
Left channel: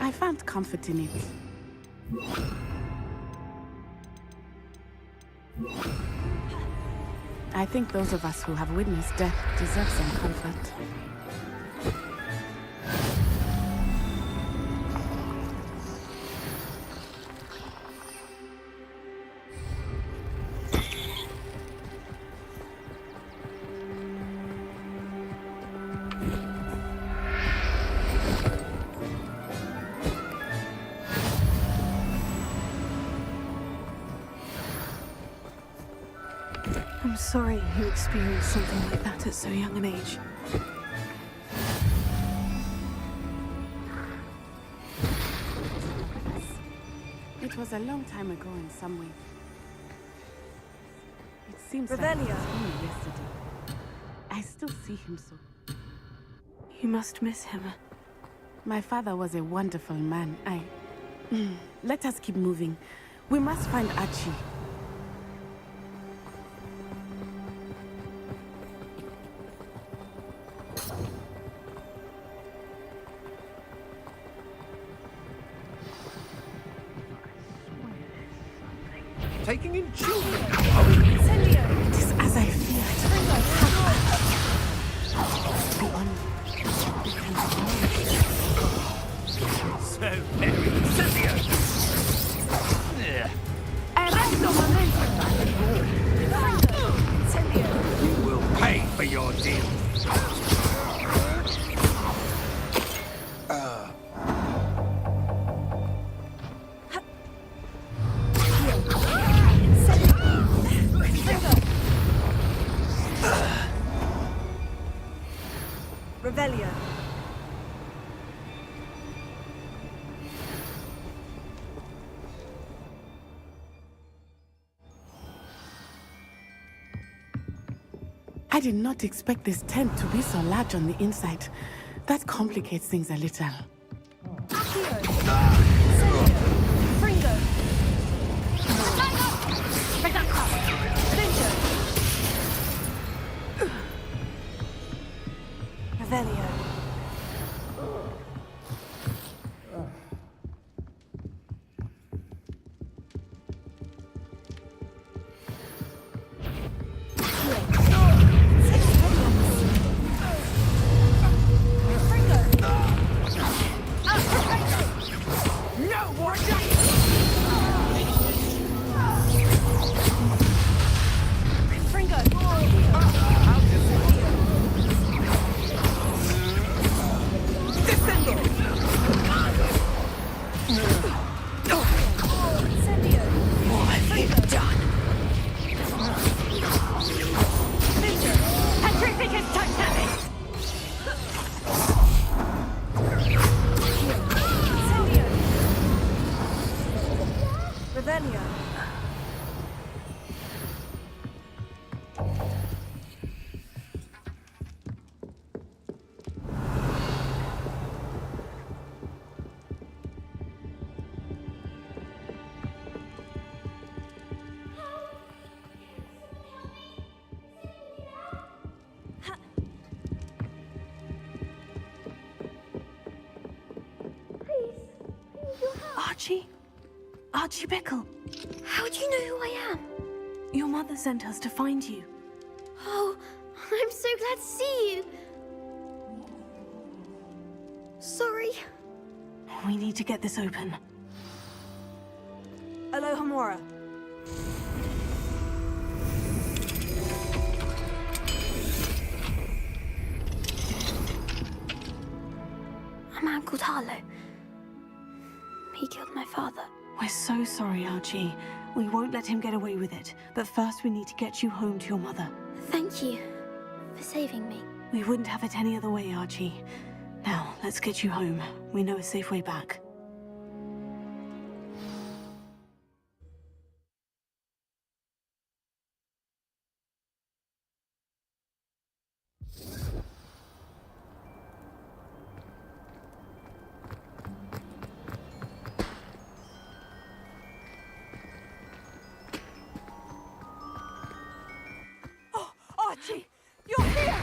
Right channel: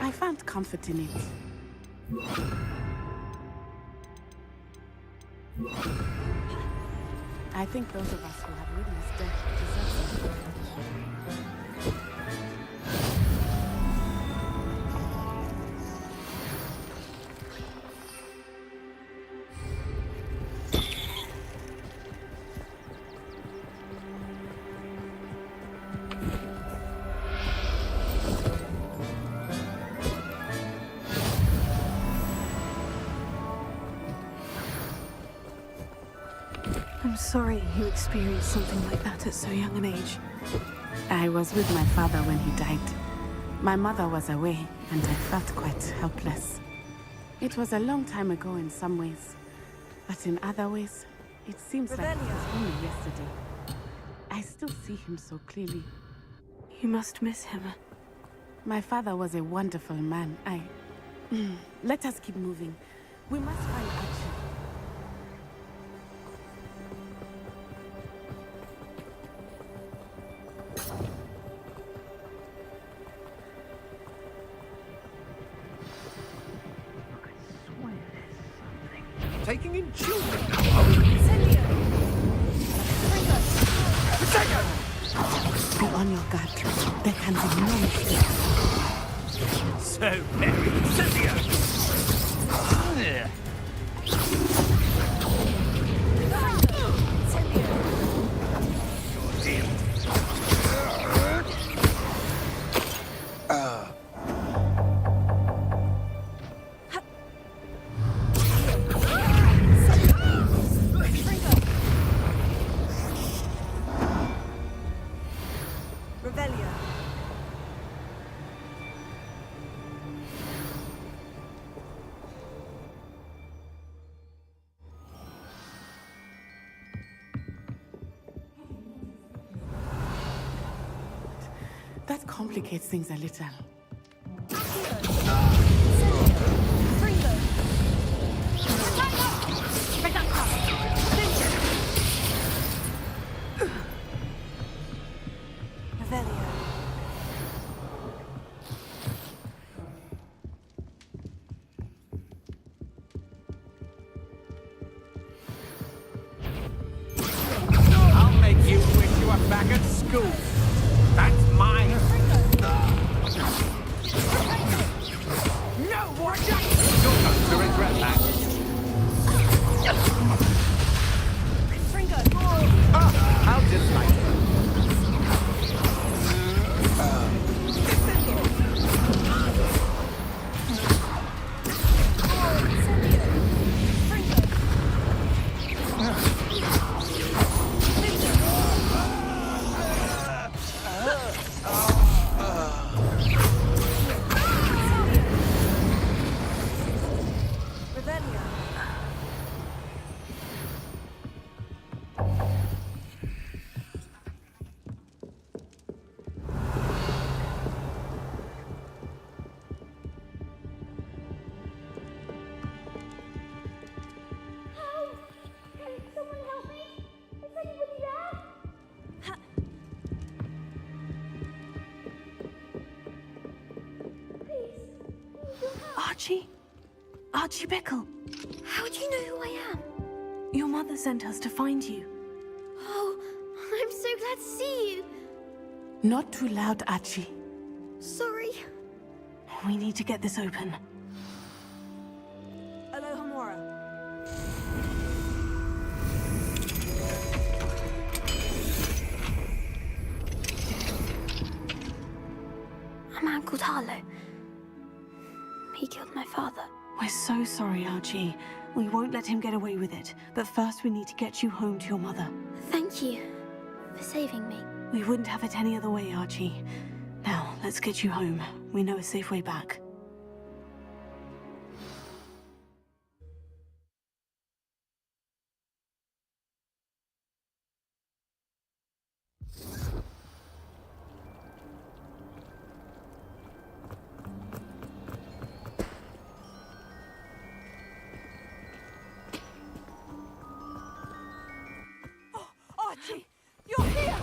I found comfort in it. I think those of us who have witnessed death deserve some comfort. I'm sorry you experienced something like that at so young an age. I was with my father when he died. My mother was away, and I felt quite helpless. It was a long time ago in some ways, but in other ways, it seems like it was only yesterday. I still see him so clearly. You must miss him. My father was a wonderful man. Let us keep moving. We must find Archie. taking in children now. Just as I feared. Be on your guard. There can be no mistake. So very Incendio! We'll pay for your deed. Revelio. I did not expect this tent to be so large on the inside. That complicates things a little. Revelio. Archie Bickle. How do you know who I am? Your mother sent us to find you. Oh, I'm so glad to see you. Not too loud, Archie. Sorry. We need to get this open. Alohomora. A man called Harlow. He killed my father. We're so sorry, Archie. We won't let him get away with it. But first we need to get you home to your mother. Thank you for saving me. We wouldn't have it any other way, Archie. Now, let's get you home. We know a safe way back. Archie, you're here!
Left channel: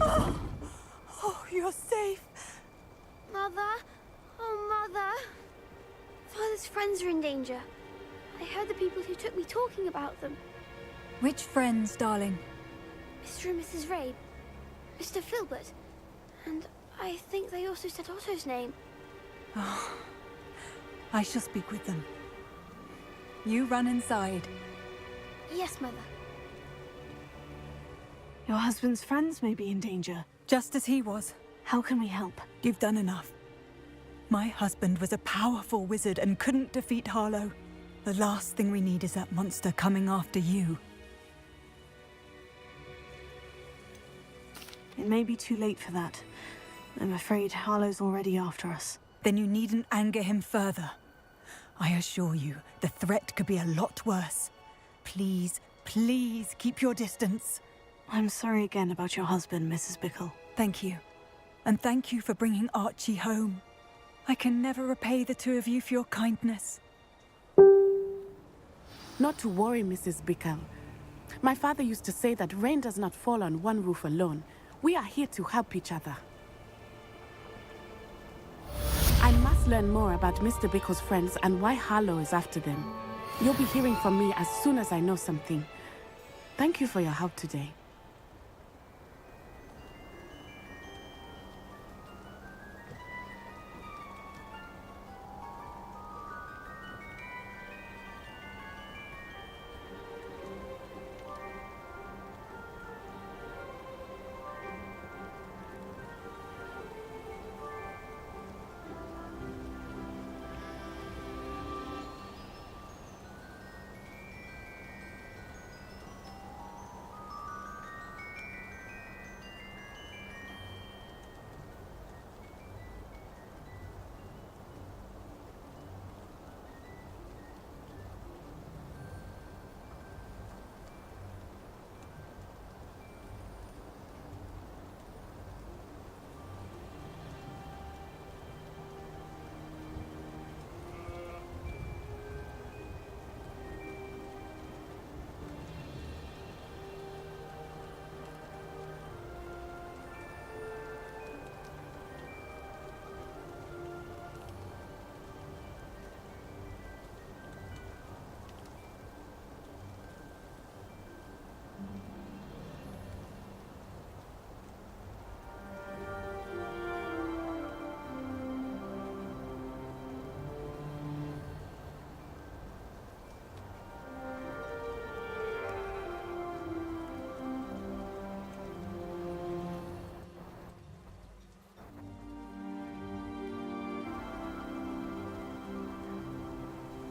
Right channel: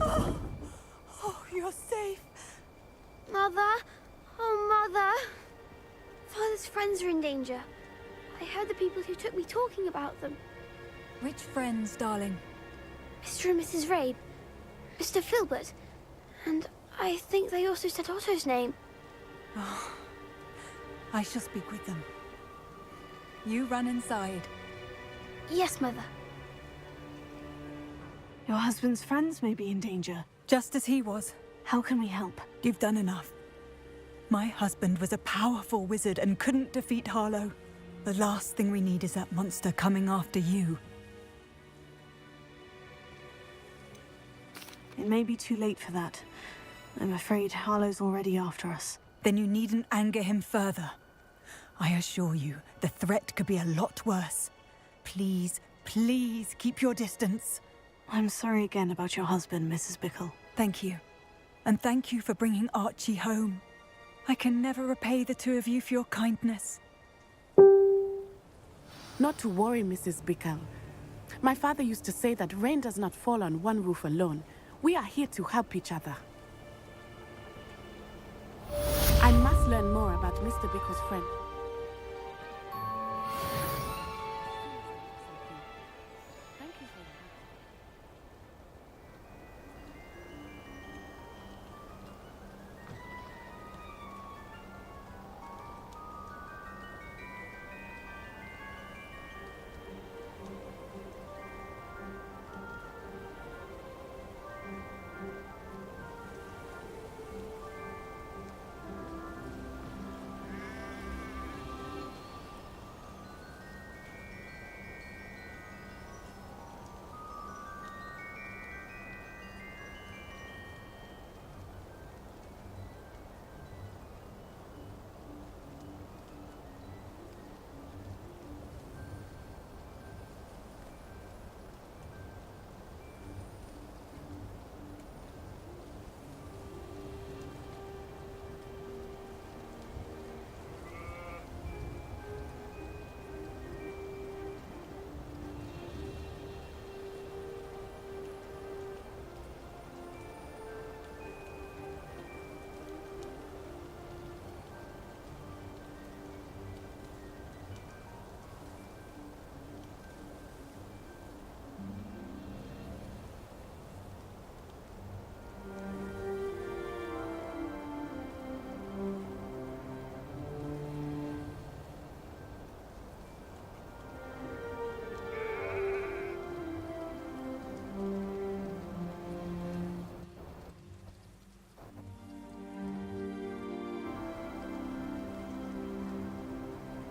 Oh, you're safe. Mother? Oh, Mother. Father's friends are in danger. I heard the people who took me talking about them. Which friends, darling? Mr. and Mrs. Rabe, Mr. Filbert, and I think they also said Otto's name. Oh, I shall speak with them. You run inside. Yes, Mother. Your husband's friends may be in danger. Just as he was. How can we help? You've done enough. My husband was a powerful wizard and couldn't defeat Harlow. The last thing we need is that monster coming after you. It may be too late for that. I'm afraid Harlow's already after us. Then you needn't anger him further. I assure you, the threat could be a lot worse. Please, please keep your distance. I'm sorry again about your husband, Mrs. Bickle. Thank you. And thank you for bringing Archie home. I can never repay the two of you for your kindness. Not to worry, Mrs. Bickle. My father used to say that rain does not fall on one roof alone. We are here to help each other. I must learn more about Mr. Bickle's friends and why Harlow is after them. You'll be hearing from me as soon as I know something. Thank you for your help today.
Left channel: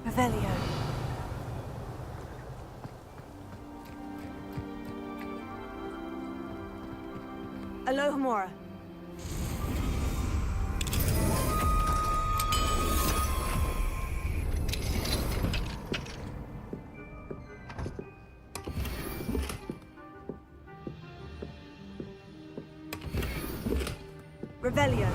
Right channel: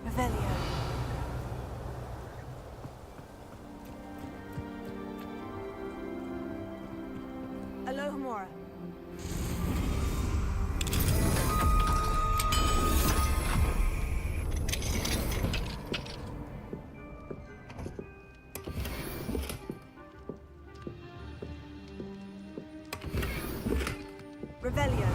Revelio. Alohomora. Revelio.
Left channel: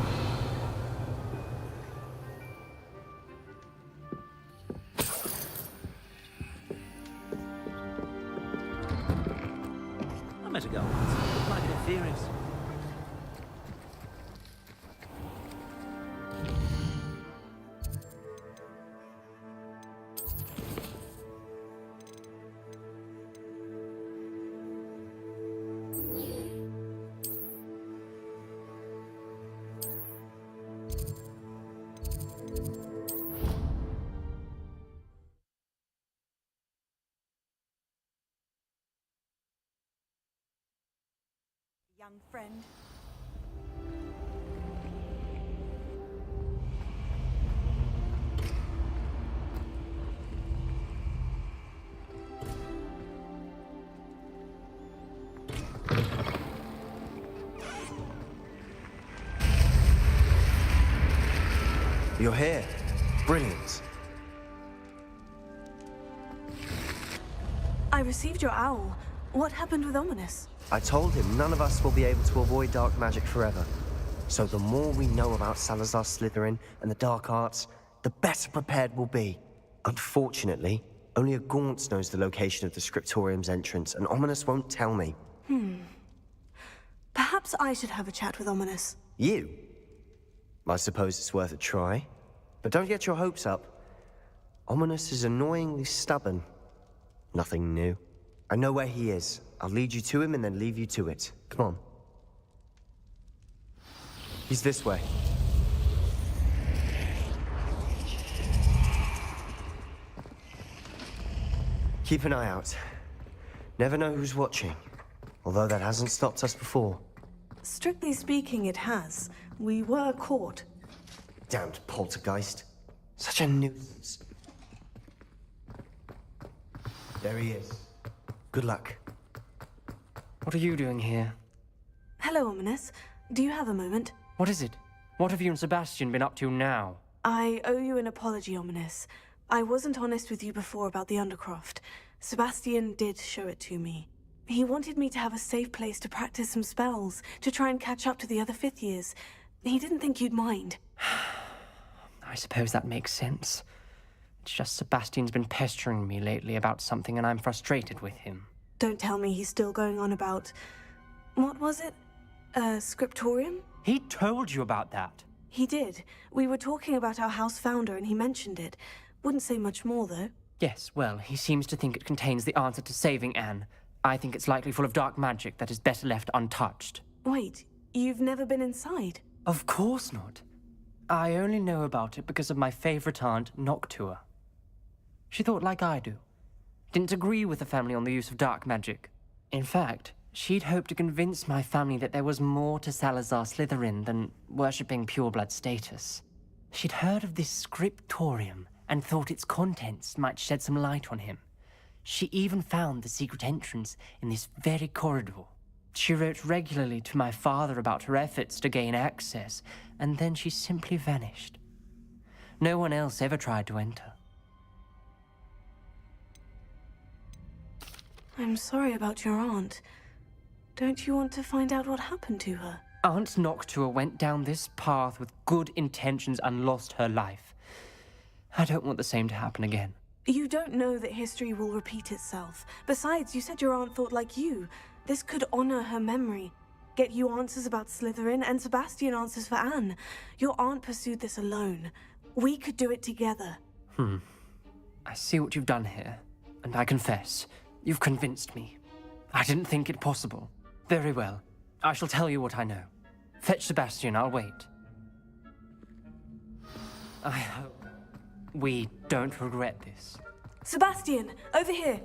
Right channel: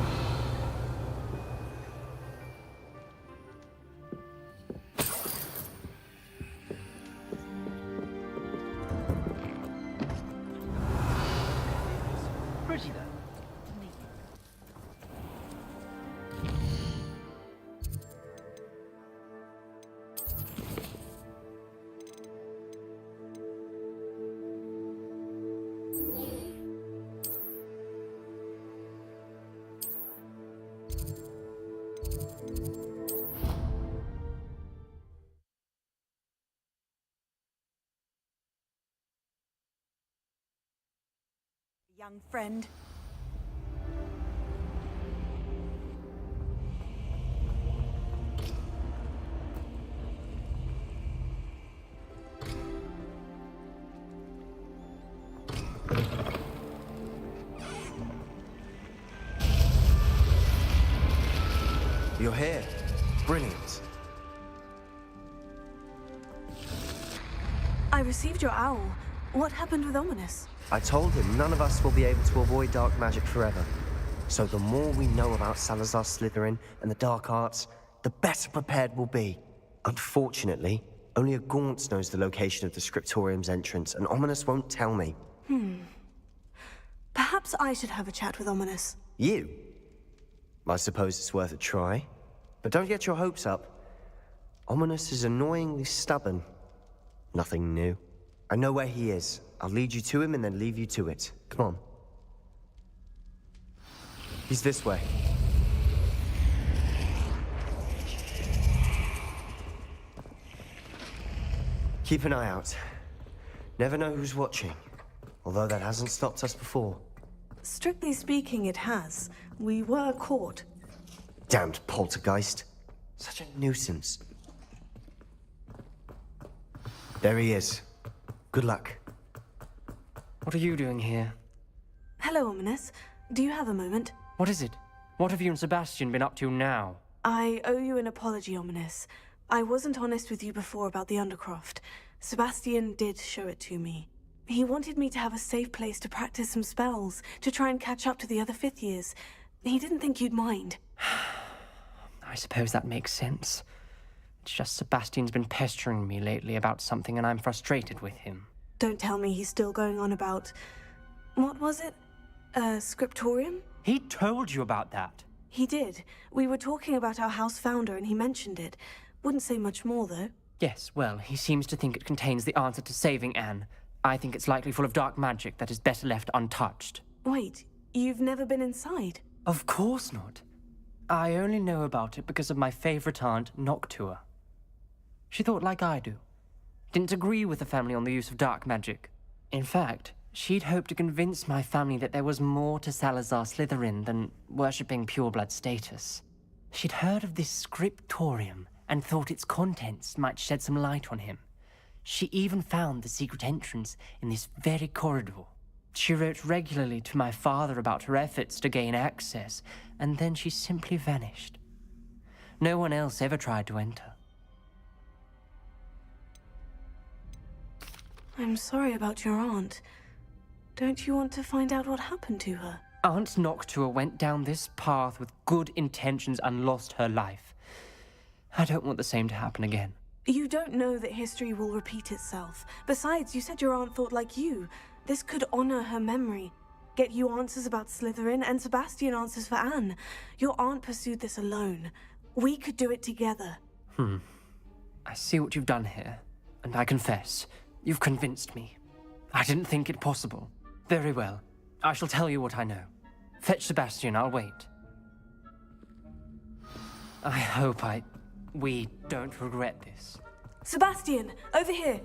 I'm at a garden. My theories. Pretty. Young friend. You're here. Brilliant. I received your owl. What happened with Ominous? I told him none of us will be able to avoid dark magic forever. So the more we know about Salazar Slytherin and the dark arts, the better prepared we'll be. Unfortunately, only a Gaunt knows the location of the Scriptorium's entrance, and Ominous won't tell me. Perhaps I should have a chat with Ominous. You? I suppose it's worth a try. But don't get your hopes up. Ominous is annoyingly stubborn. Nothing new. I know where he is. I'll lead you to him and then leave you to it. Come on. He's this way. Keep an eye out. Never know who's watching. Although that hasn't stopped us before. Strictly speaking, it has. We were caught. Damned poltergeist. Such a nuisance. There he is. Good luck. What are you doing here? Hello, Ominous. Do you have a moment? What is it? What have you and Sebastian been up to now? I owe you an apology, Ominous. I wasn't honest with you before about the Undercroft. Sebastian did show it to me. He wanted me to have a safe place to practice some spells, to try and catch up to the other fifth years. He didn't think you'd mind. I suppose that makes sense. It's just Sebastian's been pestering me lately about something and I'm frustrated with him. Don't tell me he's still going on about... What was it? Scriptorium? He told you about that? He did. We were talking about our house founder and he mentioned it. Wouldn't say much more, though. Yes, well, he seems to think it contains the answer to saving Anne. I think it's likely full of dark magic that is better left untouched. Wait, you've never been inside? Of course not. I only know about it because of my favorite aunt, Noctua. She thought like I do. Didn't agree with the family on the use of dark magic. In fact, she'd hoped to convince my family that there was more to Salazar Slytherin than worshipping pureblood status. She'd heard of this scriptorium and thought its contents might shed some light on him. She even found the secret entrance in this very corridor. She wrote regularly to my father about her efforts to gain access, and then she simply vanished. No one else ever tried to enter. I'm sorry about your aunt. Don't you want to find out what happened to her? Aunt Noctua went down this path with good intentions and lost her life. I don't want the same to happen again. You don't know that history will repeat itself. Besides, you said your aunt thought like you. This could honor her memory. Get you answers about Slytherin, and Sebastian answers for Anne. Your aunt pursued this alone. We could do it together. I see what you've done here, and I confess, you've convinced me. I didn't think it possible. Very well. I shall tell you what I know. Fetch Sebastian, I'll wait. I hope we don't regret this. Sebastian, over here!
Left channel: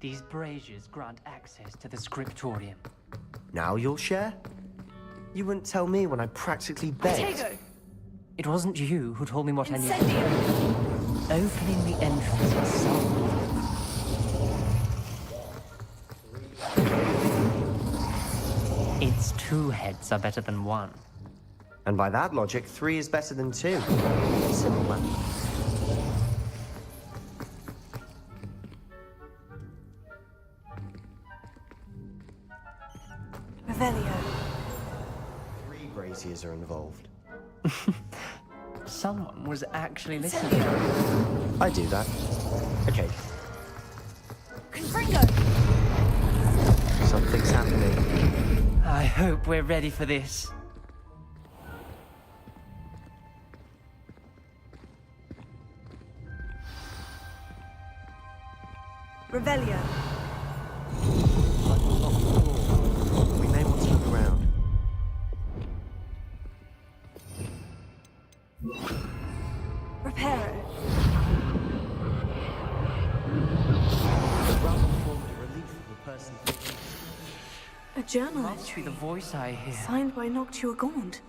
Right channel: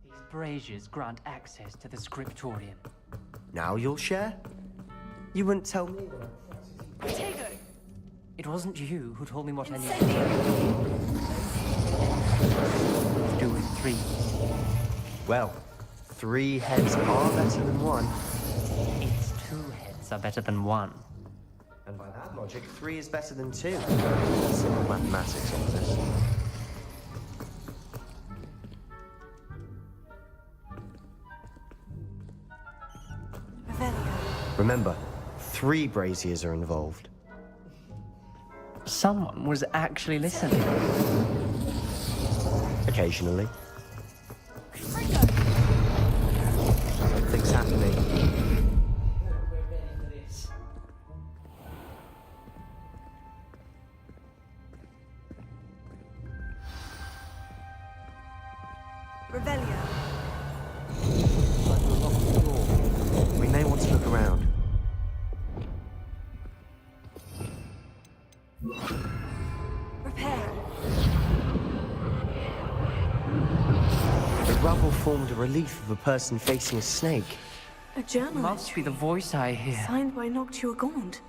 These braziers grant access to the scriptorium. Now you'll share? You wouldn't tell me when I practically begged. It wasn't you who told me what I knew. Opening the entrance has something to do with 3. Well, 3 heads are better than 1. Its 2 heads are better than 1. And by that logic, 3 is better than 2. Simple mathematics on this. Revelio. Remember, 3 braziers are involved. Someone was actually listening. I do that. Occasionally. Confringo! Something's happening. I hope we're ready for this. Revelio. Like a locked door. We may want to look around. Reparo. The rubble formed a relief of a person facing a snake. A journal Must be the voice I hear. signed by Noctua Gaunt.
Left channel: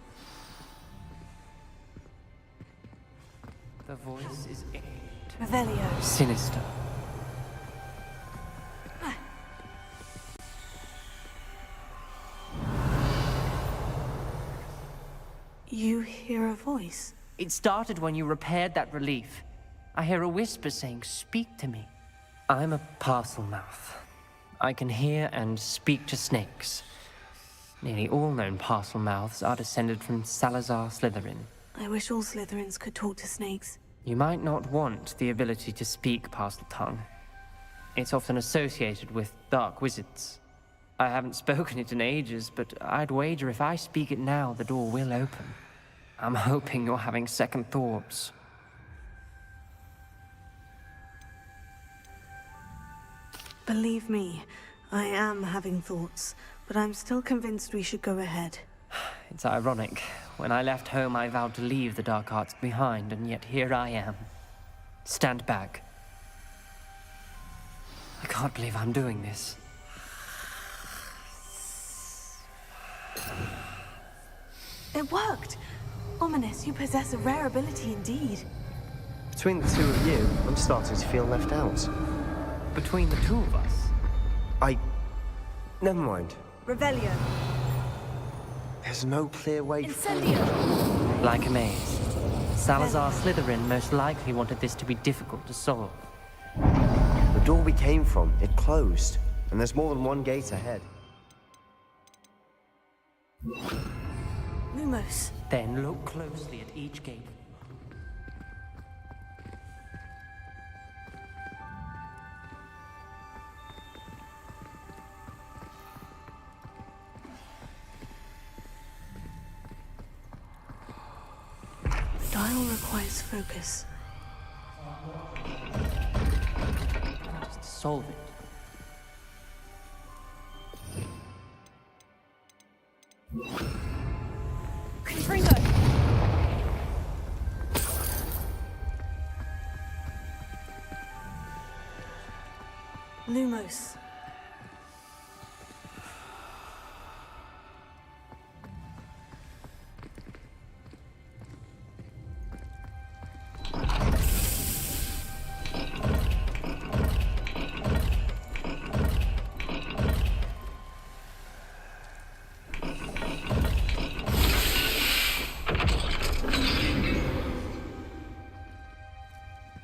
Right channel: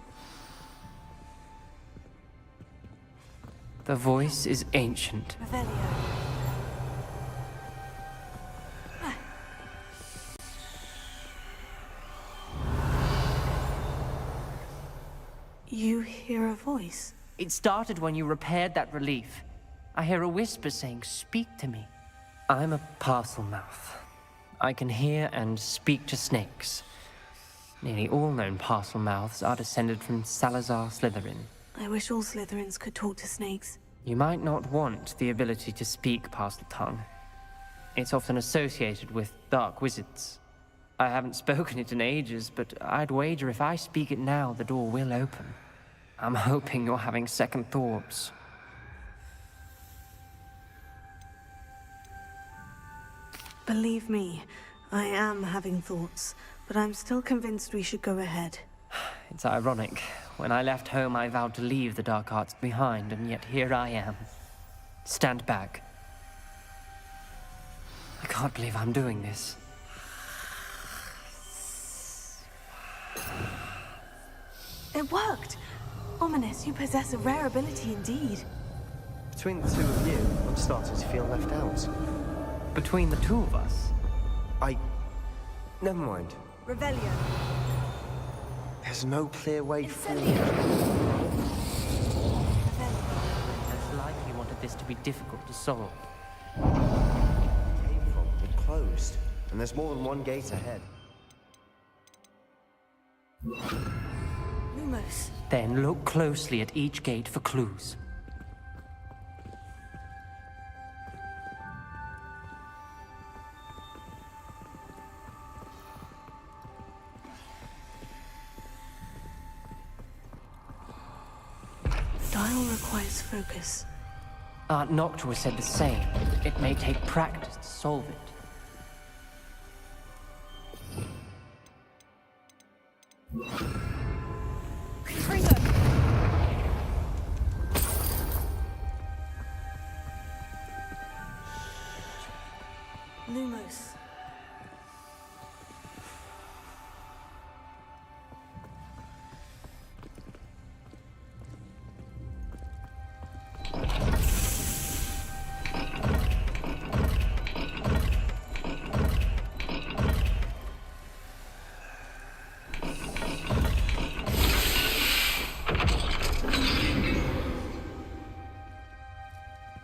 The voice is ancient. Revelio. Sinister. You hear a voice? It started when you repaired that relief. I hear a whisper saying, "Speak to me." I'm a parcel mouth. I can hear and speak to snakes. Nearly all known parcel mouths are descended from Salazar Slytherin. I wish all Slytherins could talk to snakes. You might not want the ability to speak parcel tongue. It's often associated with dark wizards. I haven't spoken it in ages, but I'd wager if I speak it now, the door will open. I'm hoping you're having second thoughts. Believe me, I am having thoughts, but I'm still convinced we should go ahead. It's ironic. When I left home, I vowed to leave the dark arts behind, and yet here I am. Stand back. I can't believe I'm doing this. It worked! Ominous, you possess a rare ability indeed. Between the 2 of you, I'm starting to feel left out. Between the 2 of us? Never mind. Revelio. There's no clear way forward. Like a maze. Salazar Slytherin most likely wanted this to be difficult to solve. The door we came from, it closed. And there's more than one gate ahead. Lumos. Then look closely at each gate for clues. The dial requires focus. Aunt Noctua said the same. It may take practice to solve it. Confringo! Lumos.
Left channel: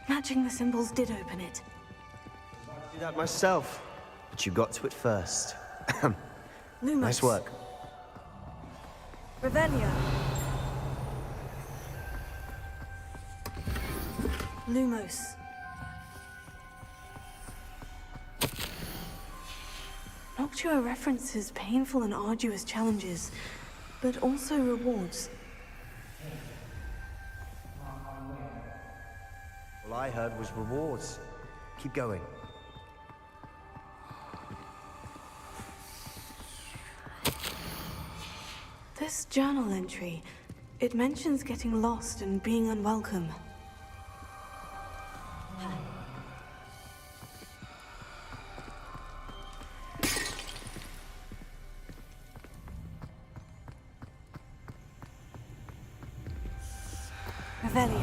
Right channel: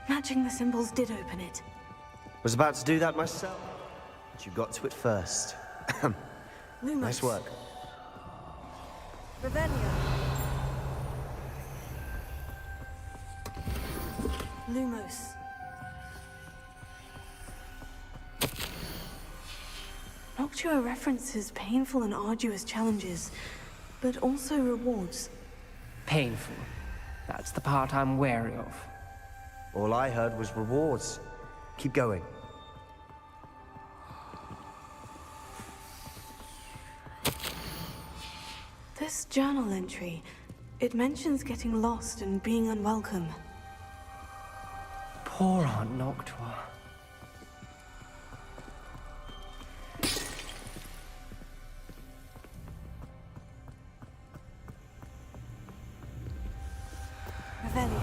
Matching the symbols did open it. Was about to do that myself, but you got to it first. Lumos. Nice work. Revelio. Lumos. Noctua references painful and arduous challenges, but also rewards. Painful. That's the part I'm wary of. All I heard was rewards. Keep going. This journal entry, it mentions getting lost and being unwelcome. Poor Aunt Noctua. Revelio.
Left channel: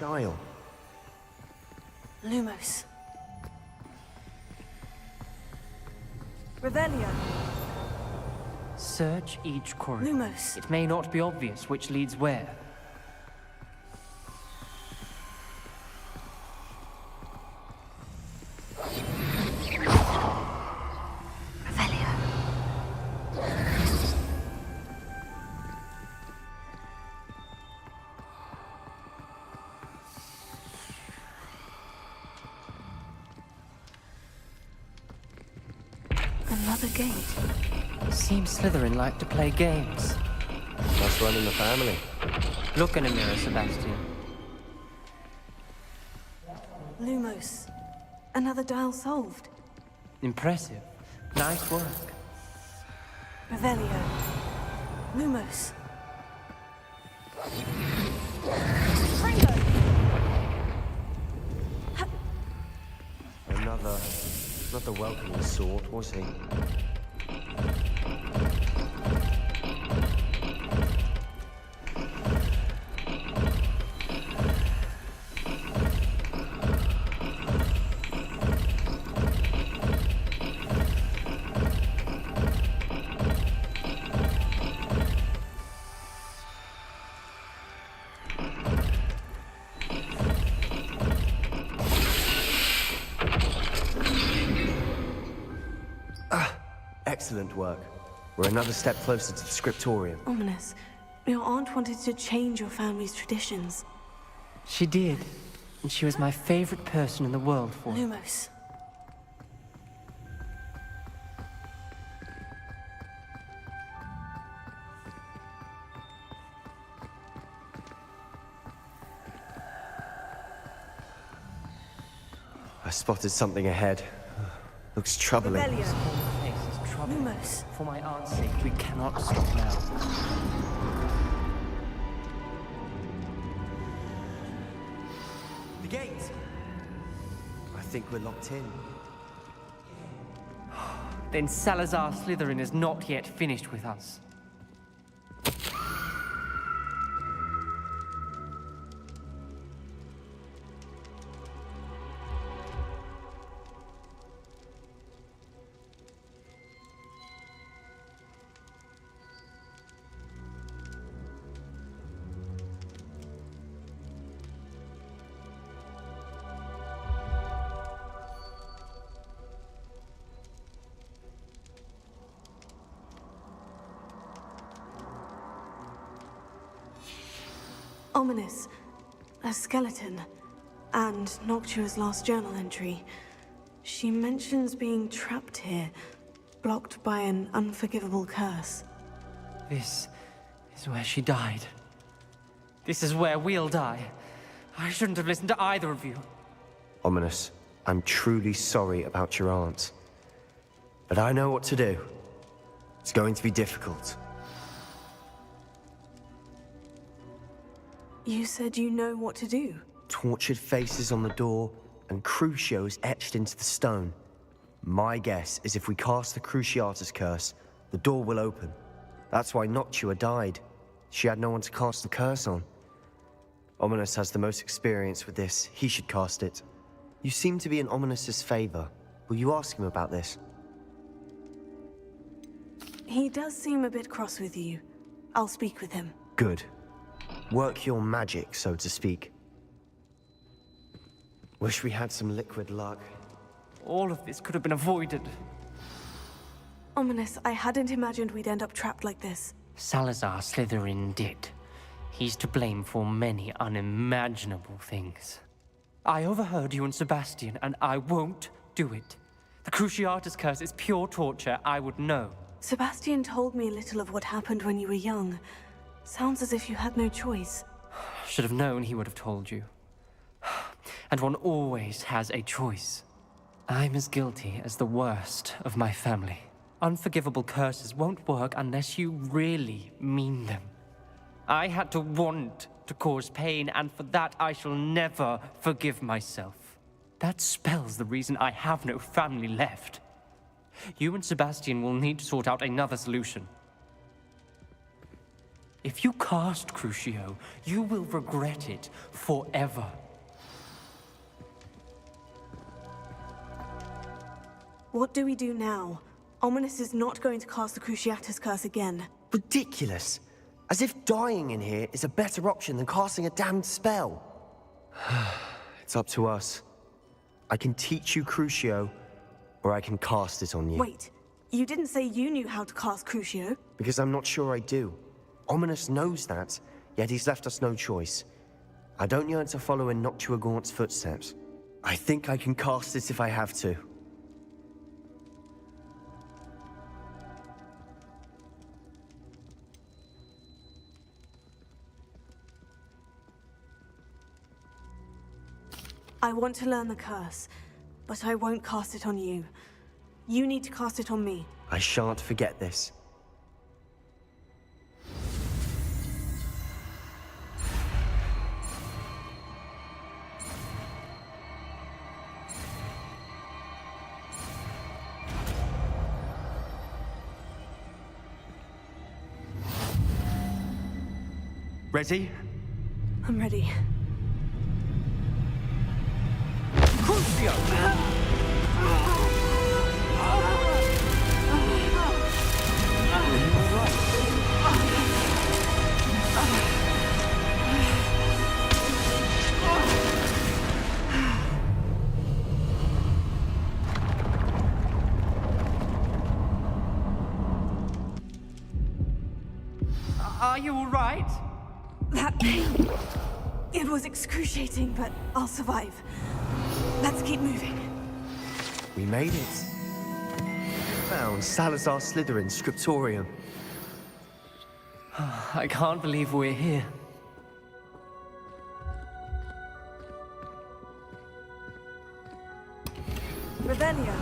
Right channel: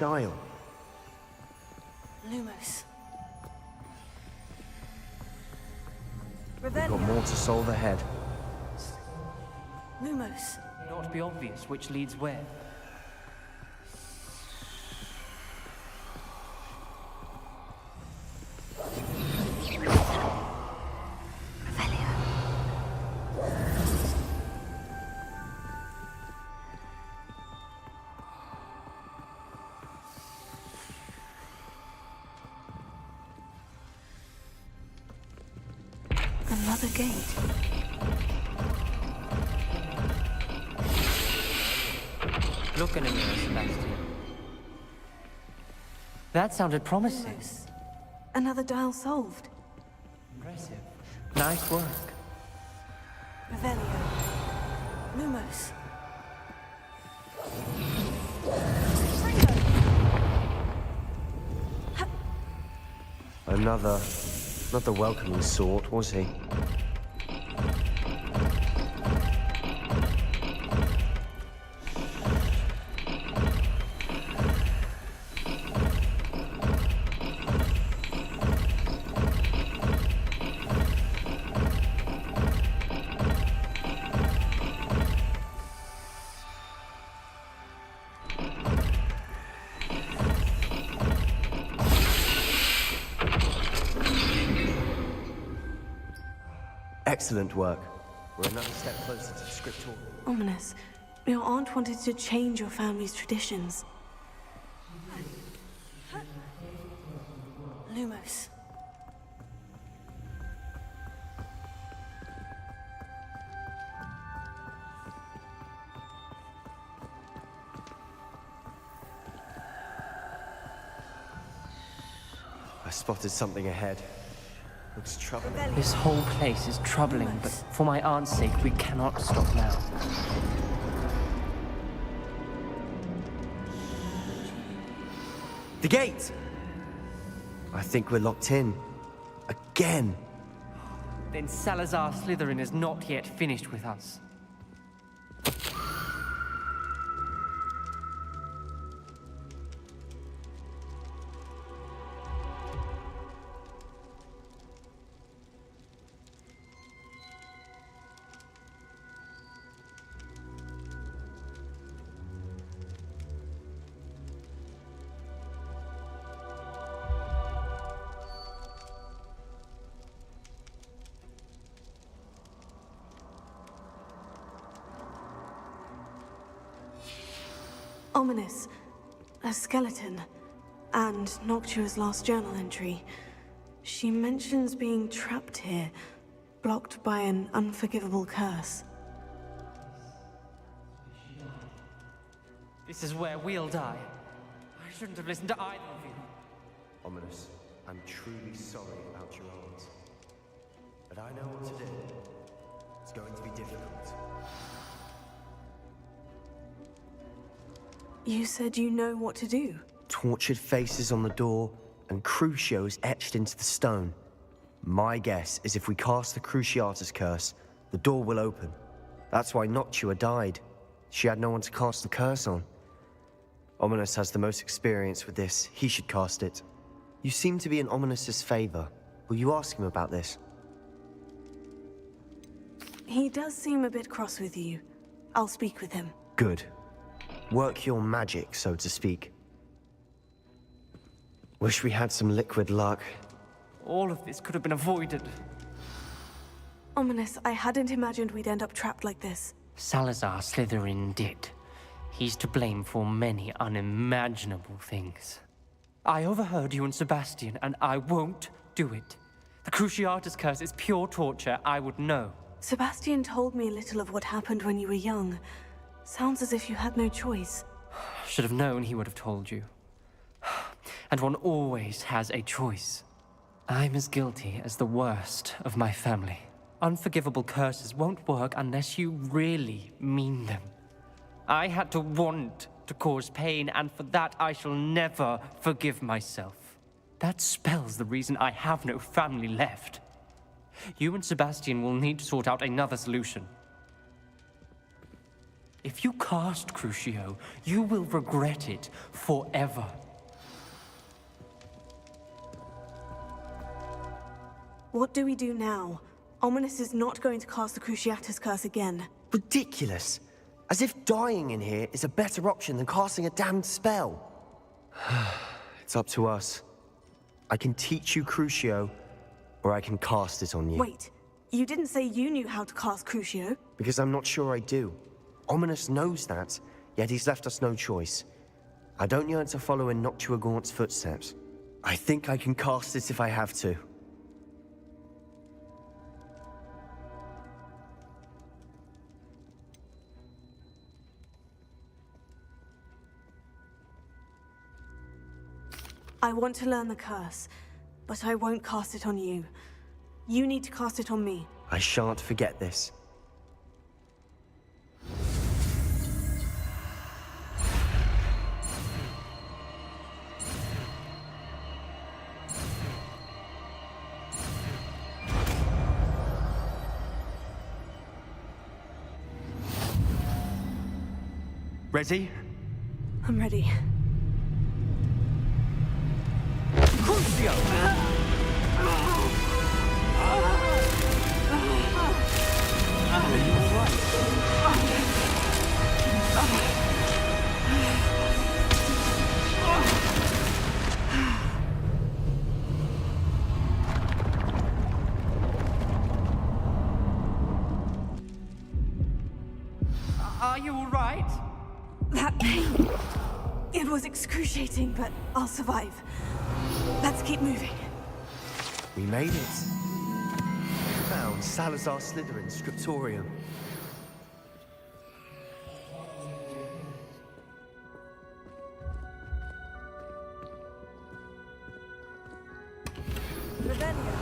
Dial. Lumos. Got more to solve ahead. Search each corridor. Lumos. It may not be obvious which leads where. Another gate. Seems Slytherin like to play games. That's running the family. Look in a mirror, Sebastian. That sounded promising. Lumos. Another dial solved. Impressive. Nice work. Revelio. Lumos. Fringo! Another... not the welcoming sort, was he? Excellent work. We're another step closer to the scriptorium. Ominous. Your aunt wanted to change your family's traditions. She did. And she was my favorite person in the world for it. Lumos. I spotted something ahead. Looks troubling. This whole place is troubling, but for my aunt's sake, we cannot stop now. The gate! I think we're locked in. Again. Then Salazar Slytherin is not yet finished with us. Ominous. A skeleton. And Noctua's last journal entry. She mentions being trapped here, blocked by an unforgivable curse. This is where she died. This is where we'll die. I shouldn't have listened to either of you. Ominous, I'm truly sorry about your aunt. But I know what to do. It's going to be difficult. You said you know what to do. Tortured faces on the door, and Crucios etched into the stone. My guess is if we cast the Cruciatus curse, the door will open. That's why Noctua died. She had no one to cast the curse on. Ominous has the most experience with this. He should cast it. You seem to be in Ominous's favor. Will you ask him about this? He does seem a bit cross with you. I'll speak with him. Good. Work your magic, so to speak. Wish we had some liquid luck. All of this could have been avoided. Ominous, I hadn't imagined we'd end up trapped like this. Salazar Slytherin did. He's to blame for many unimaginable things. I overheard you and Sebastian, and I won't do it. The Cruciatus curse is pure torture, I would know. Sebastian told me a little of what happened when you were young. Sounds as if you had no choice. Should have known he would have told you. And one always has a choice. I'm as guilty as the worst of my family. Unforgivable curses won't work unless you really mean them. I had to want to cause pain, and for that I shall never forgive myself. That spell's the reason I have no family left. You and Sebastian will need to sort out another solution. If you cast Crucio, you will regret it forever. What do we do now? Ominous is not going to cast the Cruciatus curse again. Ridiculous. As if dying in here is a better option than casting a damned spell. It's up to us. I can teach you Crucio, or I can cast it on you. Wait, you didn't say you knew how to cast Crucio? Because I'm not sure I do. Ominous knows that, yet he's left us no choice. I don't yearn to follow in Noctua Gaunt's footsteps. I think I can cast it if I have to. I want to learn the curse, but I won't cast it on you. You need to cast it on me. I shan't forget this. Ready? I'm ready. Crucio! Are you alright? Are you alright? That pain. It was excruciating, but I'll survive. Let's keep moving. We made it. We found Salazar Slytherin's scriptorium. I can't believe we're here. Revelio.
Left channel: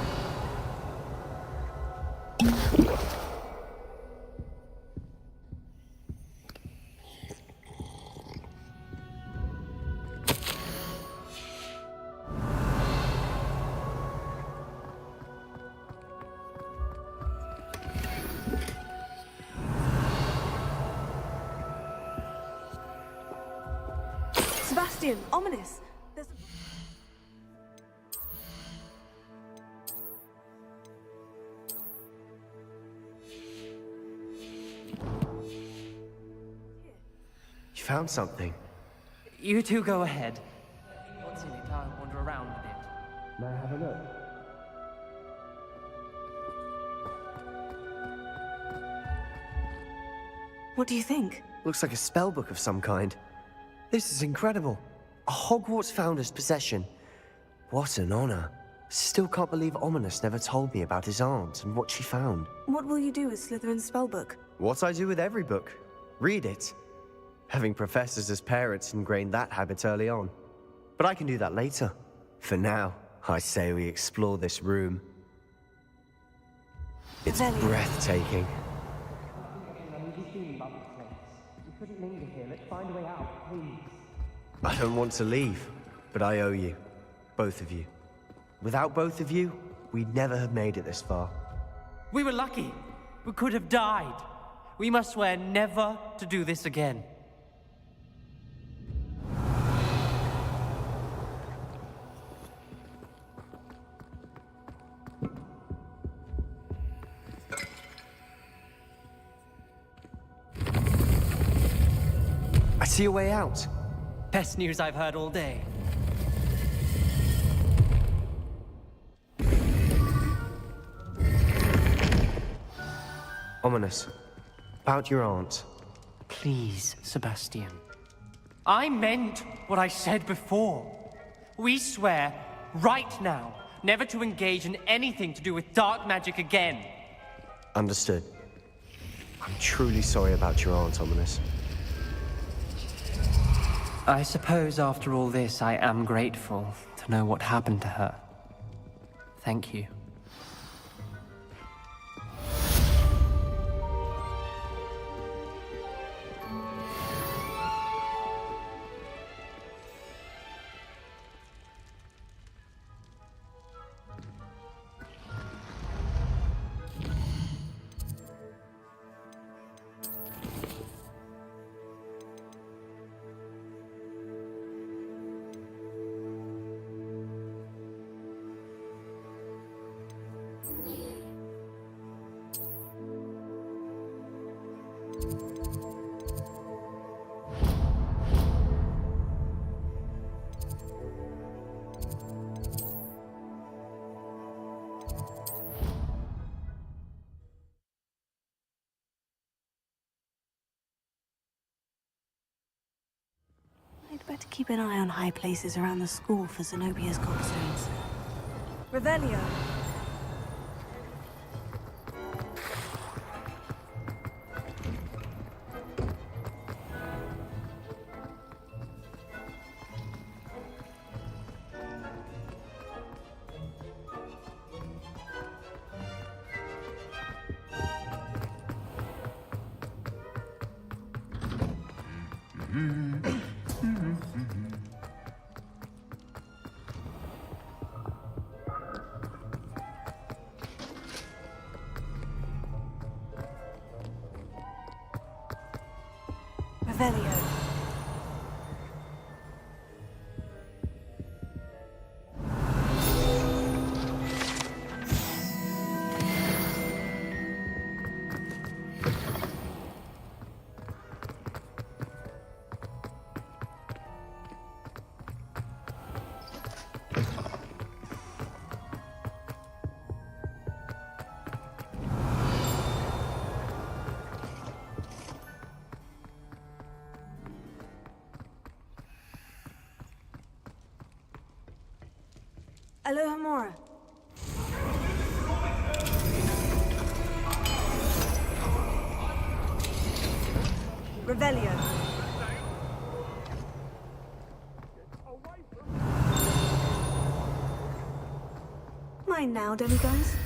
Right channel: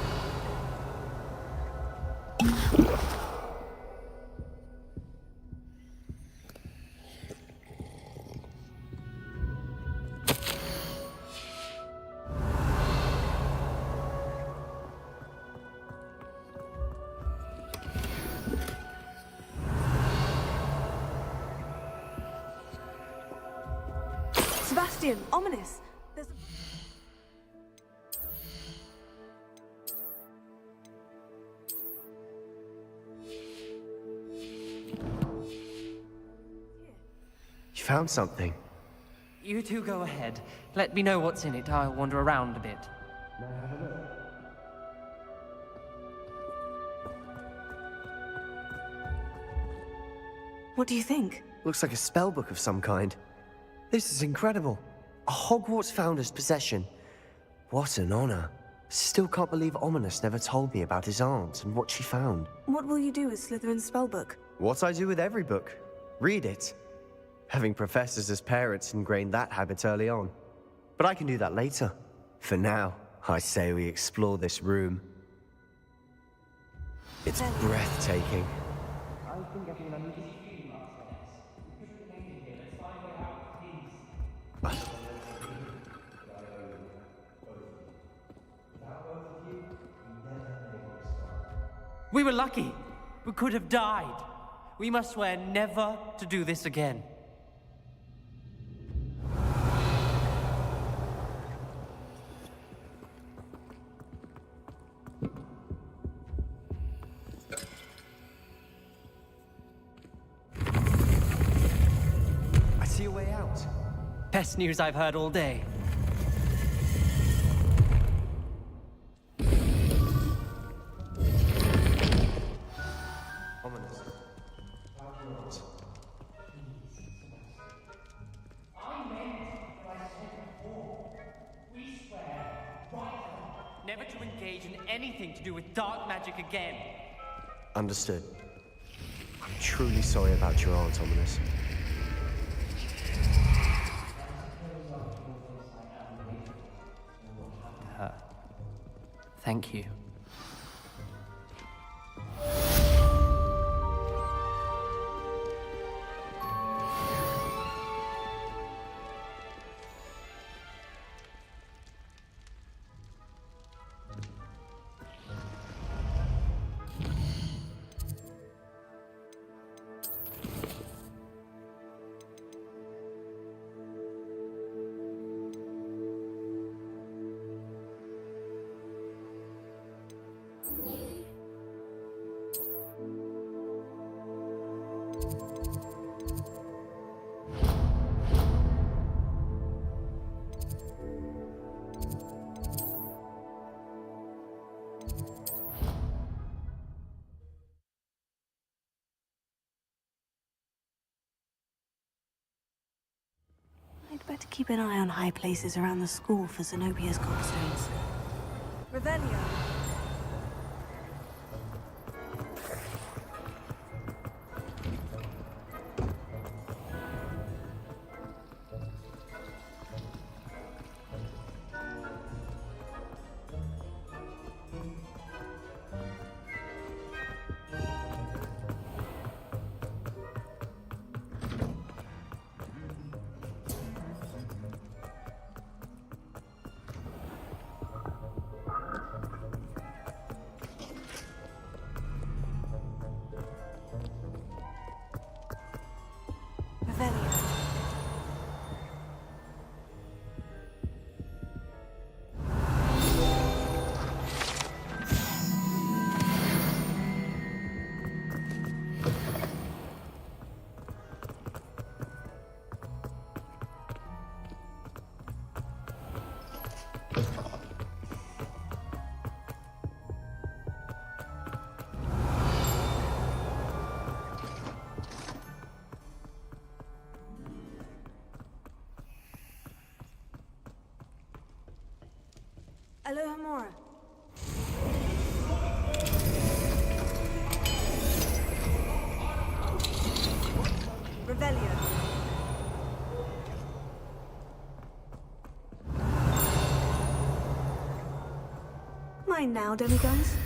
Sebastian, Ominous. There's a... You found something. You two go ahead. Let me know what's in it. I'll wander around a bit. May I have a look? What do you think? Looks like a spellbook of some kind. This is incredible. A Hogwarts founder's possession. What an honor. Still can't believe Ominous never told me about his aunt and what she found. What will you do with Slytherin's spellbook? What I do with every book. Read it? Having professors as parents ingrained that habit early on. But I can do that later. For now, I say we explore this room. It's breathtaking. I've been getting an uneasy feeling about this place. We couldn't linger here. Let's find a way out, please. I don't want to leave, but I owe you. Both of you. Without both of you, we'd never have made it this far. We were lucky. We could have died. We must swear never to do this again. I see a way out. Best news I've heard all day. Ominous. About your aunt. Please, Sebastian. I meant what I said before. We swear, right now, never to engage in anything to do with dark magic again. Understood. I'm truly sorry about your aunt, Ominous. I suppose after all this, I am grateful to know what happened to her. Thank you. I'd better keep an eye on high places around the school for Zenobia's gobstones. Revelio. Revelio. Alohomora. Revelio. Mine now, demigods.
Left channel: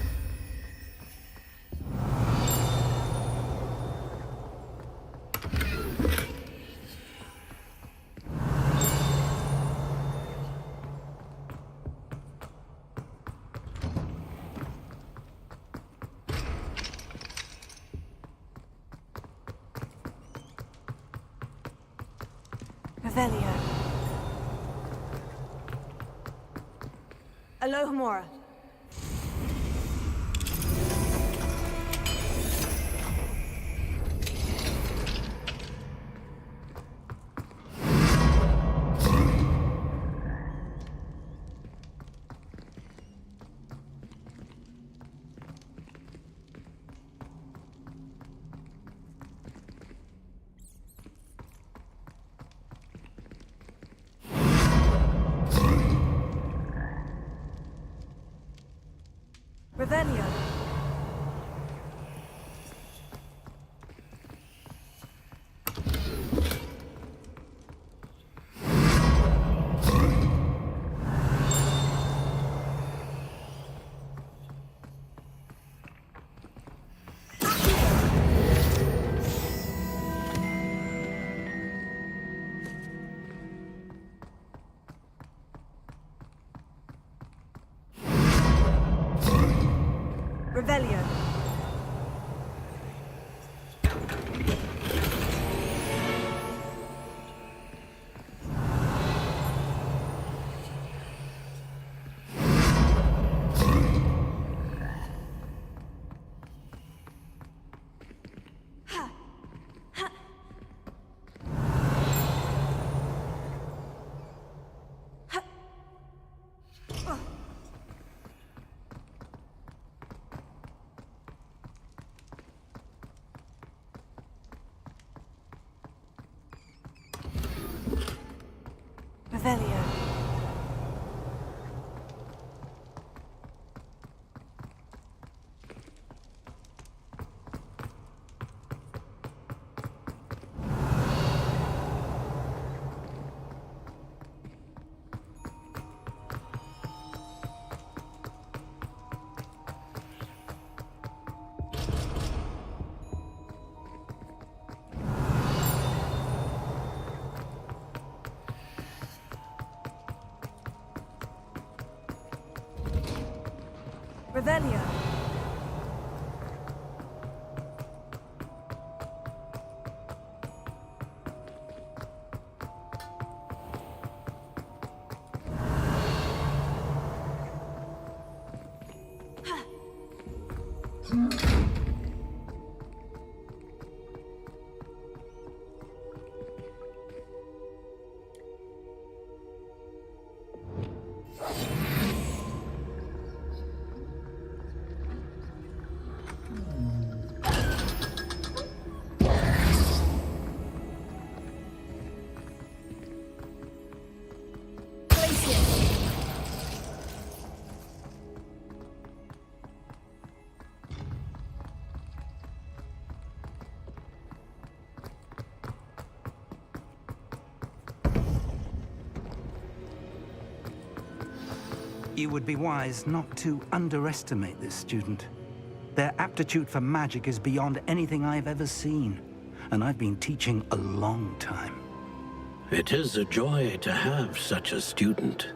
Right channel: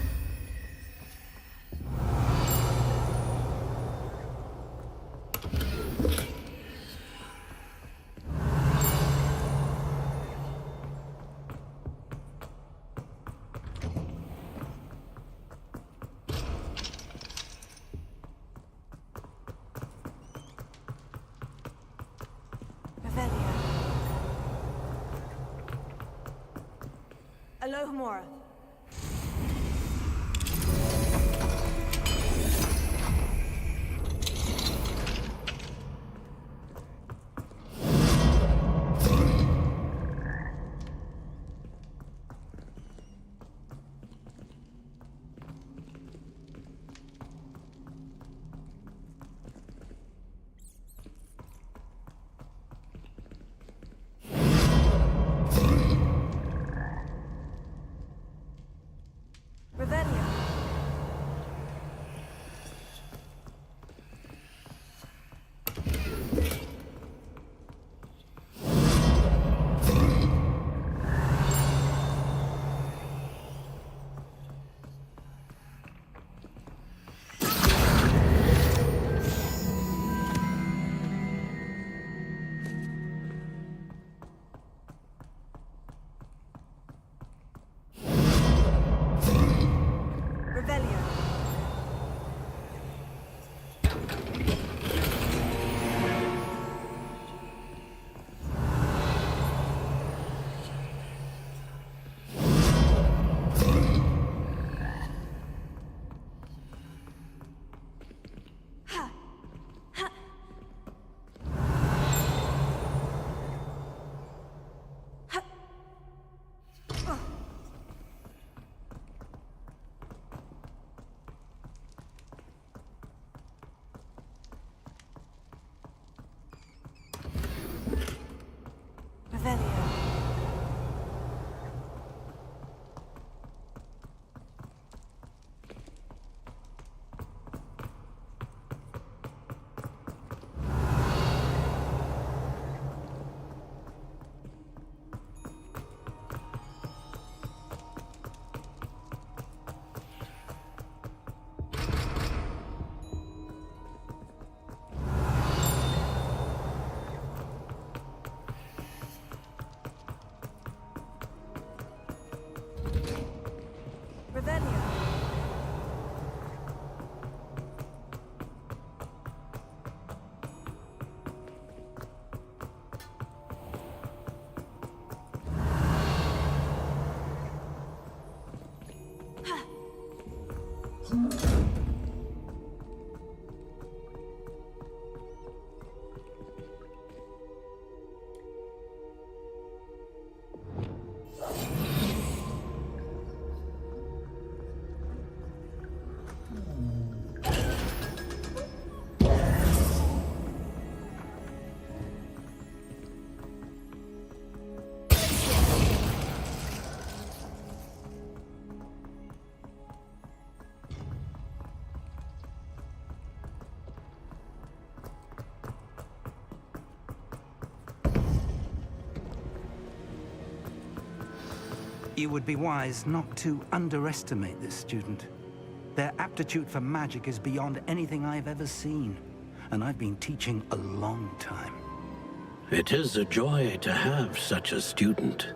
Revelio. Alohomora. Revelio. Revelio. Revelio. You would be wise not to underestimate this student. Their aptitude for magic is beyond anything I've ever seen, and I've been teaching a long time. It is a joy to have such a student.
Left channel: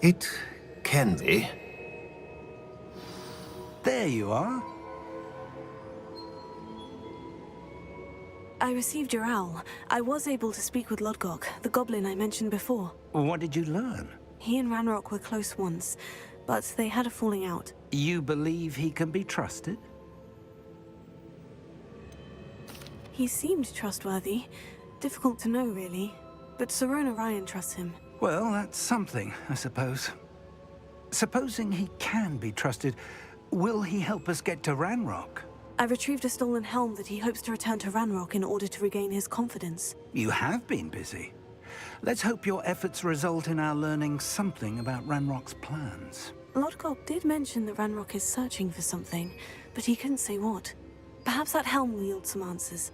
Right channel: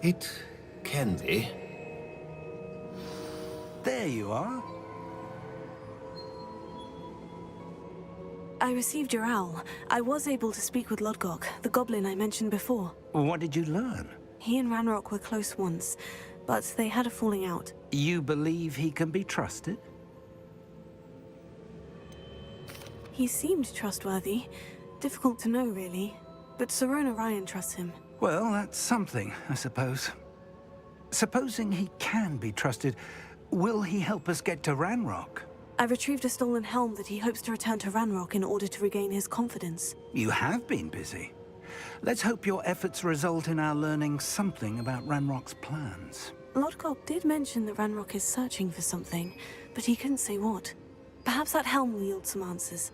It can be. There you are. I received your owl. I was able to speak with Lodgok, the goblin I mentioned before. What did you learn? He and Ranrock were close once, but they had a falling out. You believe he can be trusted? He seemed trustworthy. Difficult to know, really. But Sirona Ryan trusts him. Well, that's something, I suppose. Supposing he can be trusted, will he help us get to Ranrock? I retrieved a stolen helm that he hopes to return to Ranrock in order to regain his confidence. You have been busy. Let's hope your efforts result in our learning something about Ranrock's plans. Lodgok did mention that Ranrock is searching for something, but he couldn't say what. Perhaps that helm will yield some answers.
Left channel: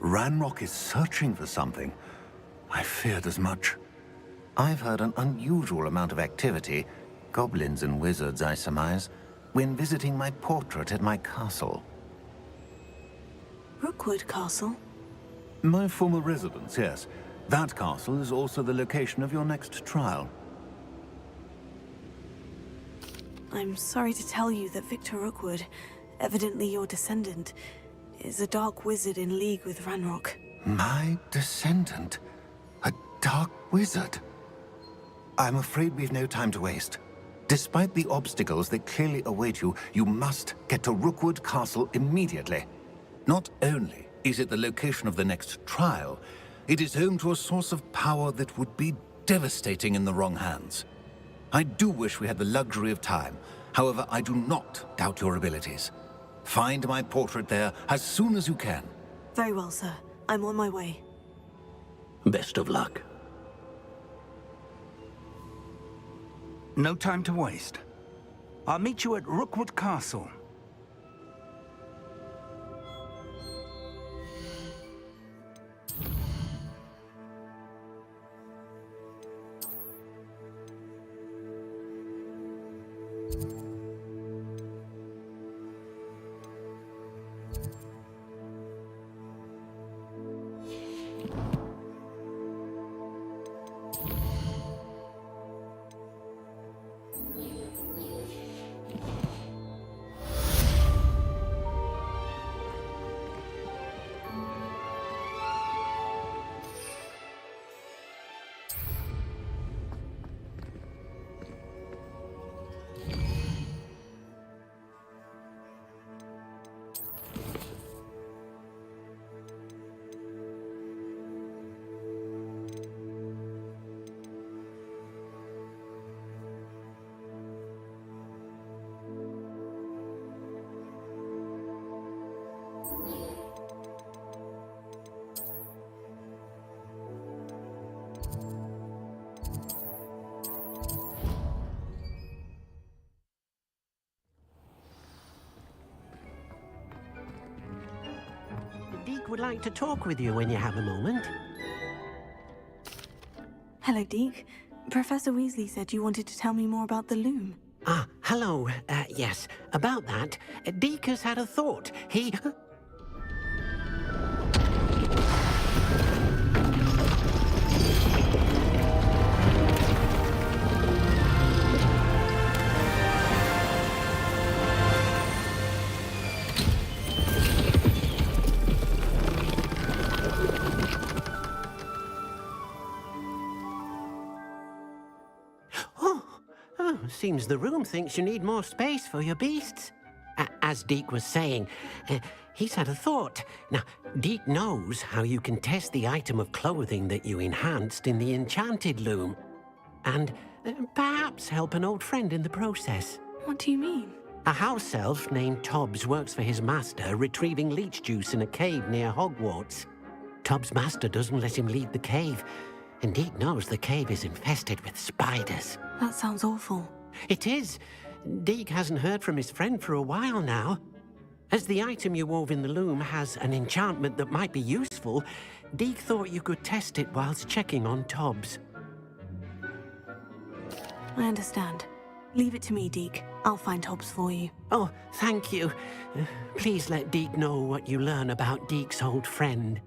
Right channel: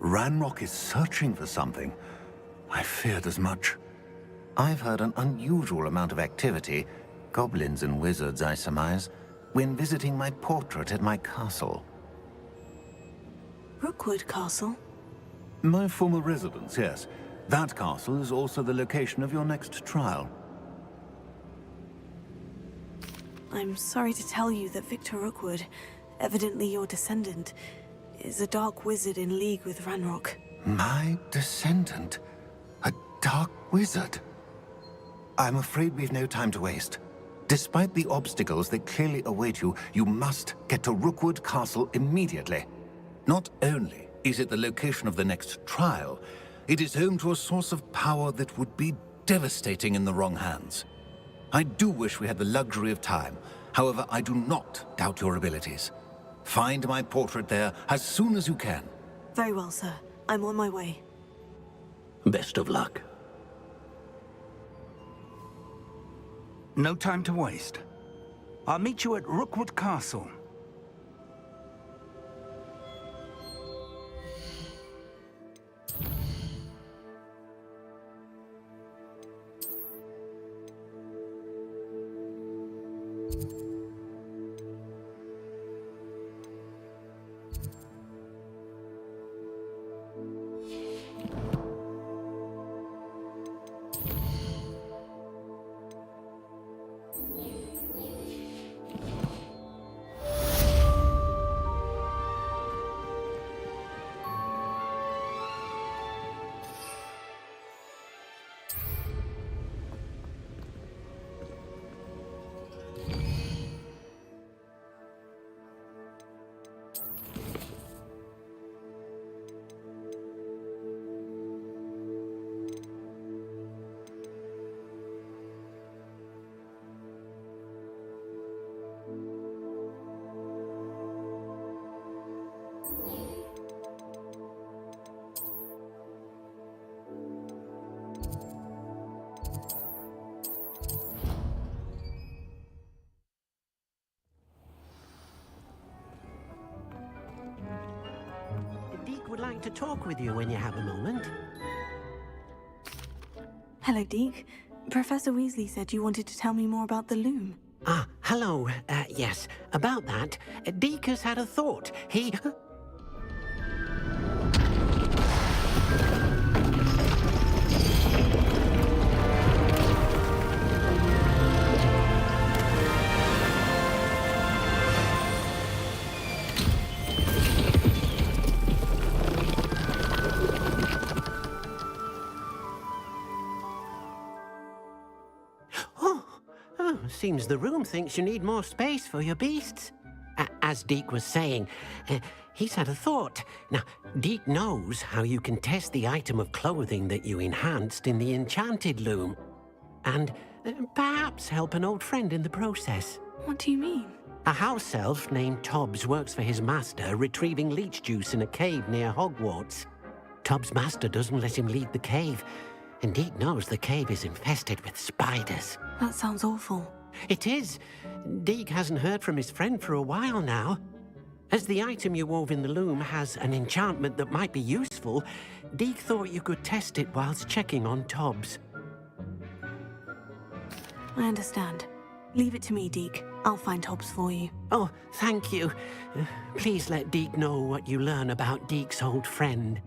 Ranrock is searching for something. I feared as much. I've heard an unusual amount of activity, goblins and wizards, I surmise, when visiting my portrait at my castle. Rookwood Castle? My former residence, yes. That castle is also the location of your next trial. I'm sorry to tell you that Victor Rookwood, evidently your descendant, is a dark wizard in league with Ranrock. My descendant? A dark wizard? I'm afraid we've no time to waste. Despite the obstacles that clearly await you, you must get to Rookwood Castle immediately. Not only is it the location of the next trial, it is home to a source of power that would be devastating in the wrong hands. I do wish we had the luxury of time. However, I do not doubt your abilities. Find my portrait there as soon as you can. Very well, sir. I'm on my way. Best of luck. No time to waste. I'll meet you at Rookwood Castle. would like to talk with you when you have a moment. Hello, Deke. Professor Weasley said you wanted to tell me more about the loom. Ah, hello. Yes, about that. Deke has had a thought. He... Seems the room thinks you need more space for your beasts. As Deke was saying, he's had a thought. Now, Deke knows how you can test the item of clothing that you enhanced in the Enchanted loom. And perhaps help an old friend in the process. What do you mean? A house elf named Tobbs works for his master, retrieving leech juice in a cave near Hogwarts. Tobbs' master doesn't let him leave the cave, and Deke knows the cave is infested with spiders. That sounds awful. It is. Deke hasn't heard from his friend for a while now. As the item you wove in the loom has an enchantment that might be useful, Deke thought you could test it whilst checking on Tobbs. I understand. Leave it to me, Deke. I'll find Tobbs for you. Oh, thank you. Please let Deke know what you learn about Deke's old friend.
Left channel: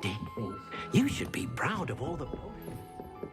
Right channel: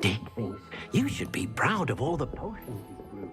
Deke thinks you should be proud of all the potions you've brewed.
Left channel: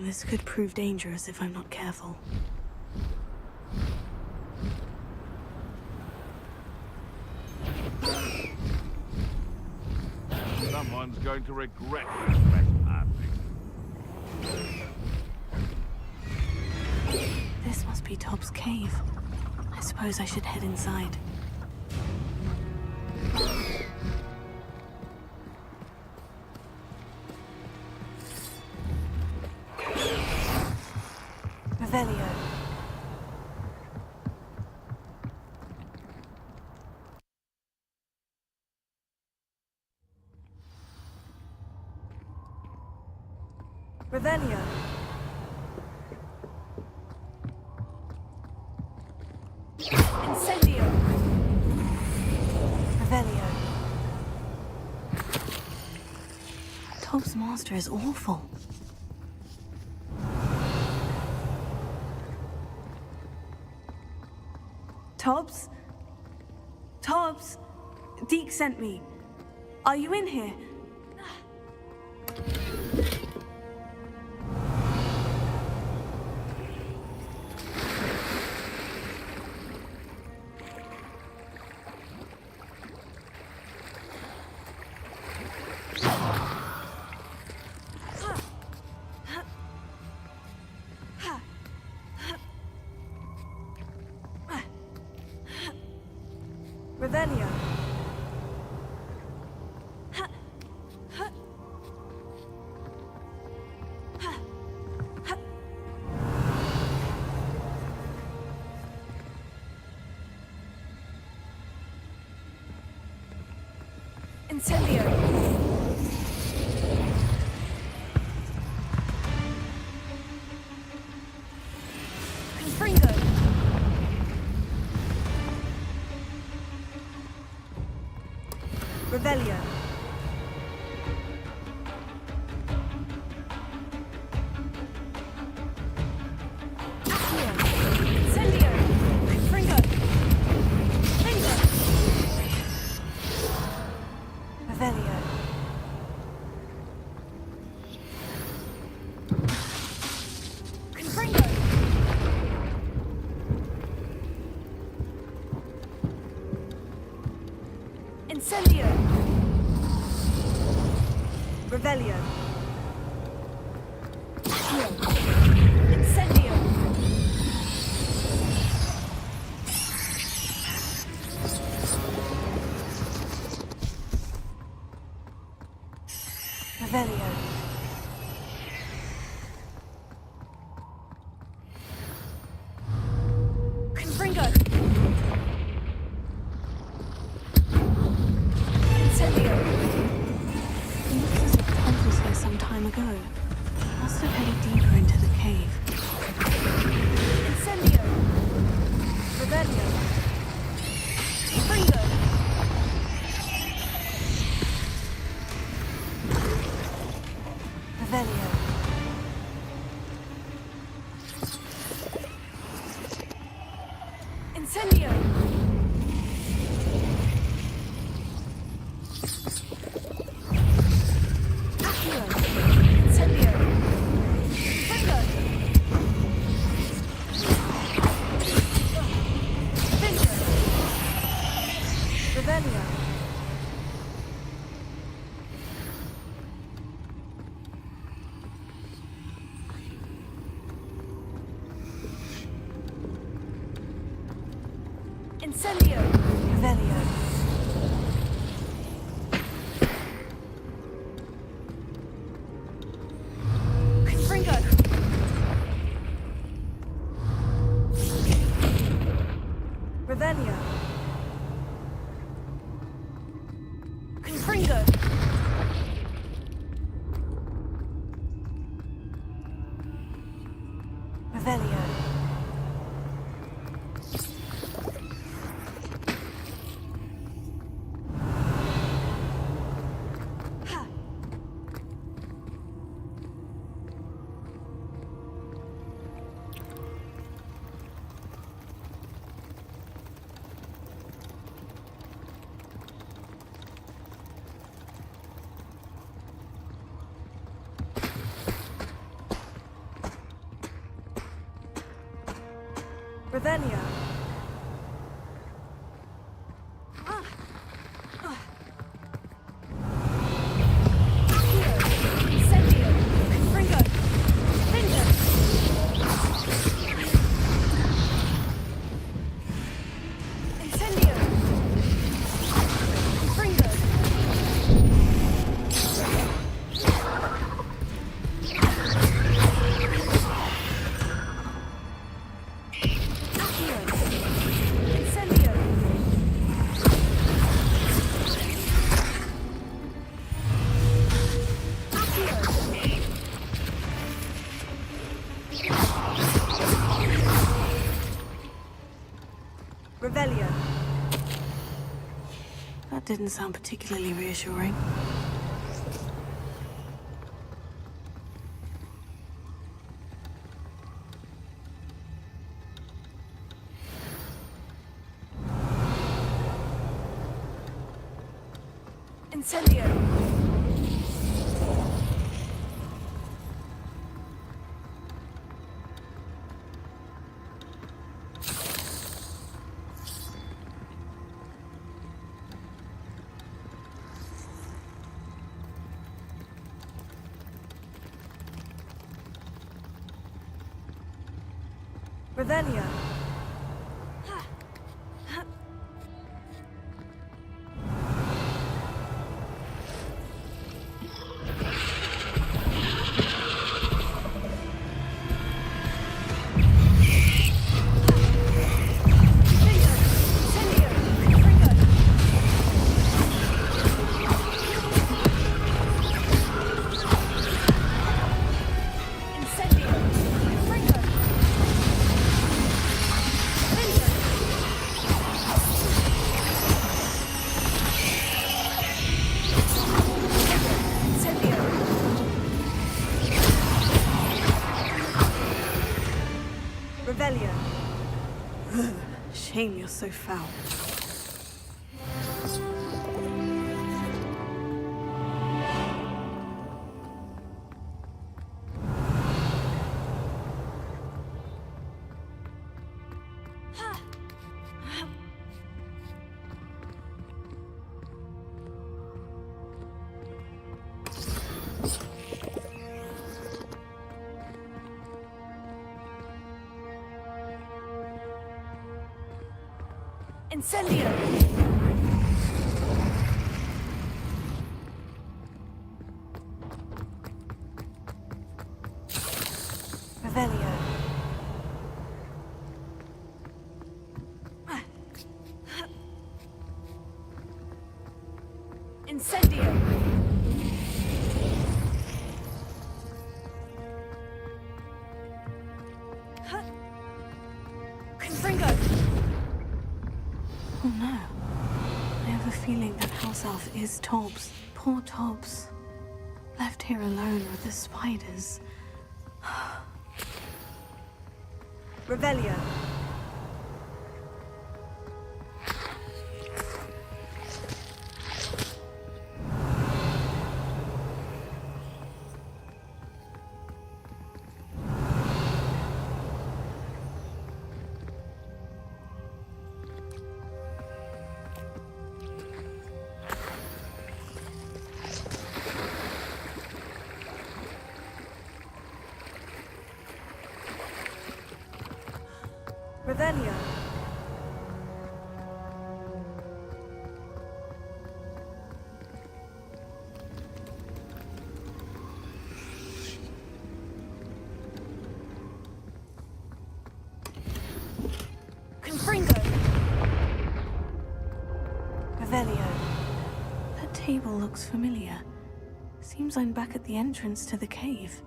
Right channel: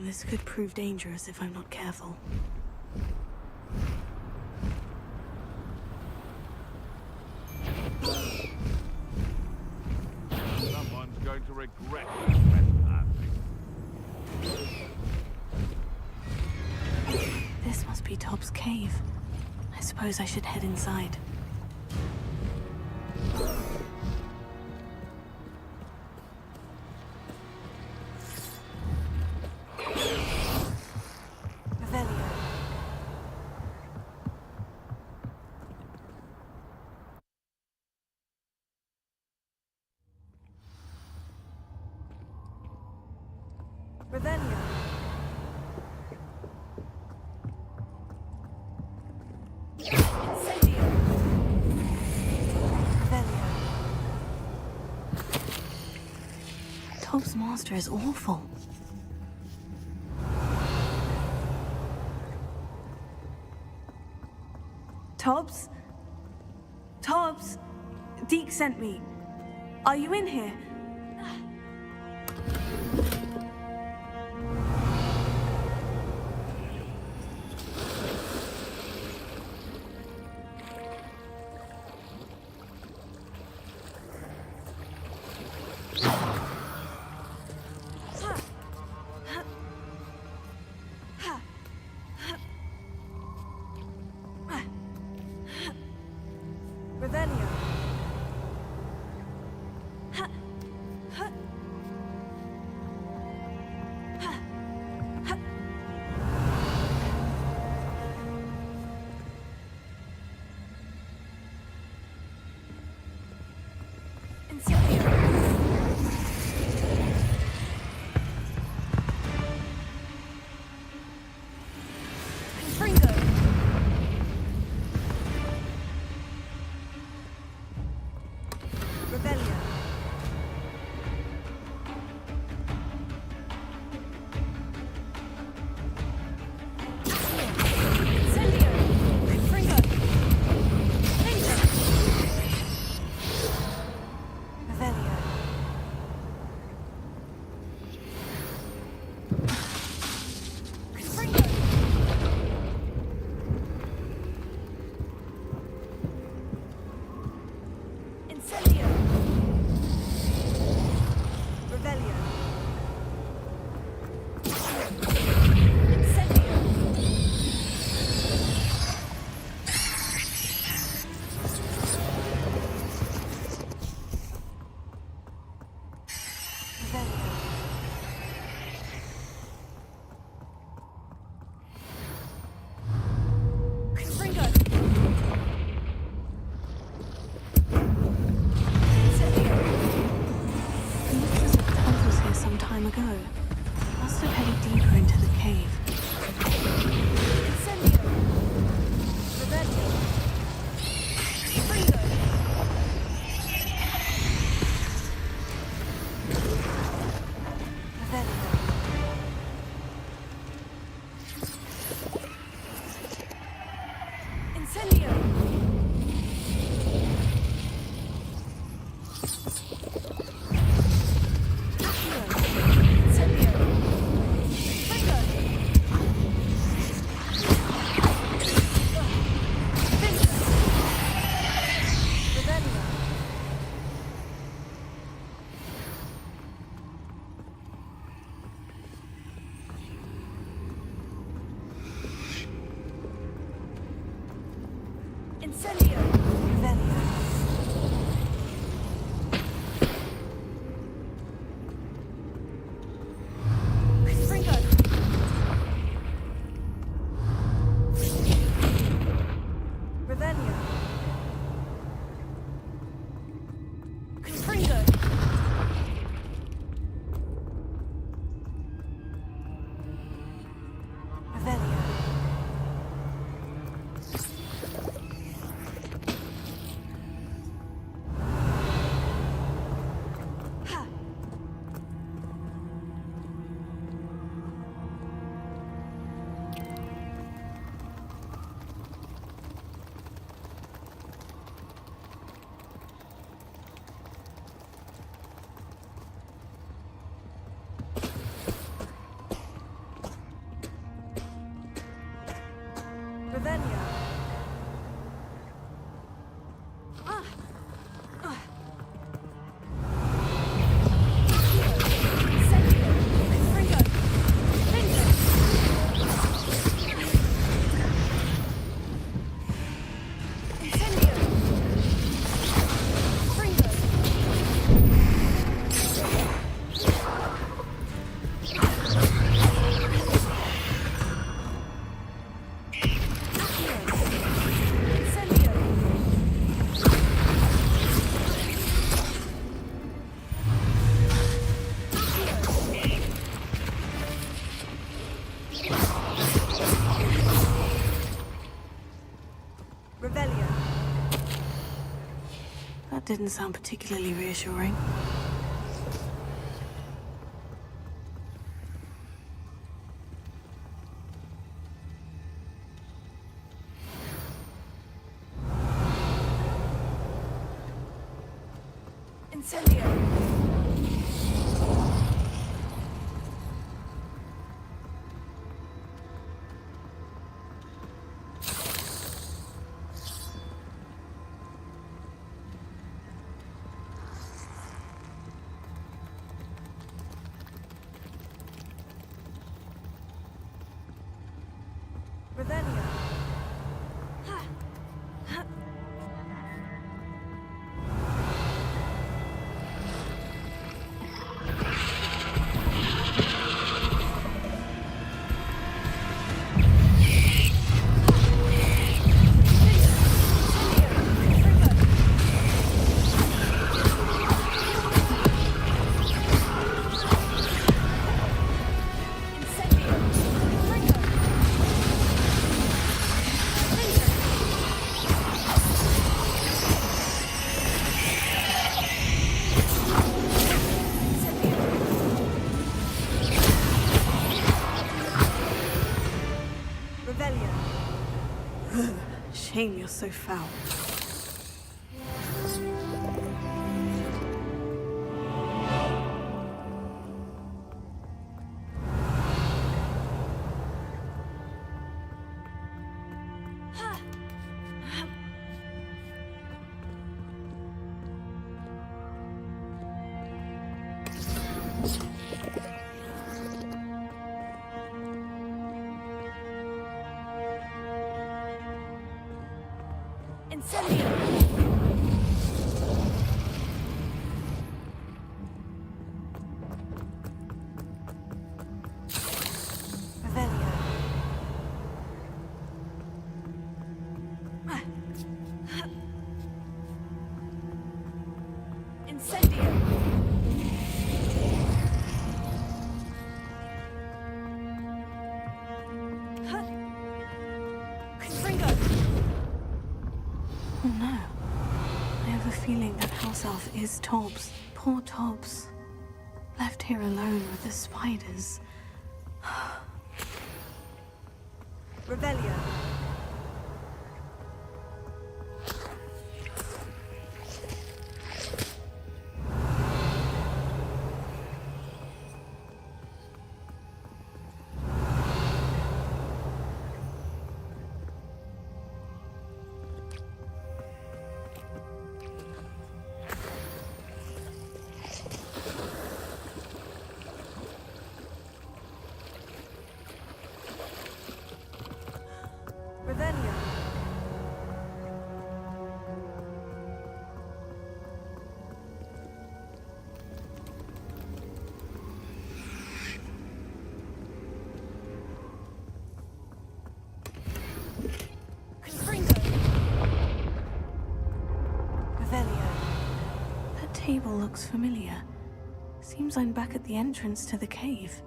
This could prove dangerous if I'm not careful. Someone's going to regret their trespassing. This must be Tobbs' cave. I suppose I should head inside. Revelio. Incendio. Revelio. Tob's master is awful. Tobbs? Tobbs? Deke sent me. Are you in here? Revelio. Incendio. Confringo. Revelio. Accio. Incendio. Confringo. Confringo. Revelio. Confringo. Incendio. Revelio. Accio. Incendio. Revelio. Confringo. Incendio. It looks as if Tobbs was here some time ago. Must have headed deeper into the cave. Incendio. Revelio. Confringo. Revelio. Incendio. Accio. Incendio. Confringo. Confringo. Revelio. Incendio. Revelio. Confringo. Revelio. Confringo. Revelio. Ha. Revelio. Accio. Incendio. Confringo. Confringo. Incendio. Confringo. Accio. Revelio. That didn't sound particularly reassuring. Incendio! Revelio. Revelio. Shame you're so foul. Incendio! Revelio. Incendio! Confringo! Oh no. I have a feeling that house elf is Tobbs. Poor Tobbs. Left here alone with the spiders. Revelio. Revelio. Confringo. Revelio. That table looks familiar. Seems I'm back at the entrance to the cave.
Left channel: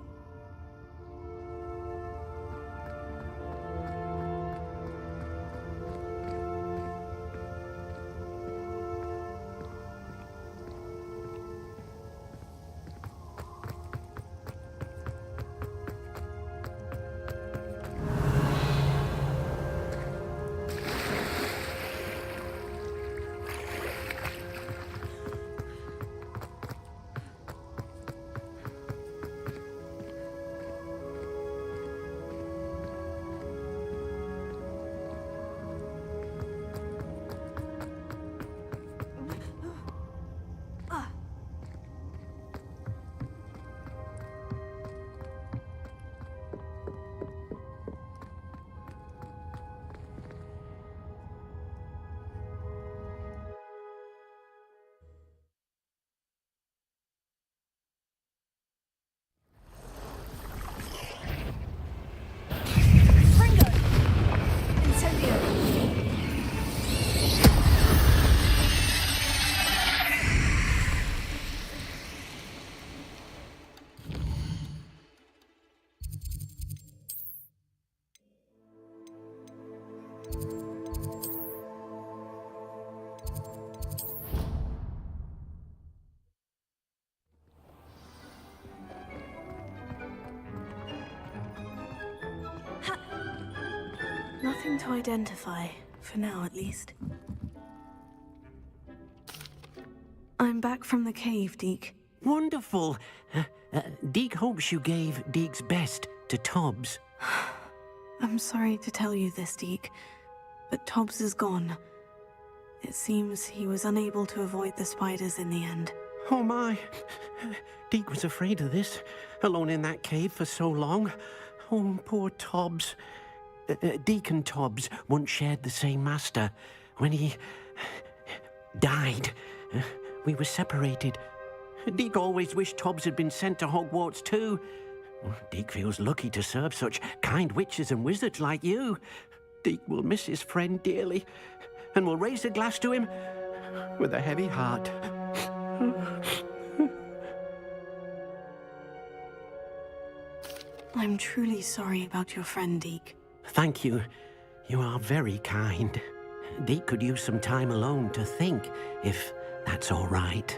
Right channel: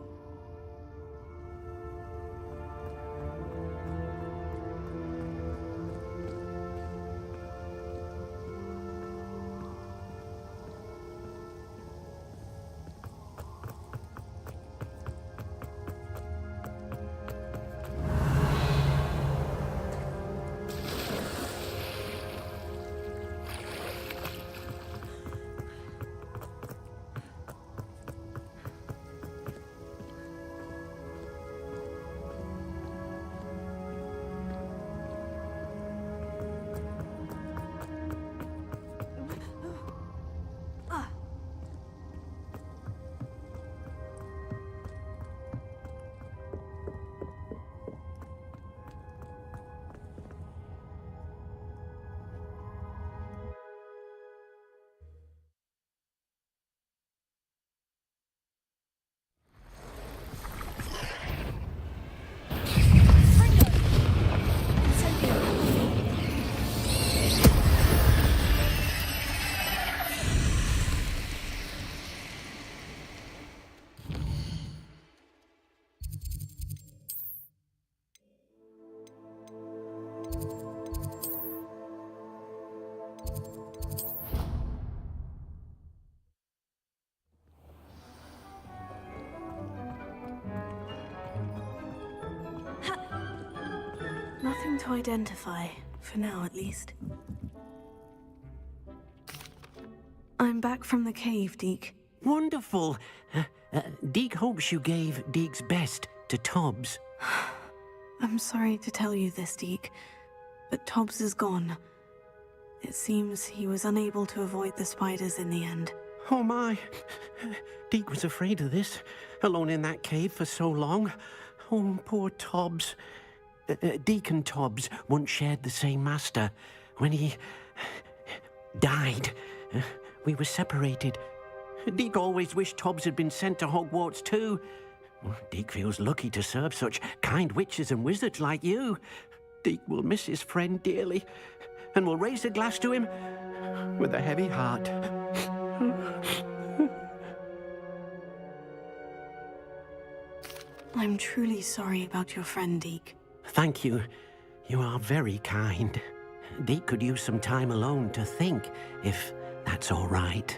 something to identify, for now at least. I'm back from the cave, Deke. Wonderful. Deke hopes you gave Deke's best to Tobbs. I'm sorry to tell you this, Deke, but Tobbs is gone. It seems he was unable to avoid the spiders in the end. Oh my. Deke was afraid of this, alone in that cave for so long. Oh, poor Tobbs. Deke and Tobbs once shared the same master. When he died, we were separated. Deke always wished Tobbs had been sent to Hogwarts too. Deke feels lucky to serve such kind witches and wizards like you. Deke will miss his friend dearly, and will raise a glass to him with a heavy heart. I'm truly sorry about your friend, Deke. Thank you. You are very kind. Deke could use some time alone to think, if that's all right.